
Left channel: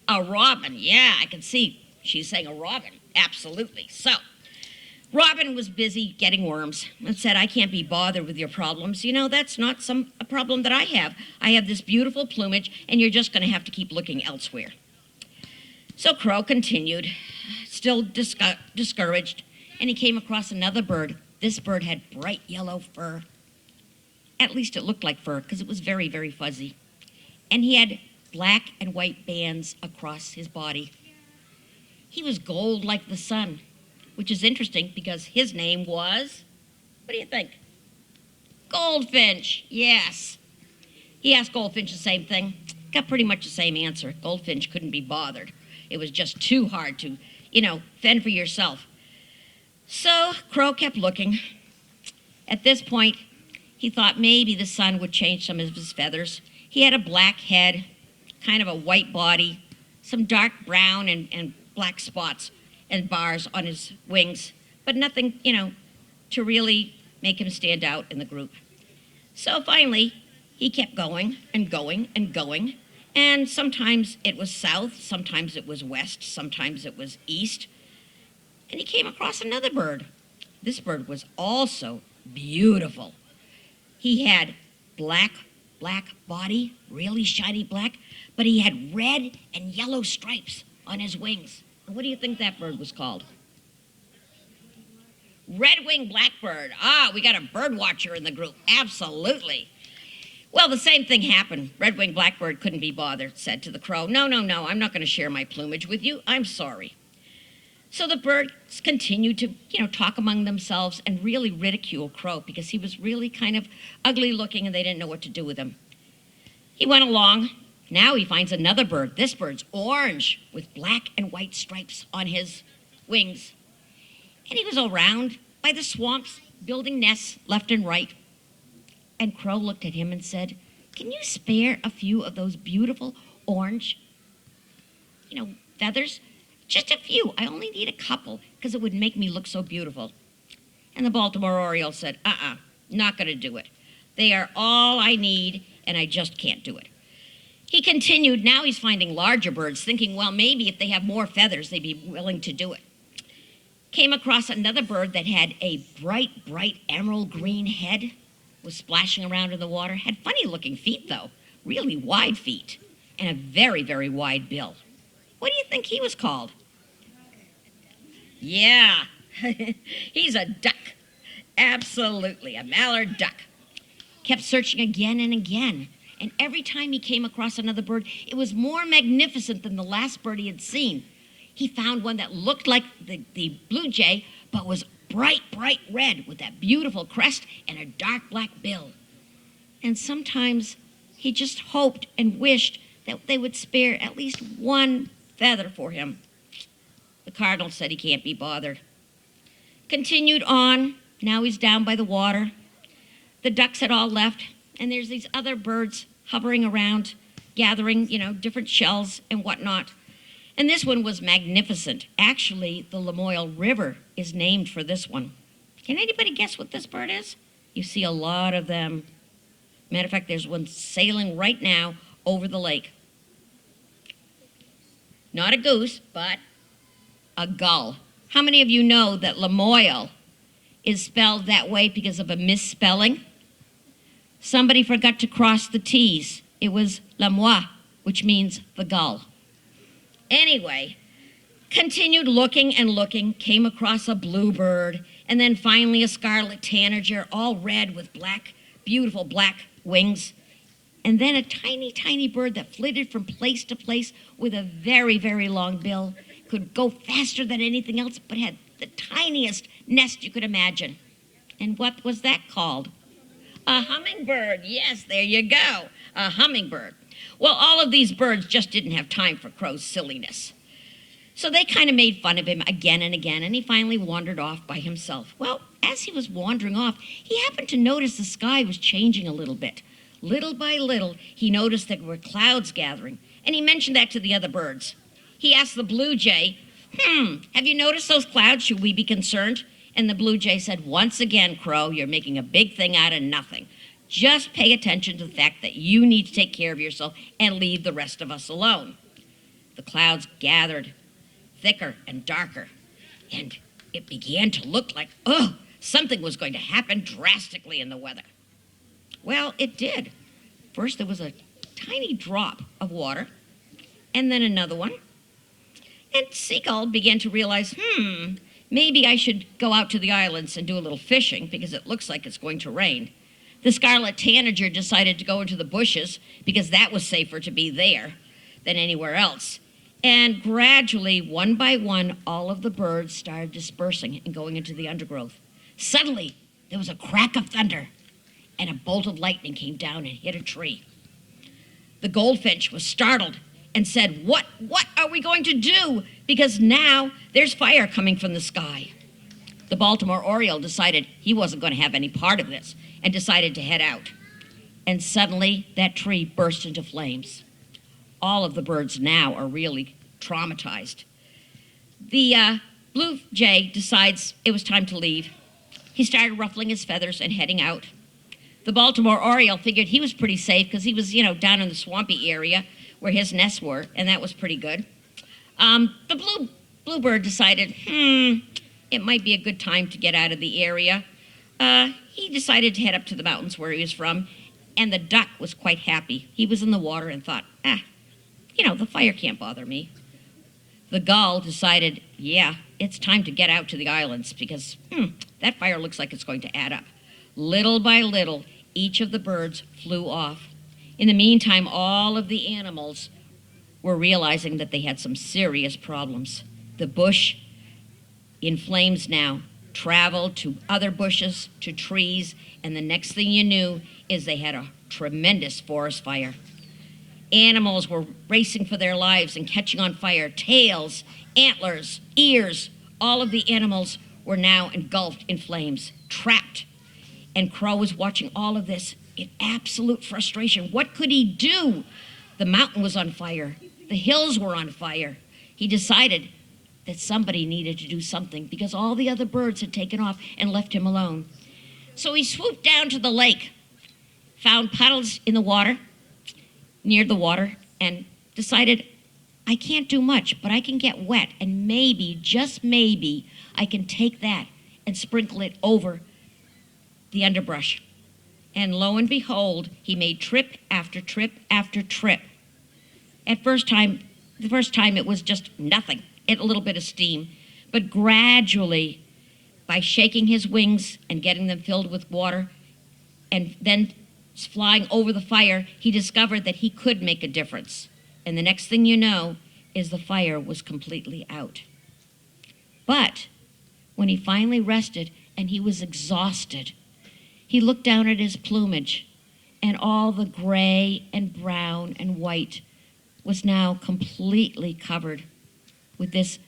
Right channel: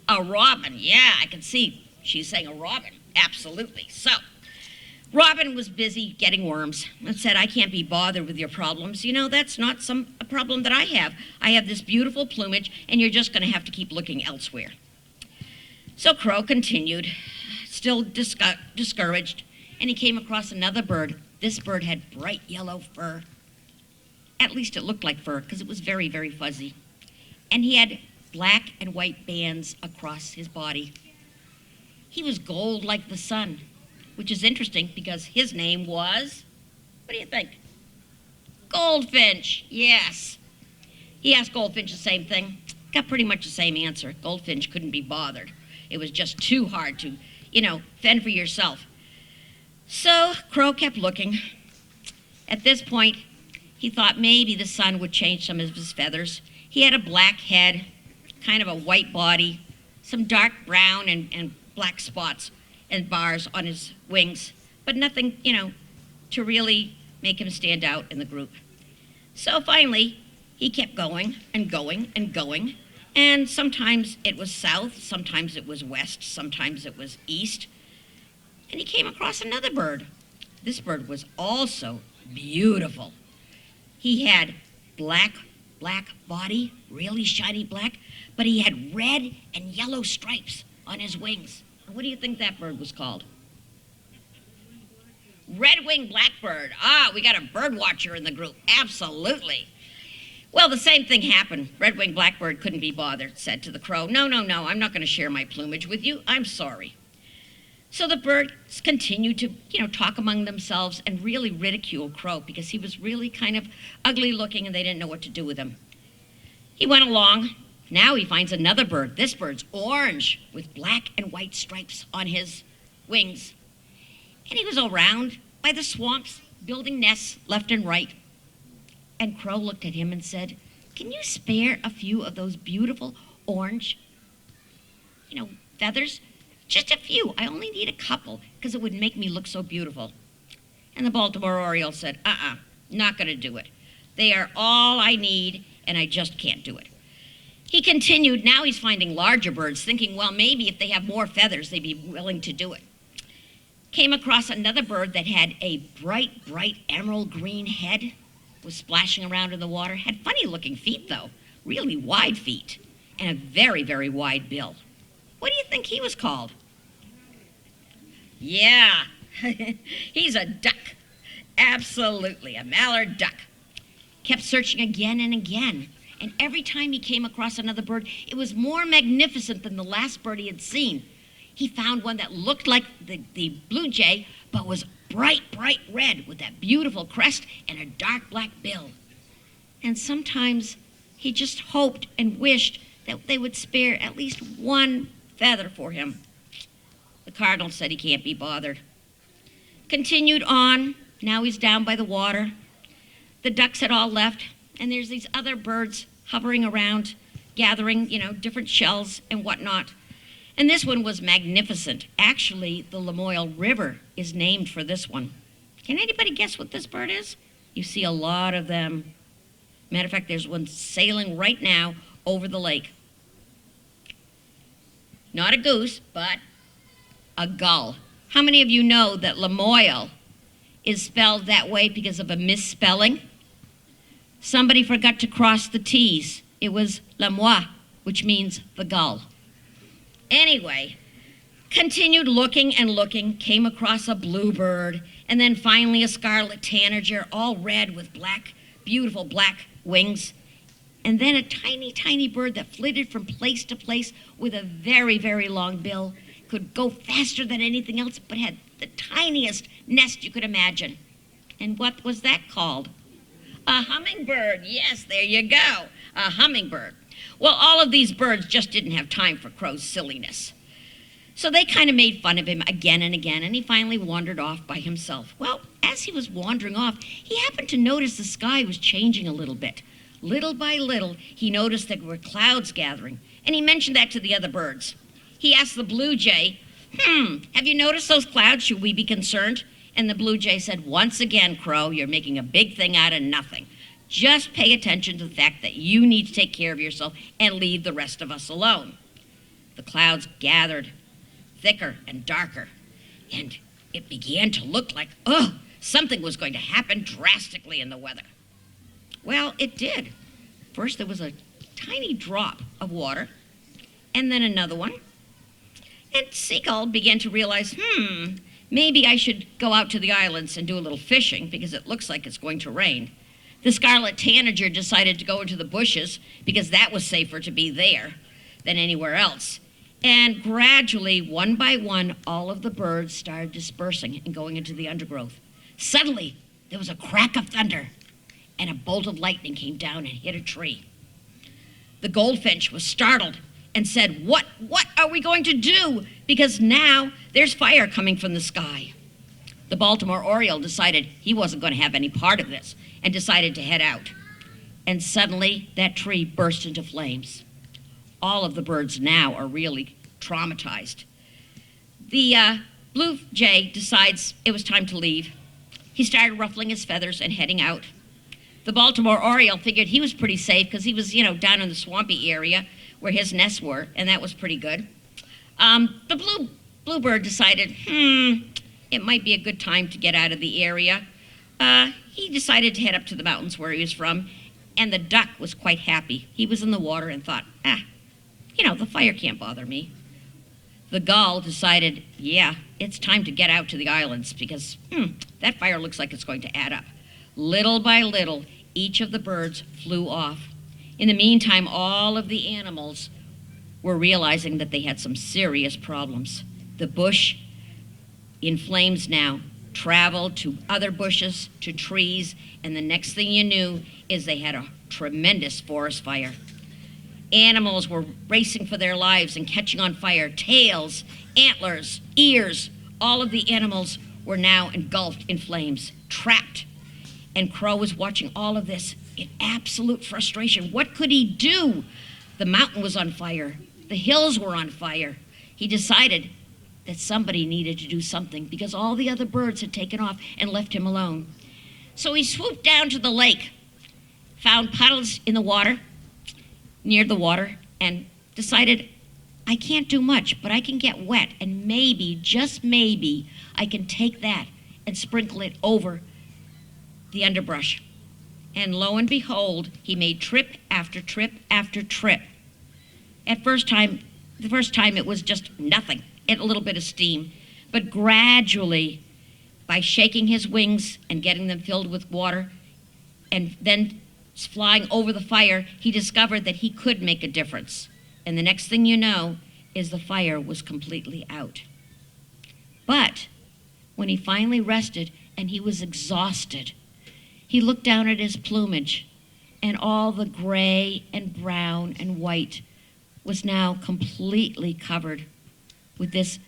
A robin. Yeah, I can see she's saying a robin. Absolutely. So, Robin was busy getting worms and said, I can't be bothered with your problems. That's not a problem that I have. I have this beautiful plumage, and you're just going to have to keep looking elsewhere. So Crow continued, still discouraged, and he came across another bird. This bird had bright yellow fur. At least it looked like fur, because it was very, very fuzzy. And he had black and white bands across his body. He was gold like the sun, which is interesting because his name was, what do you think? Goldfinch, yes. He asked Goldfinch the same thing. Got pretty much the same answer. Goldfinch couldn't be bothered. It was just too hard to, fend for yourself. So Crow kept looking. At this point, he thought maybe the sun would change some of his feathers. He had a black head, kind of a white body, some dark brown and black spots and bars on his wings, but nothing, to really make him stand out in the group. So finally, he kept going and going and going, and sometimes it was south, sometimes it was west, sometimes it was east, and he came across another bird. This bird was also beautiful. He had black body, really shiny black, but he had red and yellow stripes on his wings. What do you think that bird was called? Red-winged blackbird. Ah, we got a bird watcher in the group. Absolutely. Well, the same thing happened. Red-winged blackbird couldn't be bothered, said to the crow, no, I'm not going to share my plumage with you. I'm sorry. So the birds continued to, talk among themselves and really ridicule Crow because he was really kind of ugly looking and they didn't know what to do with him. He went along. Now he finds another bird. This bird's orange with black and white stripes on his wings. And he was around by the swamps, building nests left and right. And Crow looked at him and said, can you spare a few of those beautiful orange, feathers? Just a few. I only need a couple because it would make me look so beautiful. And the Baltimore Oriole said, not going to do it. They are all I need and I just can't do it. He continued. Now he's finding larger birds, thinking, well, maybe if they have more feathers, they'd be willing to do it. Came across another bird that had a bright emerald green head, was splashing around in the water, had funny looking feet though, really wide feet, and a very, very wide bill. What do you think he was called? Yeah, he's a duck. Absolutely, a mallard duck. Kept searching again and again, and every time he came across another bird, it was more magnificent than the last bird he had seen. He found one that looked like the blue jay, but was bright red with that beautiful crest and a dark black bill. And sometimes he just hoped and wished that they would spare at least one feather for him. The cardinal said he can't be bothered. Continued on. Now he's down by the water. The ducks had all left, and there's these other birds hovering around, gathering, different shells and whatnot. And this one was magnificent. Actually, the Lamoille River is named for this one. Can anybody guess what this bird is? You see a lot of them. Matter of fact, there's one sailing right now over the lake. Not a goose, but a gull. How many of you know that Lamoille is spelled that way because of a misspelling? Somebody forgot to cross the T's. It was Lamoille, which means the gull. Anyway, continued looking and looking, came across a bluebird, and then finally a scarlet tanager, all red with black, beautiful black wings. And then a tiny bird that flitted from place to place with a very, very long bill, could go faster than anything else, but had the tiniest nest you could imagine. And what was that called? A hummingbird. Yes, there you go, a hummingbird. Well, all of these birds just didn't have time for Crow's silliness. So they kind of made fun of him again and again, and he finally wandered off by himself. Well, as he was wandering off, he happened to notice the sky was changing a little bit. Little by little, he noticed there were clouds gathering, and he mentioned that to the other birds. He asked the blue jay, have you noticed those clouds? Should we be concerned? And the blue jay said, once again, Crow, you're making a big thing out of nothing. Just pay attention to the fact that you need to take care of yourself and leave the rest of us alone. The clouds gathered thicker and darker, and it began to look like, something was going to happen drastically in the weather. Well, it did. First, there was a tiny drop of water, and then another one. And Seagull began to realize, maybe I should go out to the islands and do a little fishing because it looks like it's going to rain. The scarlet tanager decided to go into the bushes because that was safer to be there than anywhere else. And gradually, one by one, all of the birds started dispersing and going into the undergrowth. Suddenly, there was a crack of thunder, and a bolt of lightning came down and hit a tree. The goldfinch was startled and said, what are we going to do? Because now there's fire coming from the sky. The Baltimore Oriole decided he wasn't going to have any part of this and decided to head out. And suddenly, that tree burst into flames. All of the birds now are really traumatized. The blue jay decides it was time to leave. He started ruffling his feathers and heading out. The Baltimore Oriole figured he was pretty safe because he was, down in the swampy area where his nests were, and that was pretty good. The bluebird decided, it might be a good time to get out of the area. He decided to head up to the mountains where he was from, and the duck was quite happy. He was in the water and thought, the fire can't bother me. The gull decided, it's time to get out to the islands because that fire looks like it's going to add up. Little by little, each of the birds flew off. In the meantime, all of the animals were realizing that they had some serious problems. The bush, in flames now, traveled to other bushes, to trees, and the next thing you knew is they had a tremendous forest fire. Animals were racing for their lives and catching on fire. Tails, antlers, ears, all of the animals were now engulfed in flames, trapped. And Crow was watching all of this in absolute frustration. What could he do? The mountain was on fire. The hills were on fire. He decided that somebody needed to do something because all the other birds had taken off and left him alone. So he swooped down to the lake, found puddles in the water, near the water, and decided, I can't do much, but I can get wet, and maybe, just maybe, I can take that and sprinkle it over the underbrush. And lo and behold, he made trip after trip after trip. The first time it was just nothing, a little bit of steam. But gradually, by shaking his wings and getting them filled with water, and then flying over the fire, he discovered that he could make a difference. And the next thing you know is the fire was completely out. But when he finally rested and he was exhausted, he looked down at his plumage, and all the gray and brown and white was now completely covered with this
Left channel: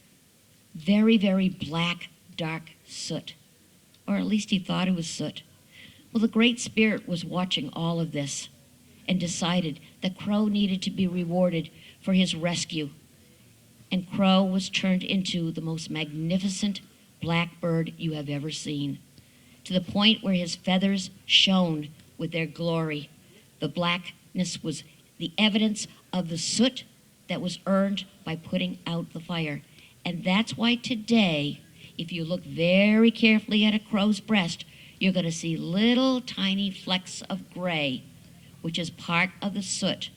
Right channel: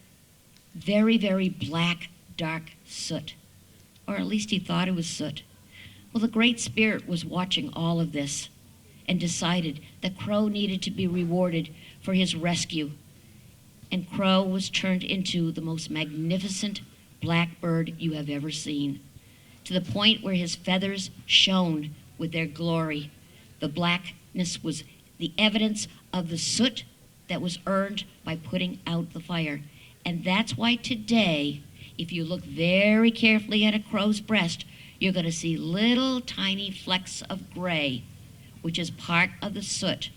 very, very black, dark soot. Or at least he thought it was soot. Well, the Great Spirit was watching all of this and decided that Crow needed to be rewarded for his rescue. And Crow was turned into the most magnificent black bird you have ever seen, to the point where his feathers shone with their glory. The blackness was the evidence of the soot that was earned by putting out the fire. And that's why today, if you look very carefully at a crow's breast, you're going to see little tiny flecks of gray, which is part of the soot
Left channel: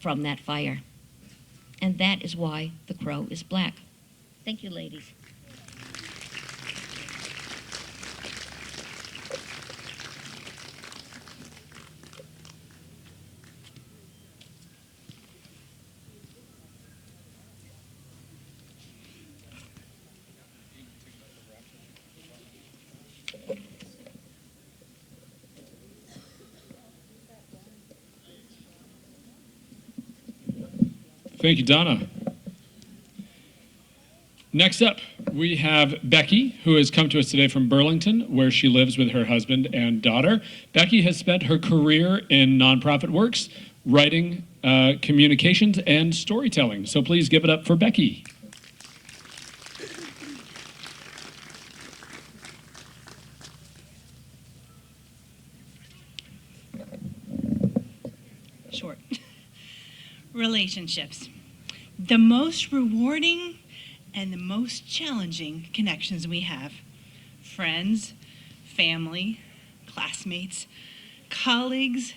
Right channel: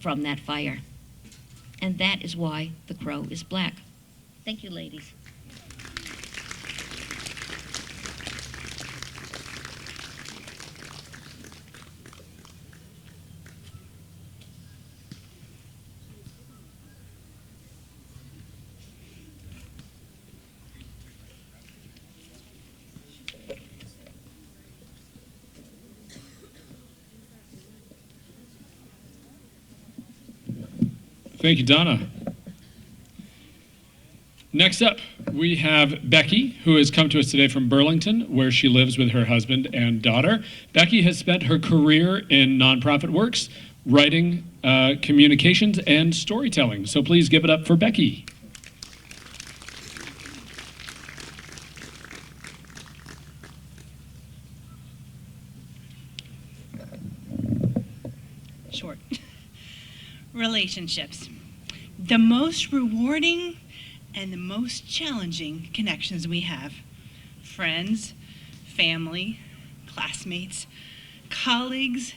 from that fire. And that is why the crow is black. Thank you, ladies. Thank you, Donna. Next up, we have Becky, who has come to us today from Burlington, where she lives with her husband and daughter. Becky has spent her career in nonprofit works, writing, communications, and storytelling. So please give it up for Becky. Short. Relationships. The most rewarding and the most challenging connections we have. Friends, family, classmates, colleagues,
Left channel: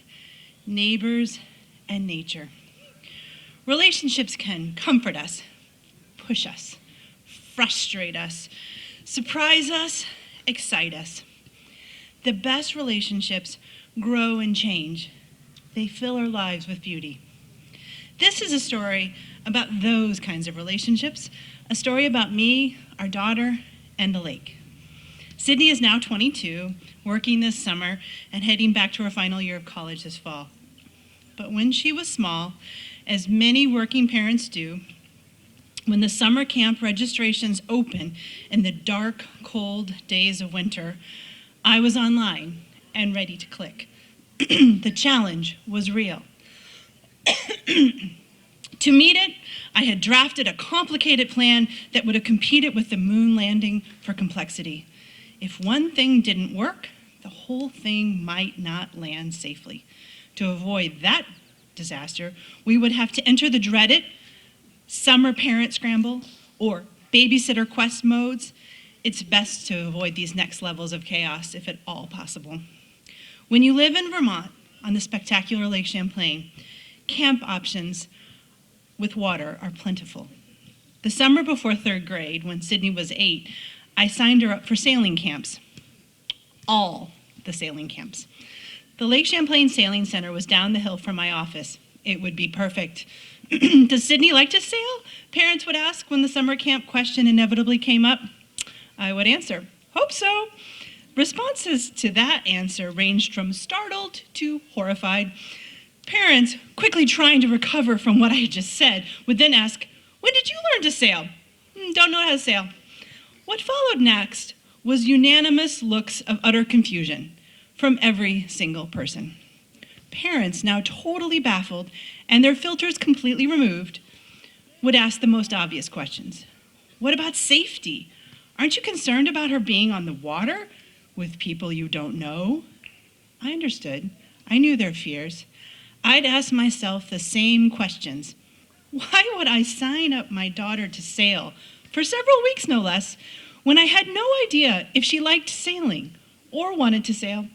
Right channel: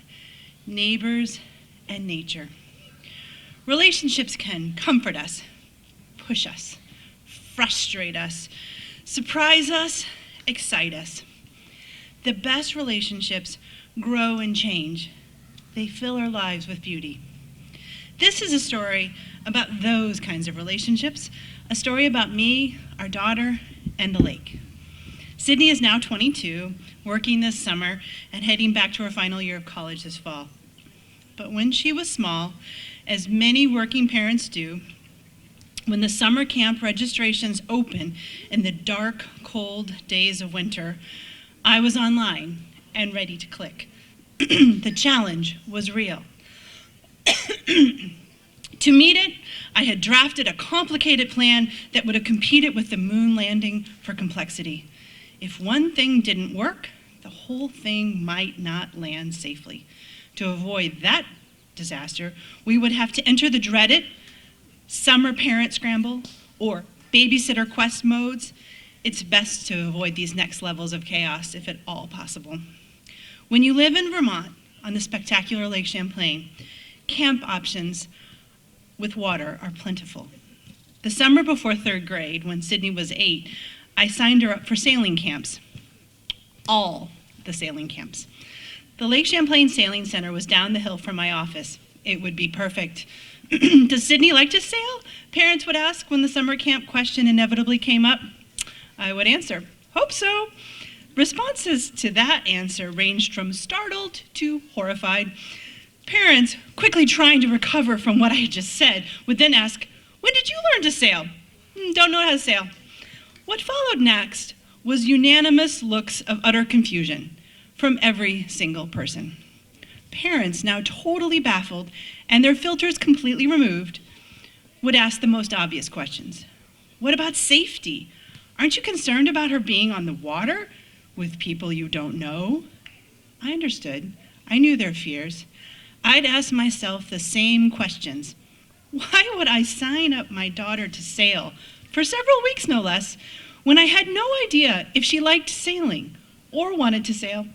neighbors, and nature. Relationships can comfort us, push us, frustrate us, surprise us, excite us. The best relationships grow and change. They fill our lives with beauty. This is a story about those kinds of relationships, a story about me, our daughter, and the lake. Sydney is now 22, working this summer and heading back to her final year of college this fall. But when she was small, as many working parents do, when the summer camp registrations open in the dark, cold days of winter, I was online and ready to click. The challenge was real. To meet it, I had drafted a complicated plan that would have competed with the moon landing for complexity. If one thing didn't work, the whole thing might not land safely. To avoid that disaster, we would have to enter the dreaded summer parent scramble or babysitter quest modes. It's best to avoid these next levels of chaos if at all possible. When you live in Vermont on the spectacular Lake Champlain, camp options with water are plentiful. The summer before third grade, when Sydney was 8, I signed her up for sailing camps. All the sailing camps. The Lake Champlain Sailing Center was down the hill from my office. It would be perfect. Does Sydney like to sail? Parents would ask when the summer camp question inevitably came up. I would answer, hope so. Responses to that answer ranged from startled to horrified. Parents, quickly trying to recover from what I had just said, would then ask, when did you learn to sail? Don't know how to sail. What followed next was unanimous looks of utter confusion from every single person. Parents, now totally baffled and their filters completely removed, would ask the most obvious questions. What about safety? Aren't you concerned about her being on the water with people you don't know? I understood. I knew their fears. I'd ask myself the same questions. Why would I sign up my daughter to sail, for several weeks no less, when I had no idea if she liked sailing or wanted to sail?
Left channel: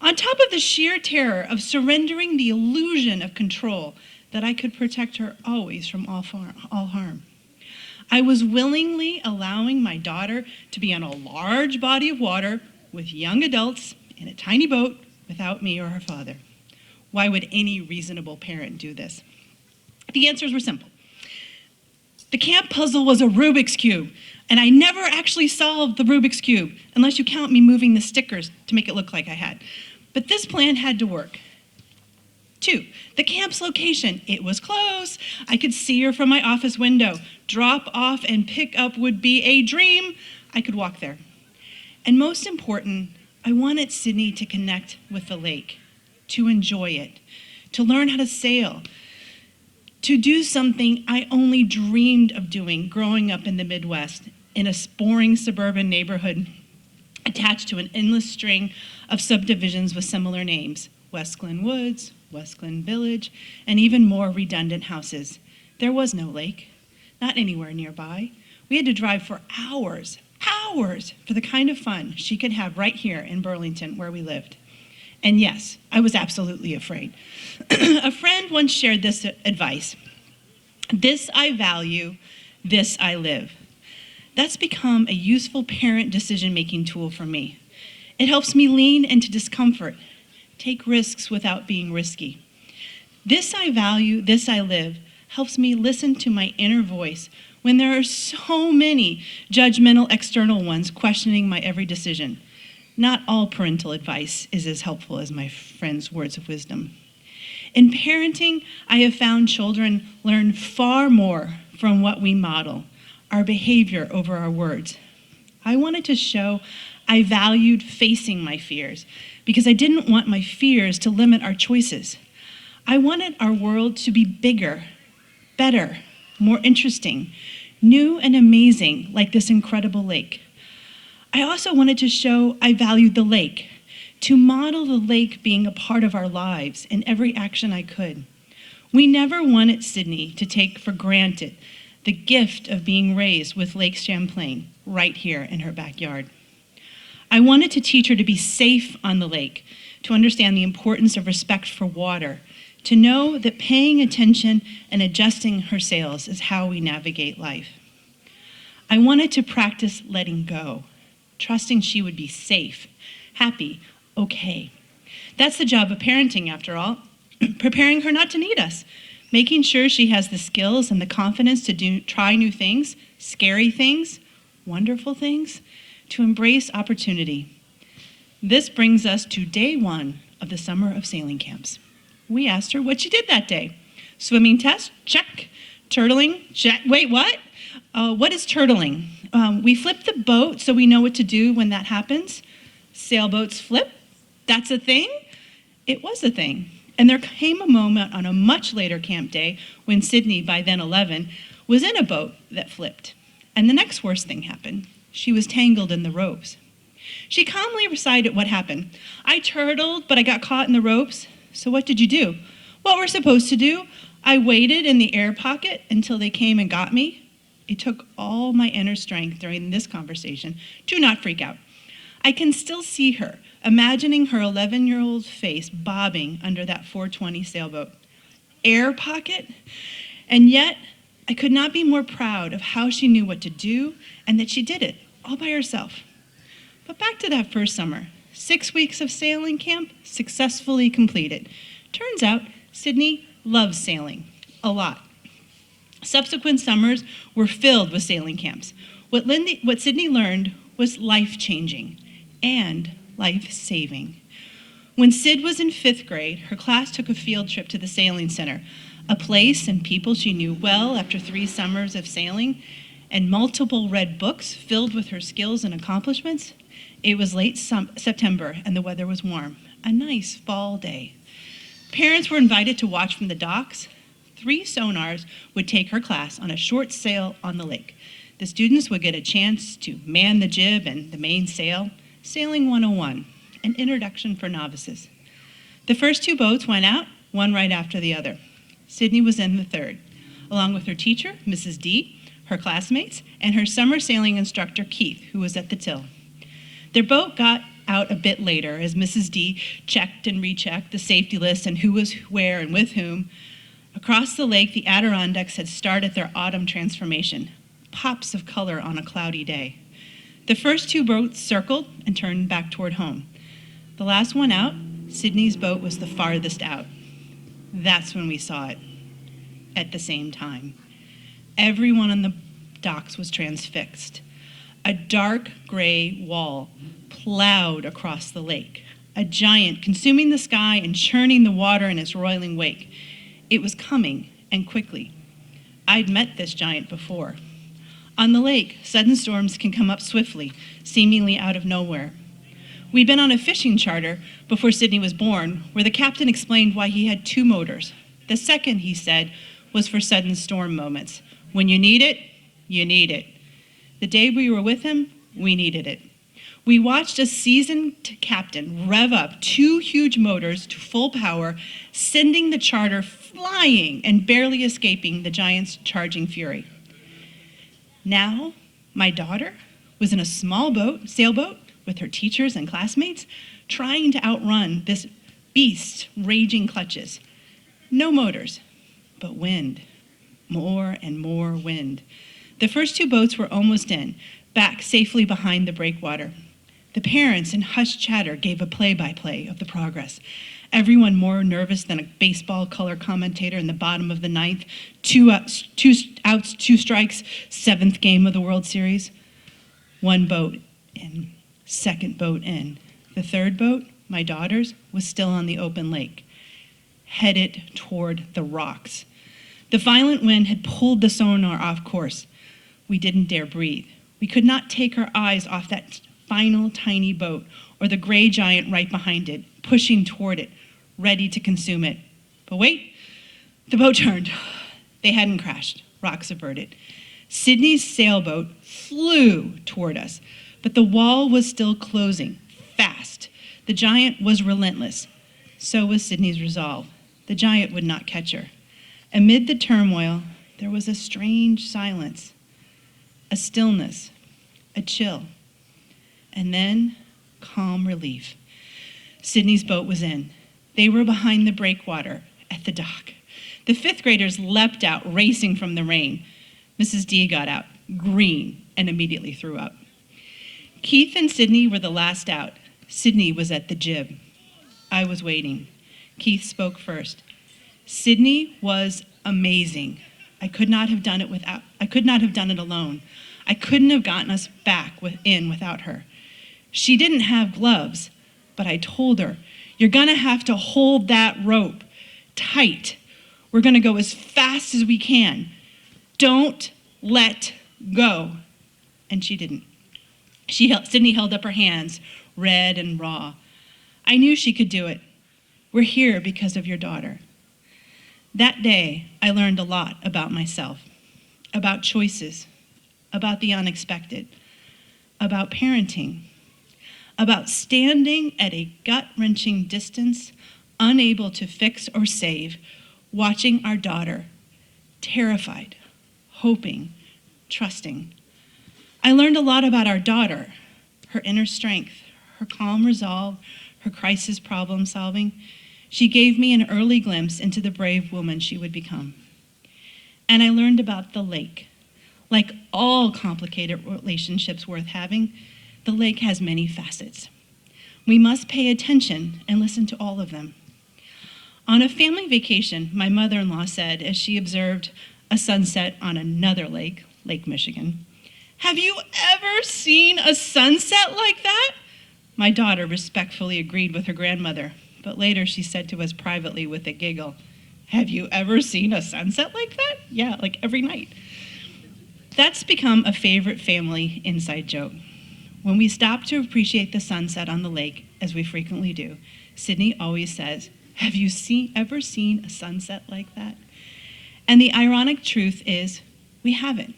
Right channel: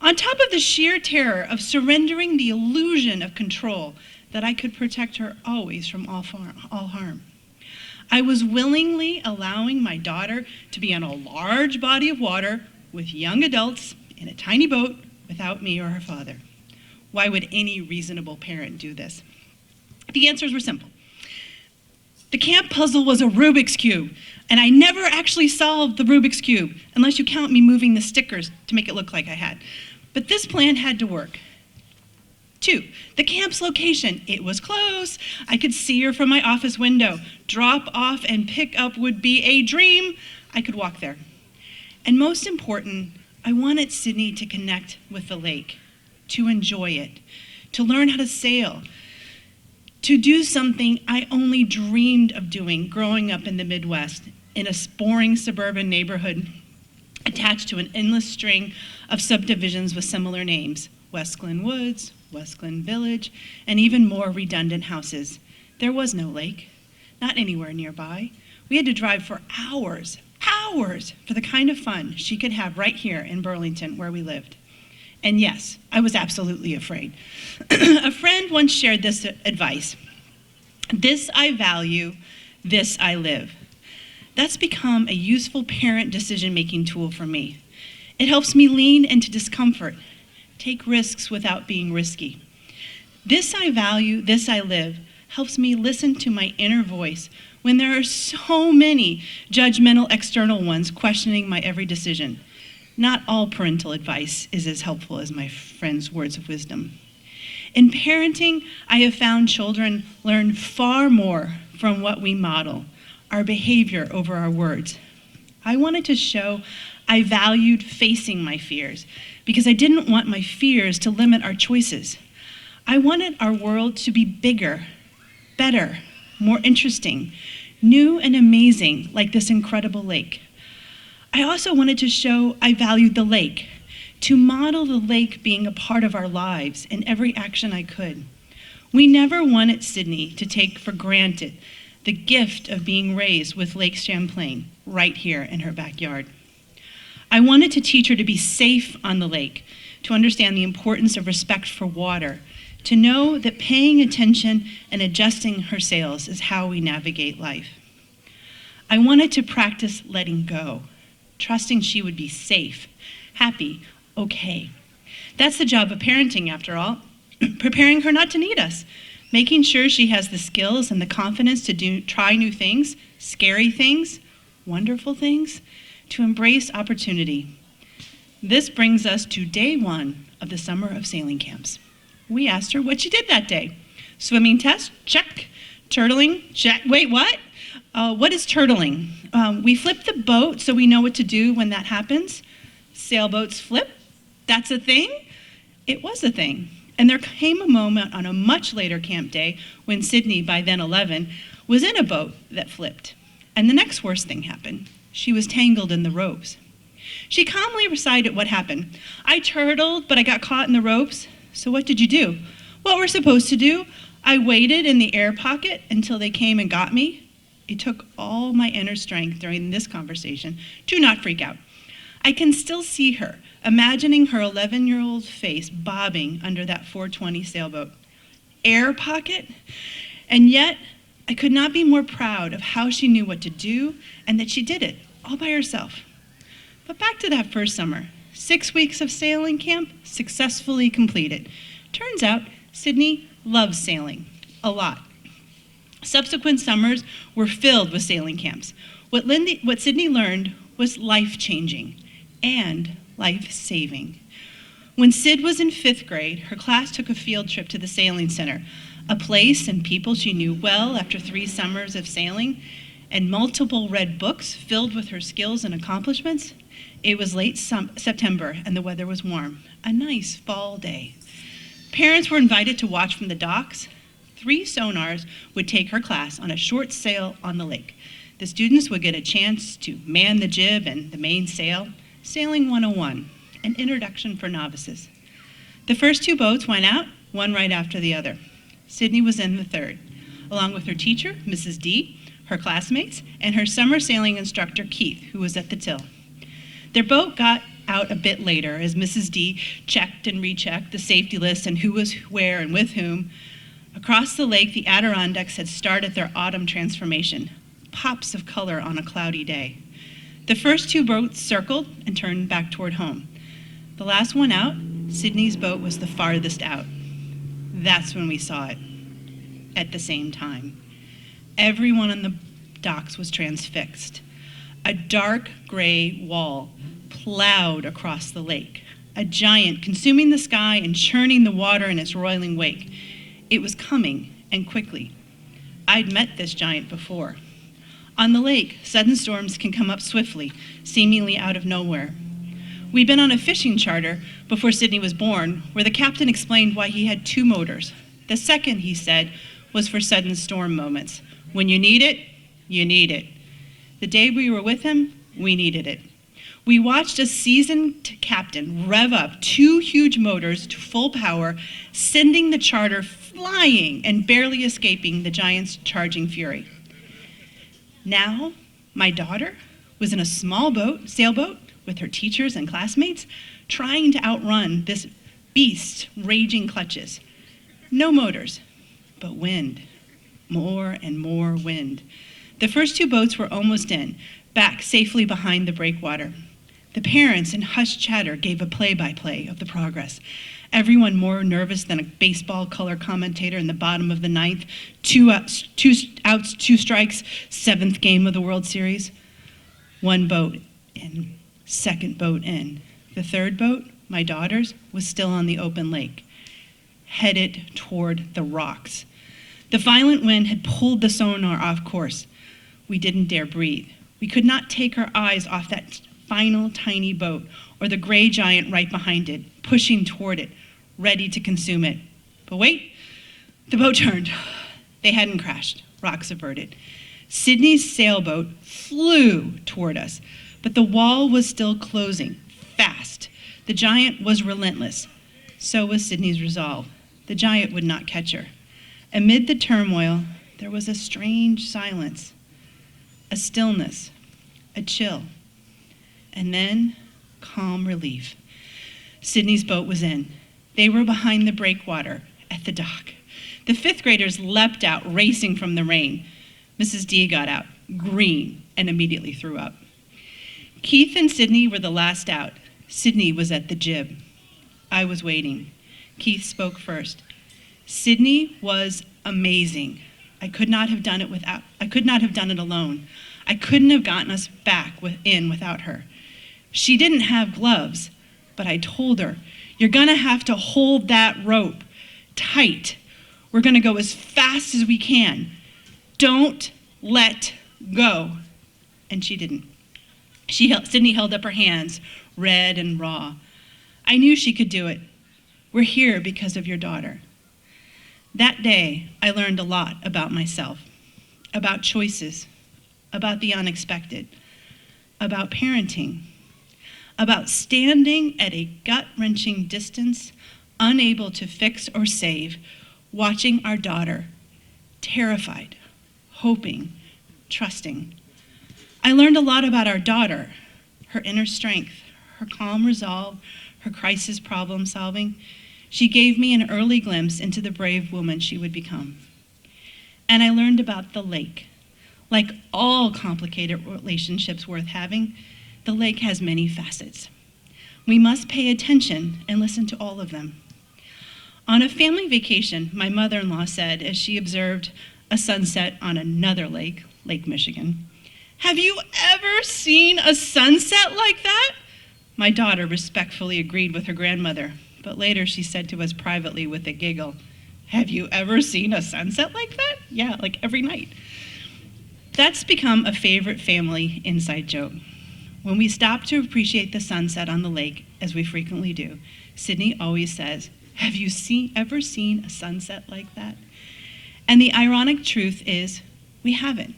On top of the sheer terror of surrendering the illusion of control that I could protect her always from all harm. I was willingly allowing my daughter to be on a large body of water with young adults in a tiny boat without me or her father. Why would any reasonable parent do this? The answers were simple. The camp puzzle was a Rubik's Cube, and I never actually solved the Rubik's Cube, unless you count me moving the stickers to make it look like I had. But this plan had to work. 2, the camp's location. It was close. I could see her from my office window. Drop off and pick up would be a dream. I could walk there. And most important, I wanted Sydney to connect with the lake, to enjoy it, to learn how to sail, to do something I only dreamed of doing growing up in the Midwest, in a boring suburban neighborhood attached to an endless string of subdivisions with similar names, West Glen Woods, West Glen Village, and even more redundant houses. There was no lake, not anywhere nearby. We had to drive for hours for the kind of fun she could have right here in Burlington where we lived. And yes, I was absolutely afraid. A friend once shared this advice. This I value, this I live. That's become a useful parent decision-making tool for me. It helps me lean into discomfort, take risks without being risky. This I value, this I live helps me listen to my inner voice when there are so many judgmental external ones questioning my every decision. Not all parental advice is as helpful as my friend's words of wisdom. In parenting, I have found children learn far more from what we model, our behavior over our words. I wanted to show I valued facing my fears because I didn't want my fears to limit our choices. I wanted our world to be bigger, better, more interesting, new and amazing, like this incredible lake. I also wanted to show I valued the lake, to model the lake being a part of our lives in every action I could. We never wanted Sydney to take for granted the gift of being raised with Lake Champlain right here in her backyard. I wanted to teach her to be safe on the lake, to understand the importance of respect for water, to know that paying attention and adjusting her sails is how we navigate life. I wanted to practice letting go, trusting she would be safe, happy, okay. That's the job of parenting, after all, preparing her not to need us, making sure she has the skills and the confidence to try new things, scary things, wonderful things, to embrace opportunity. This brings us to day 1 of the Summer of Sailing Camps. We asked her what she did that day. Swimming test, check. Turtling, check. Wait, what? What is turtling? We flip the boat so we know what to do when that happens. Sailboats flip. That's a thing? It was a thing. And there came a moment on a much later camp day when Sydney, by then 11, was in a boat that flipped. And the next worst thing happened. She was tangled in the ropes. She calmly recited what happened. I turtled, but I got caught in the ropes. So what did you do? What we're supposed to do? I waited in the air pocket until they came and got me. It took all my inner strength during this conversation to not freak out. I can still see her, imagining her 11-year-old face bobbing under that 420 sailboat. Air pocket? And yet, I could not be more proud of how she knew what to do and that she did it all by herself. But back to that first summer. 6 weeks of sailing camp successfully completed. Turns out, Sydney loves sailing a lot. Subsequent summers were filled with sailing camps. What Sydney learned was life-changing and life-saving. When Sid was in 5th grade, her class took a field trip to the sailing center, a place and people she knew well after 3 summers of sailing and multiple read books filled with her skills and accomplishments. It was late September and the weather was warm, a nice fall day. Parents were invited to watch from the docks. 3 sonars would take her class on a short sail on the lake. The students would get a chance to man the jib and the mainsail, Sailing 101, an introduction for novices. The first 2 boats went out, one right after the other. Sydney was in the 3rd, along with her teacher, Mrs. D, her classmates, and her summer sailing instructor, Keith, who was at the till. Their boat got out a bit later as Mrs. D checked and rechecked the safety list and who was where and with whom. Across the lake, the Adirondacks had started their autumn transformation, pops of color on a cloudy day. The first 2 boats circled and turned back toward home. The last one out, Sydney's boat, was the farthest out. That's when we saw it, at the same time. Everyone on the docks was transfixed. A dark gray wall plowed across the lake, a giant consuming the sky and churning the water in its roiling wake. It was coming, and quickly. I'd met this giant before. On the lake, sudden storms can come up swiftly, seemingly out of nowhere. We'd been on a fishing charter before Sydney was born, where the captain explained why he had 2 motors. The second, he said, was for sudden storm moments. When you need it, you need it. The day we were with him, we needed it. We watched a seasoned captain rev up 2 huge motors to full power, sending the charter flying and barely escaping the giant's charging fury. Now, my daughter was in a small sailboat with her teachers and classmates, trying to outrun this beast's raging clutches. No motors, but wind, more and more wind. The first 2 boats were almost in, back safely behind the breakwater. The parents, in hushed chatter, gave a play-by-play of the progress. Everyone more nervous than a baseball color commentator in the bottom of the 9th. 2 outs, 2 strikes, 7th game of the World Series. 1 boat in, 2nd boat in. The 3rd boat, my daughter's, was still on the open lake, headed toward the rocks. The violent wind had pulled the sonar off course. We didn't dare breathe. We could not take our eyes off that final tiny boat or the gray giant right behind it, pushing toward it, ready to consume it. But wait, the boat turned. They hadn't crashed, rocks averted. Sydney's sailboat flew toward us, but the wall was still closing, fast. The giant was relentless. So was Sydney's resolve. The giant would not catch her. Amid the turmoil, there was a strange silence, a stillness, a chill, and then calm relief. Sydney's boat was in. They were behind the breakwater at the dock. The 5th graders leapt out, racing from the rain. Mrs. D got out, green, and immediately threw up. Keith and Sydney were the last out. Sydney was at the jib. I was waiting. Keith spoke first. Sydney was amazing. I could not have done it alone. I couldn't have gotten us back in without her. She didn't have gloves, but I told her, "You're gonna have to hold that rope tight. We're gonna go as fast as we can. Don't let go." And she didn't. Sydney held up her hands, red and raw. I knew she could do it. We're here because of your daughter. That day, I learned a lot about myself, about choices, about the unexpected, about parenting, about standing at a gut-wrenching distance, unable to fix or save, watching our daughter, terrified, hoping, trusting. I learned a lot about our daughter, her inner strength, her calm resolve, her crisis problem solving. She gave me an early glimpse into the brave woman she would become. And I learned about the lake. Like all complicated relationships worth having, the lake has many facets. We must pay attention and listen to all of them. On a family vacation, my mother-in-law said, as she observed a sunset on another lake, Lake Michigan, "Have you ever seen a sunset like that?" My daughter respectfully agreed with her grandmother, but later she said to us privately with a giggle, "Have you ever seen a sunset like that?" Yeah, like every night. That's become a favorite family inside joke. When we stop to appreciate the sunset on the lake, as we frequently do, Sydney always says, "Have you ever seen a sunset like that?" And the ironic truth is, we haven't.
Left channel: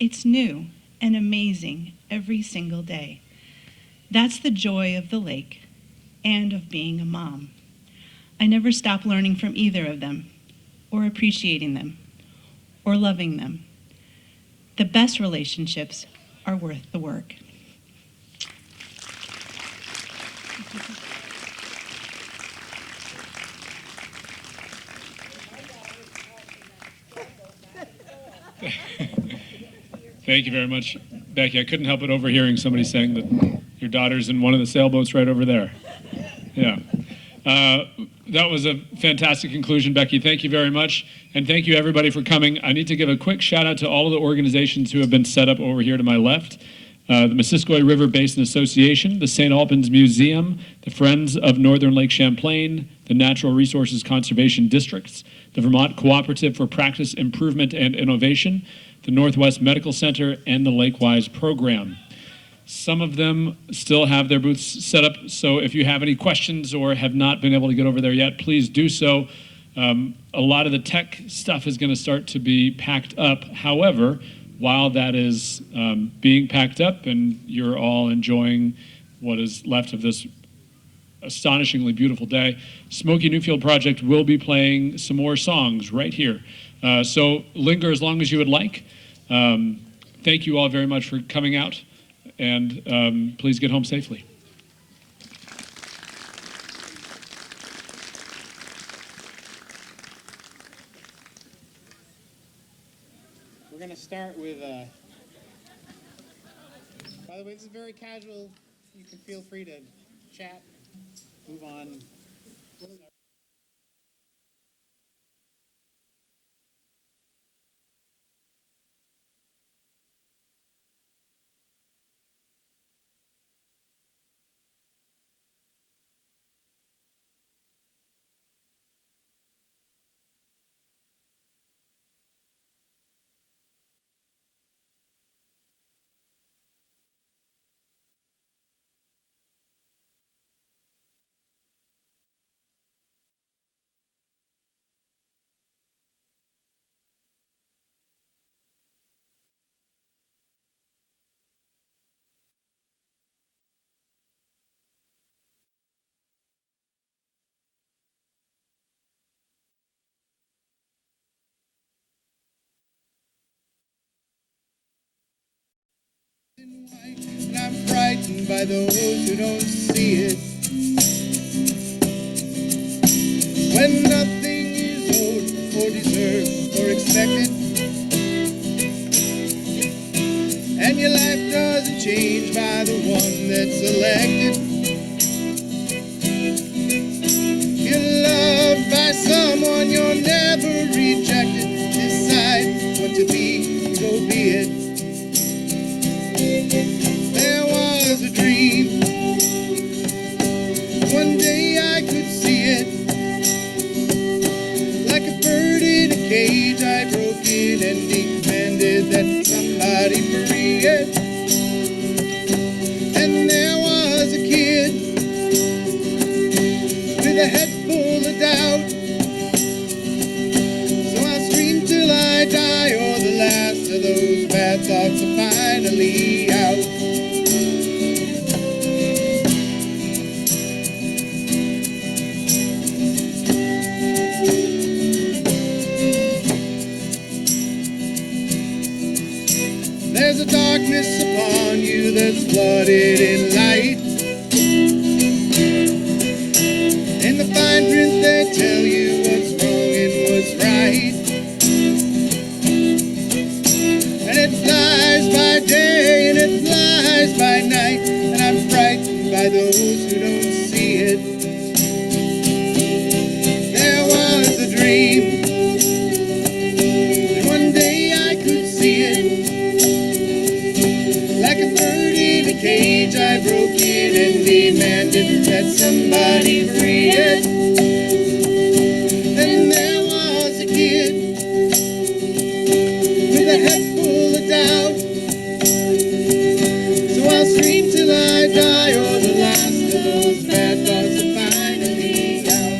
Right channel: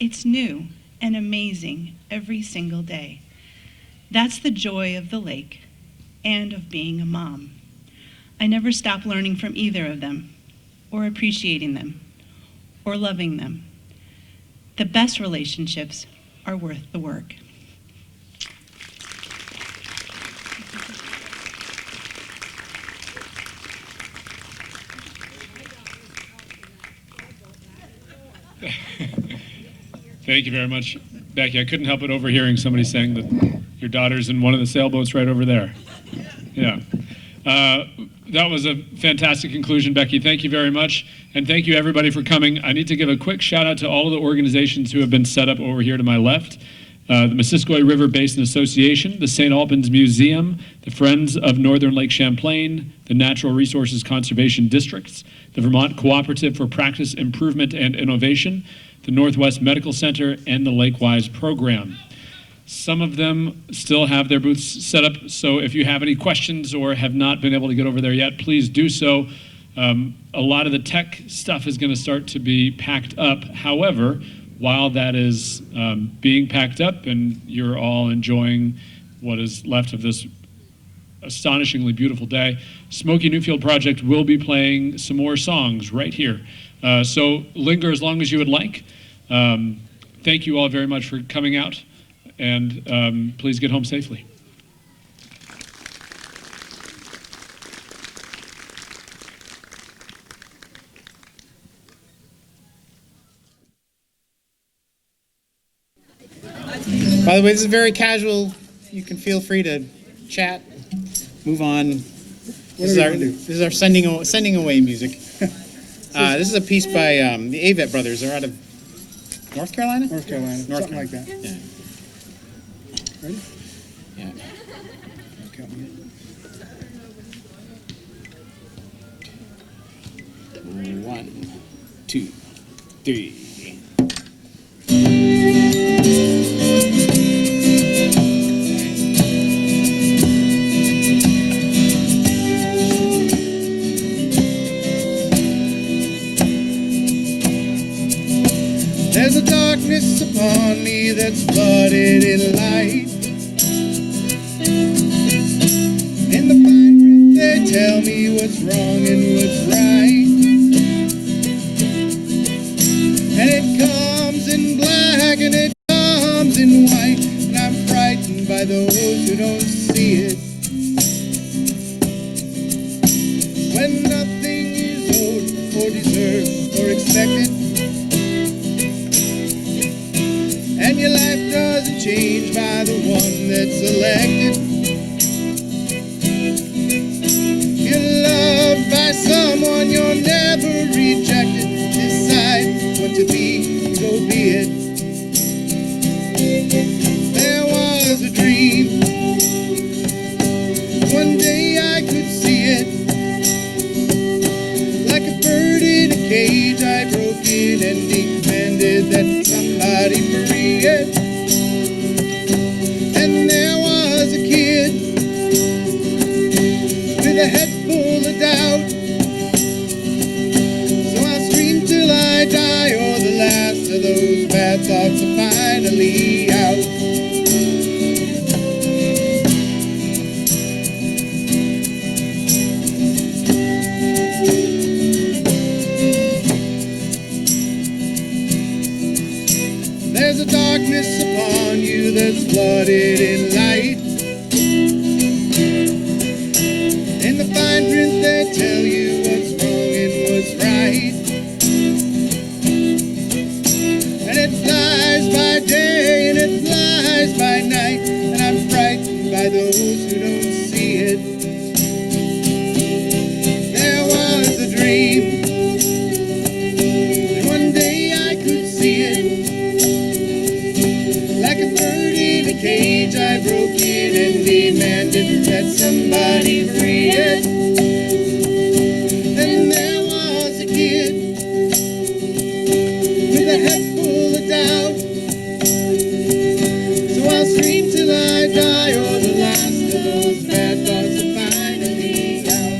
It's new and amazing every single day. That's the joy of the lake and of being a mom. I never stop learning from either of them, or appreciating them, or loving them. The best relationships are worth the work. Thank you very much, Becky. I couldn't help but overhearing somebody saying that your daughter's in one of the sailboats right over there. Yeah. That was a fantastic conclusion, Becky. Thank you very much. And thank you, everybody, for coming. I need to give a quick shout out to all of the organizations who have been set up over here to my left. The Missisquoi River Basin Association, the St. Albans Museum, the Friends of Northern Lake Champlain, the Natural Resources Conservation Districts, the Vermont Cooperative for Practice Improvement and Innovation, the Northwest Medical Center, and the Lakewise Program. Some of them still have their booths set up, so if you have any questions or have not been able to get over there yet, please do so. A lot of the tech stuff is going to start to be packed up. However, while that is being packed up and you're all enjoying what is left of this astonishingly beautiful day, Smokey Newfield Project will be playing some more songs right here. So linger as long as you would like. Thank you all very much for coming out, and please get home safely. We're going to start with, by the way, this is very casual. You can feel free to chat, move on. This is our sending away music. This is a piece by the Avett Brothers. They're out of North Carolina? North Carolina. Something like that. Yeah. Ready? Yeah. Okay. 1, 2, 3. There's a darkness upon me that's flooded in light. In the fine print they tell me what's wrong and what's right. And it comes in black and it comes in white. And I'm frightened by those who don't see it. When nothing is owed or deserved or expected, and your life doesn't change by the one that's elected. You're loved by someone you're never rejected. and he commanded that somebody free it. And there was a kid with a head full of doubt. So I'll scream till I die, or the last of those bad thoughts are finally out. There's a darkness upon you that's flooded in light. In the fine print they tell you what's wrong and what's right. And it flies by day and it flies by night, and I'm frightened by those who don't see it. There was a dream that one day I could see it. Like a bird in a cage, I broke it and demanded that somebody free it. And there was a kid with a head full of doubt. So I'll scream till I die, or the last of those bad thoughts are finally out.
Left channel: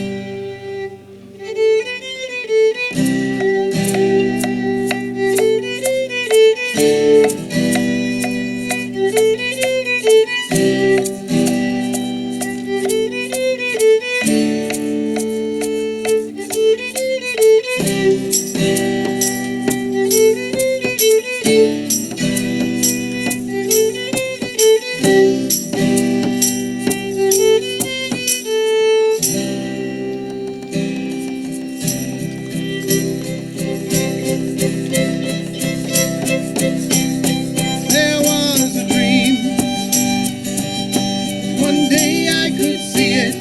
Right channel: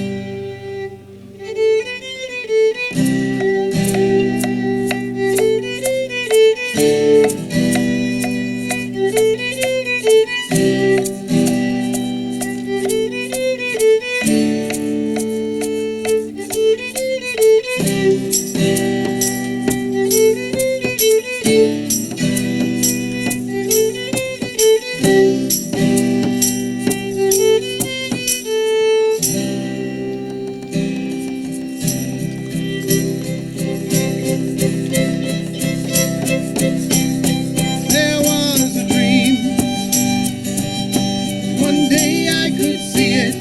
There was a dream, one day I could see it.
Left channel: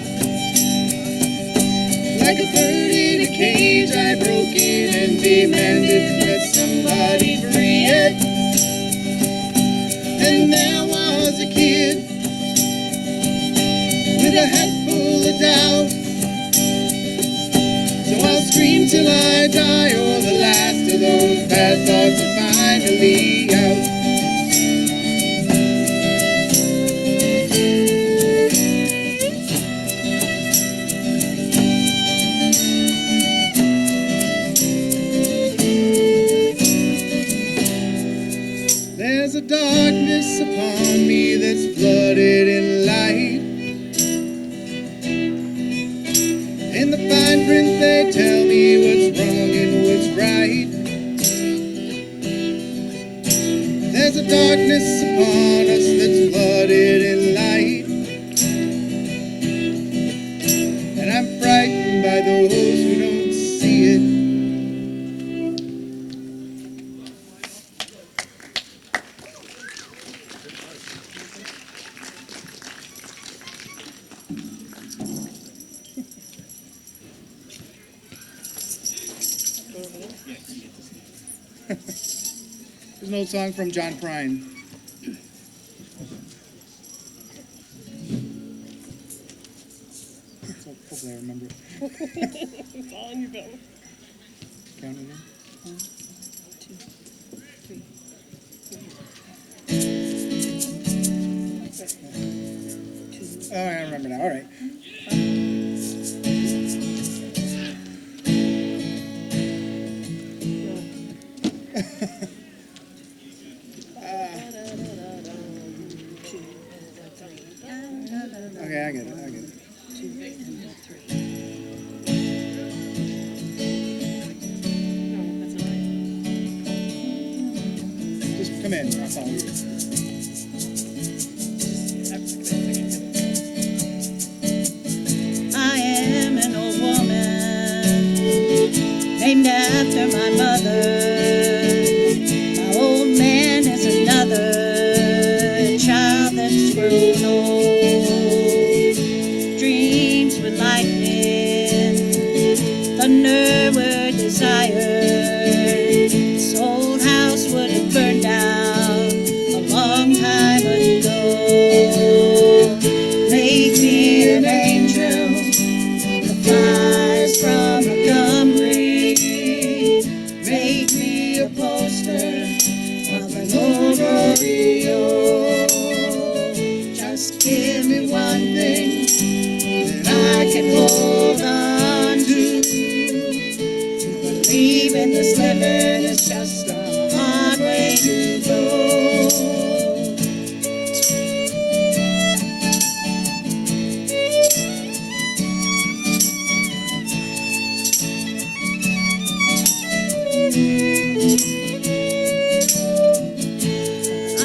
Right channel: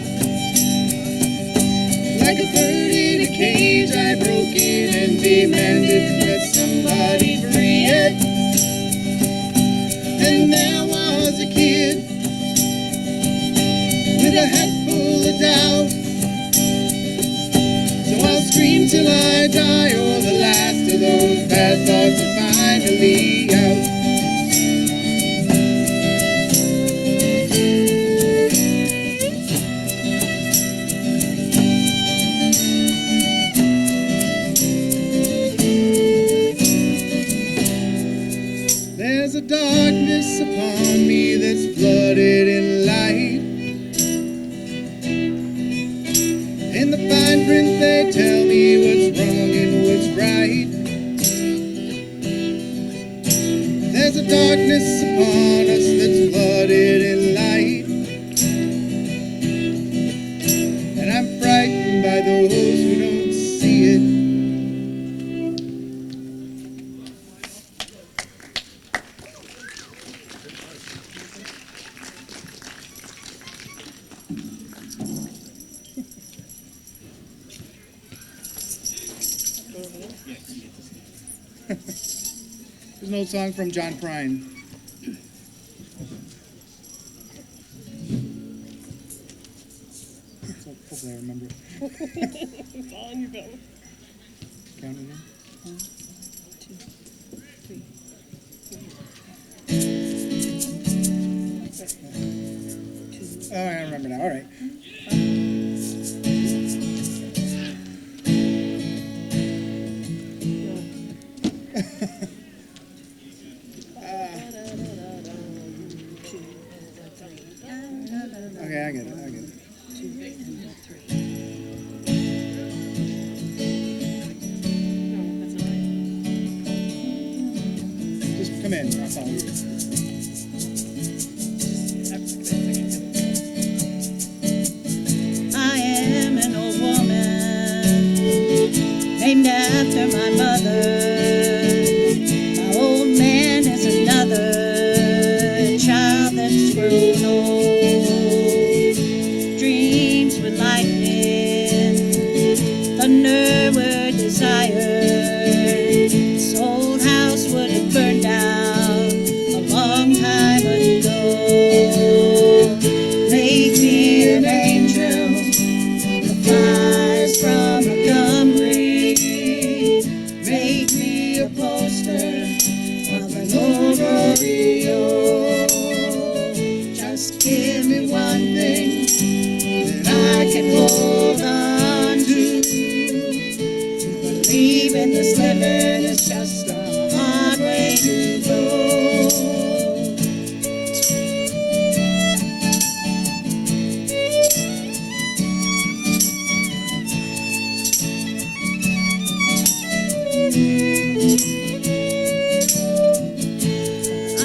Like a bird in a cage, I broke it and demanded that somebody free it. And there was a kid with a head full of doubt. So I'll scream till I die, or the last of those bad thoughts are finally out. There's a darkness upon me that's flooded in light. In the fine print they tell me what's wrong and what's right. There's a darkness upon us that's flooded in light. And I'm frightened by those who don't see it. There's an old song from John Prine. Hopefully I remember it. It's all in your bill. Count again. 1, 2, 3, 4. Oh, I remember now. All right. Okay, I get it. Just come in. I'll follow you. I am an old woman named after my mother. My old man is another child that's grown old. Dreams were lightning, thunder were desire. This old house would have burned down a long time ago. Make me an angel that flies from Montgomery. one thing that I can hold on to. To believe in this living is just a hard way to go.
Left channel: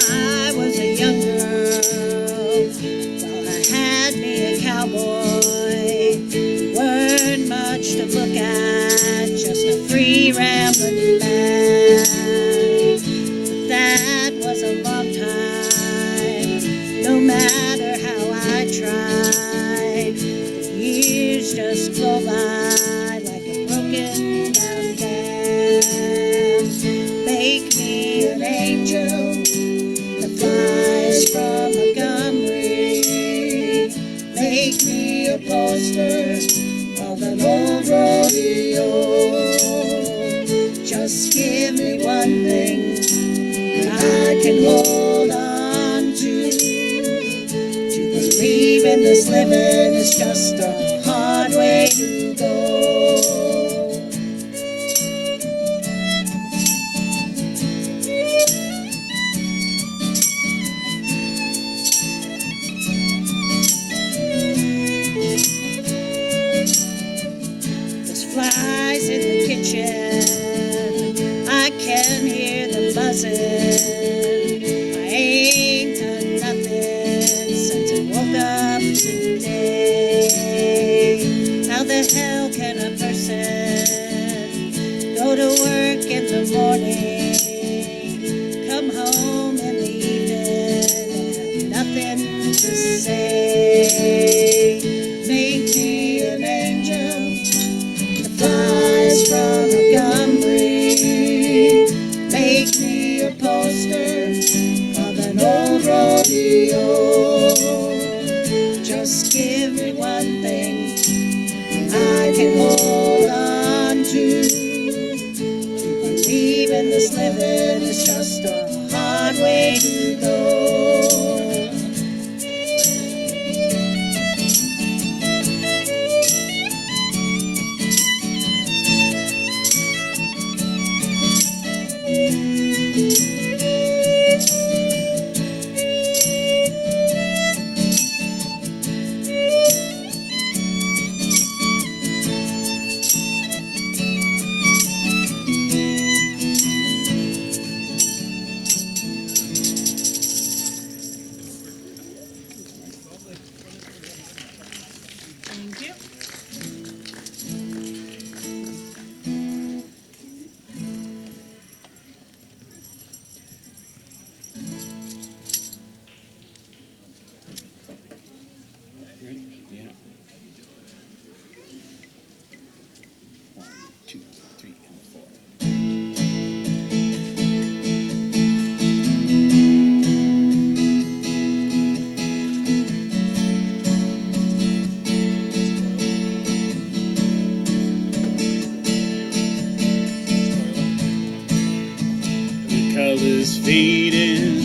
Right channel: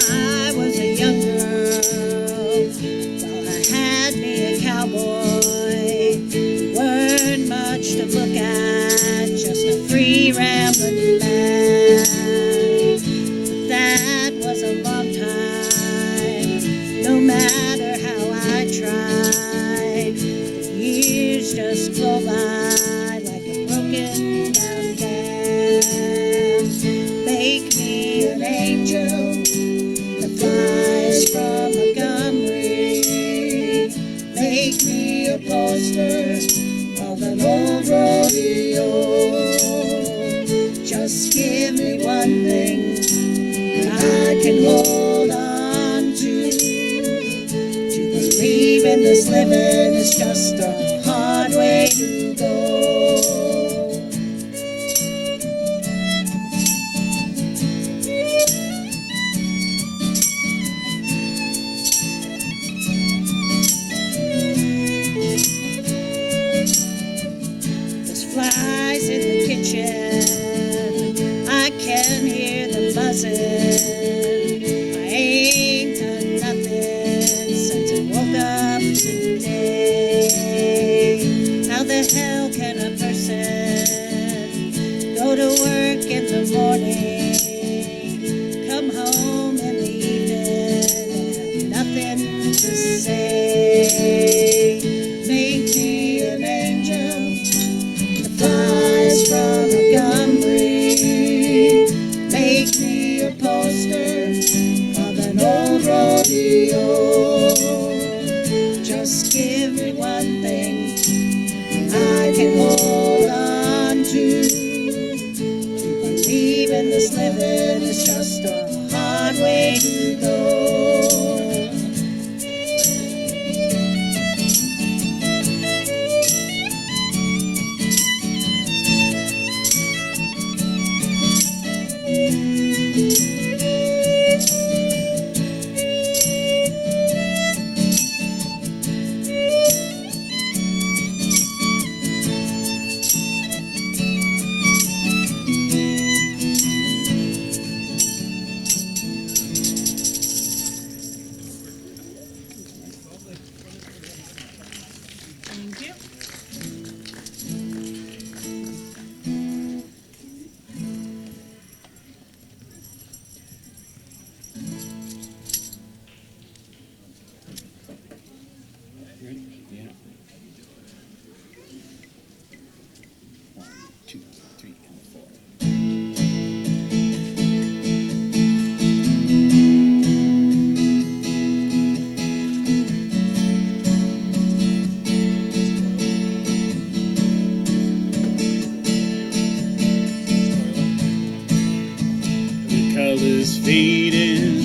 I was a young girl, thought I had me a cowboy. Weren't much to look at, just a free rambling man. But that was a long time, no matter how I tried. The years just flow by like a broken down dam. Make me an angel that flies from Montgomery. Make me a poster of an old rodeo. Just give me one thing that I can hold on to. To believe in this living is just a hard way to go. Flies in the kitchen, I can hear them buzzing. I ain't done nothing since I woke up today. How the hell can a person go to work in the morning, come home in the evening, and have nothing to say? Make me an angel flies from Montgomery. Make me a poster of an old rodeo. Just give me one thing I can hold on to. To believe in this living is just a hard way to go. Thank you. Yeah. 1, 2, 3, and 4. The colors fading,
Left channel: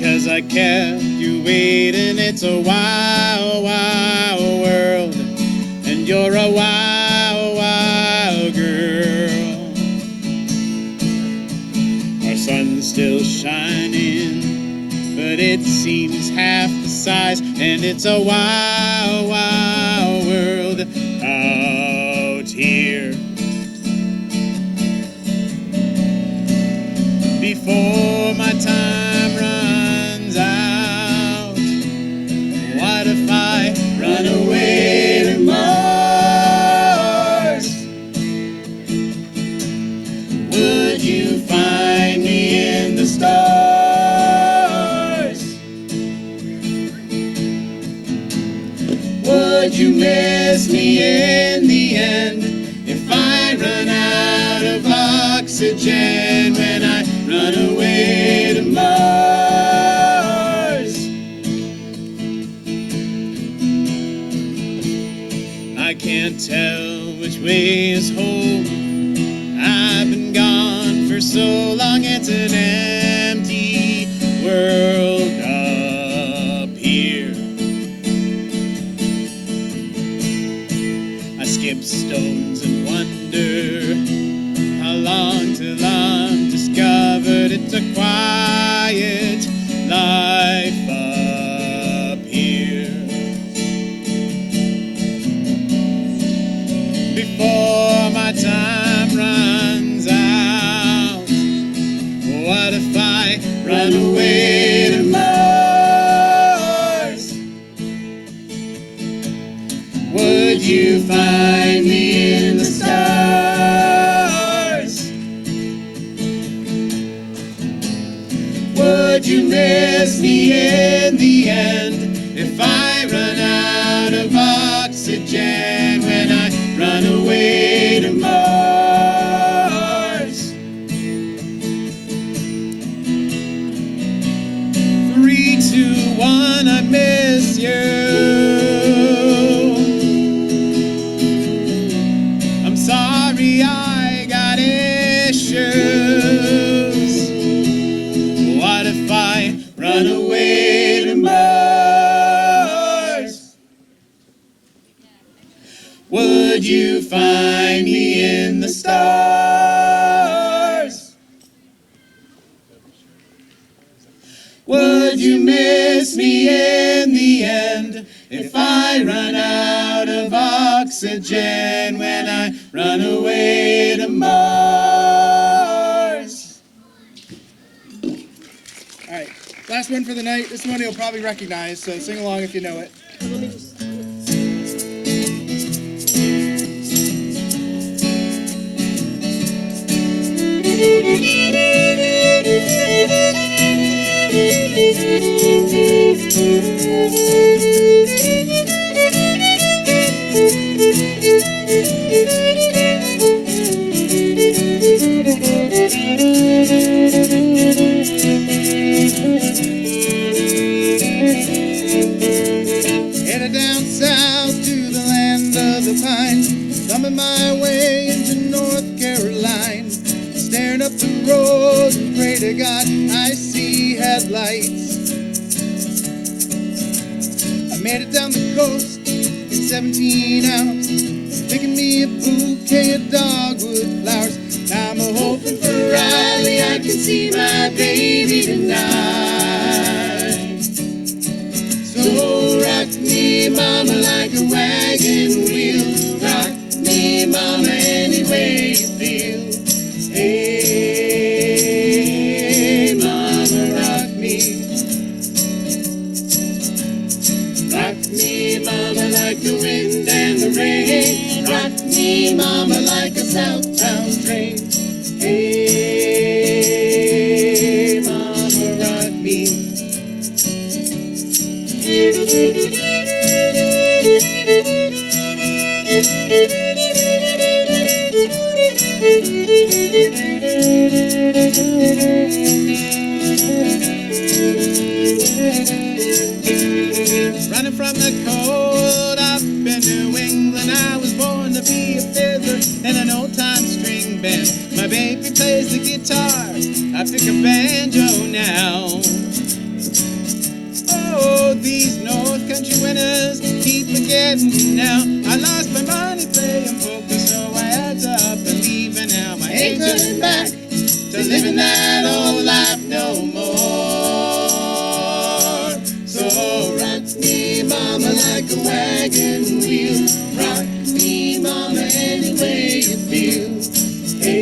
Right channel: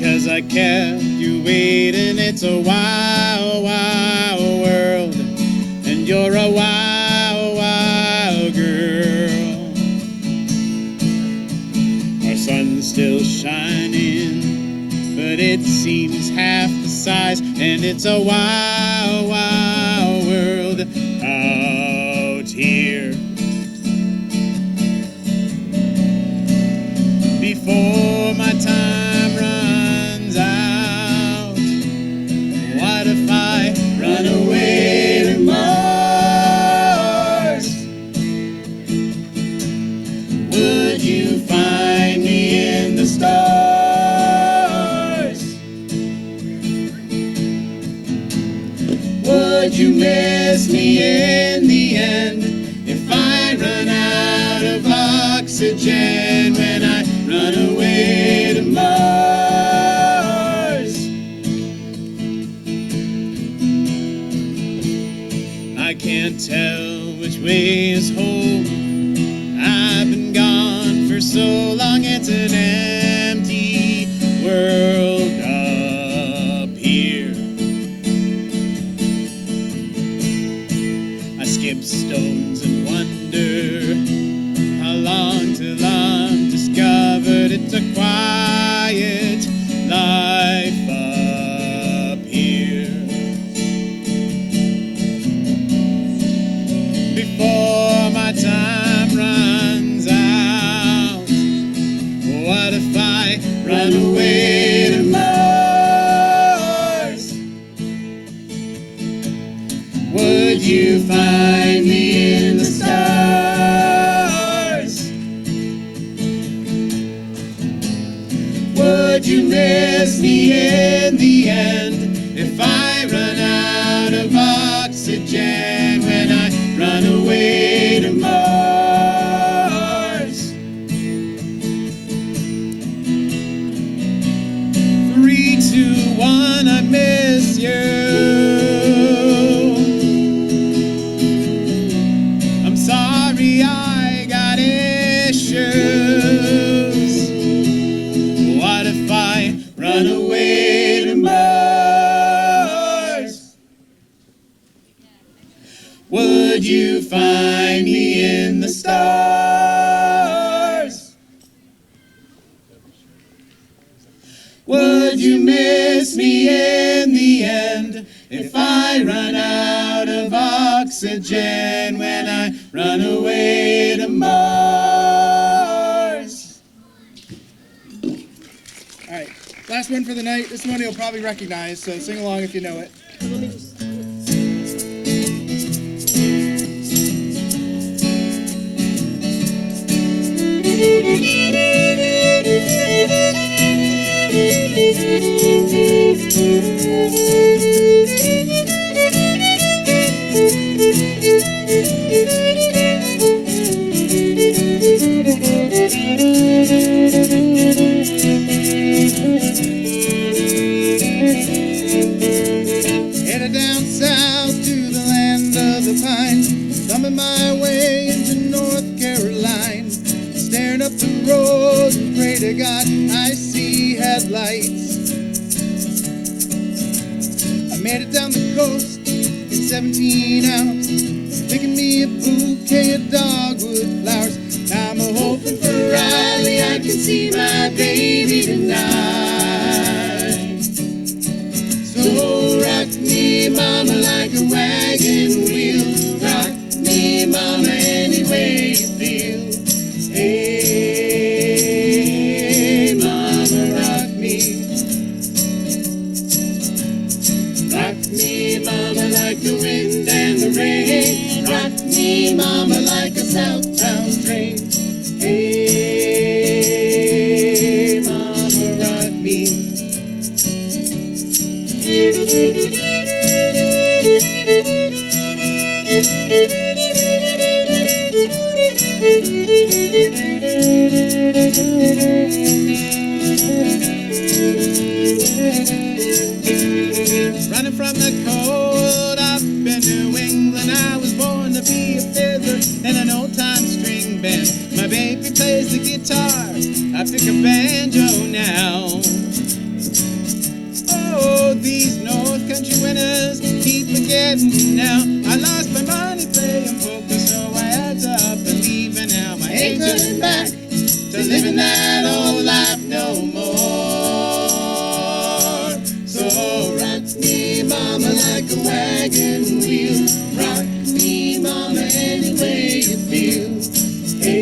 'cause I kept you waiting. It's a wild, wild world, and you're a wild, wild girl. Our sun's still shining, but it seems half the size, and it's a wild, wild world out here. Before my time runs out, what if I run away to Mars? Would you find me in the stars? Would you miss me in the end if I run out of oxygen when I run away to Mars? I can't tell which way is home. I've been gone for so long, it's an empty world up here. stones and wonder how long till I'm discovered. It's a quiet life up here. Before my time runs out, what if I run away to Mars? Would you find me in the stars? Would you miss me in the end if I run out of oxygen when I run away to Mars? 3, 2, 1, I miss you. I'm sorry I got issues. What if I run away to Mars? Would you find me in the stars? Would you miss me in the end if I run out of oxygen when I run away to Mars? All right, last one for the night. This one you'll probably recognize, so sing along if you know it. Headed down south to the land of the pine, thumbing my way into North Carolina, staring up the road and pray to God I see headlights. I made it down the coast in 17 hours, picking me a bouquet of dogwood flowers. Now I'm hoping for Riley, I can see my baby tonight. So rock me, mama, like a wagon wheel. Rock me, mama, any way you feel. Hey, mama, rock me. Rock me, mama, like the wind and the rain. Rock me, mama, like a southbound train. Hey, mama, rock me. Running from the cold up in New England, I was born to be a fiddler in an old-time string band. My baby plays the guitar, I pick a banjo now. Oh, these North Country winters keep forgetting now. I lost my money playing poker, so I had to up and leave, and now I ain't turning back to living that old life no more. So rock me, mama, like a wagon wheel. Rock me, mama, any way you feel. Hey,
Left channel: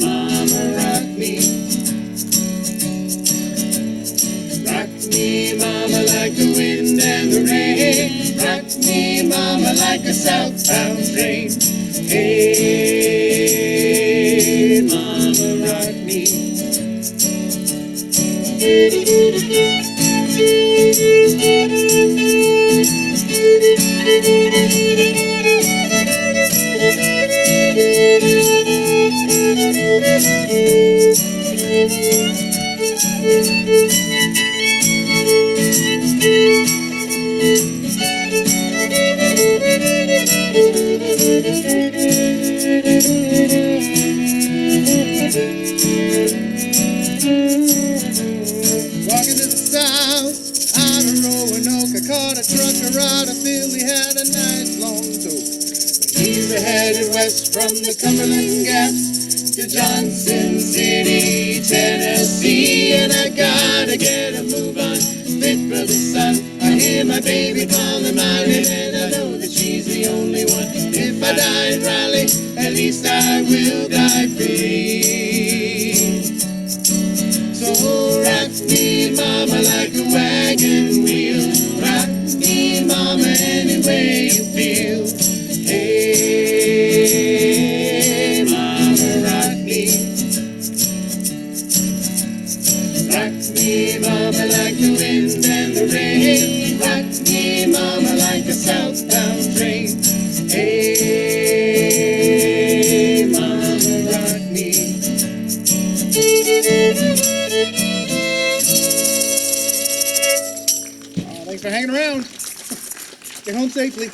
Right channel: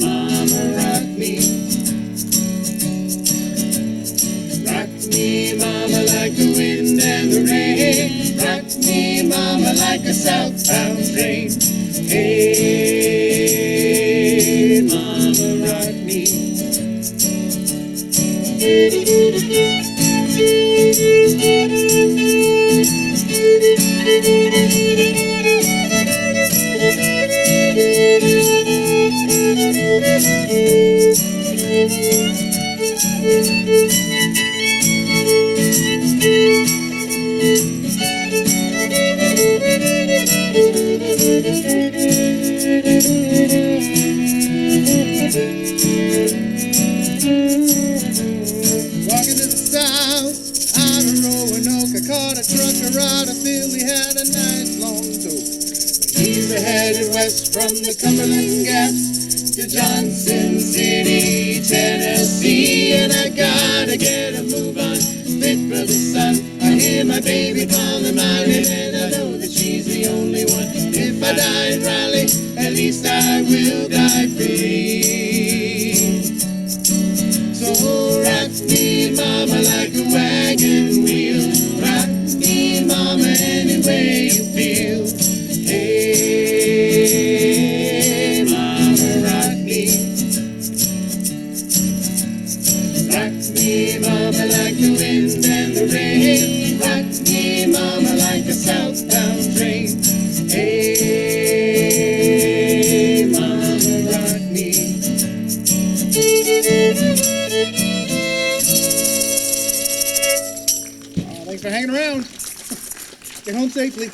mama, rock me. Rock me, mama, like the wind and the rain. Rock me, mama, like a southbound train. Hey, mama, rock me. Walking to the south out of Roanoke, I I caught a trucker out of Philly, had a nice long tote. He's headed west from the Cumberland Gaps to Johnson City, Tennessee. And I gotta get a move on, fit for the sun. I hear my baby calling my name, and I know that she's the only one. If I die in Raleigh, at least I will die free. So rock me, mama, like a wagon wheel. Rock me, mama, any way you feel. Hey, mama, rock me. Rock me, mama, like the wind and the rain. Rock me, mama, like a southbound train. Hey, mama, rock me. Thanks for hanging around. Get home safely.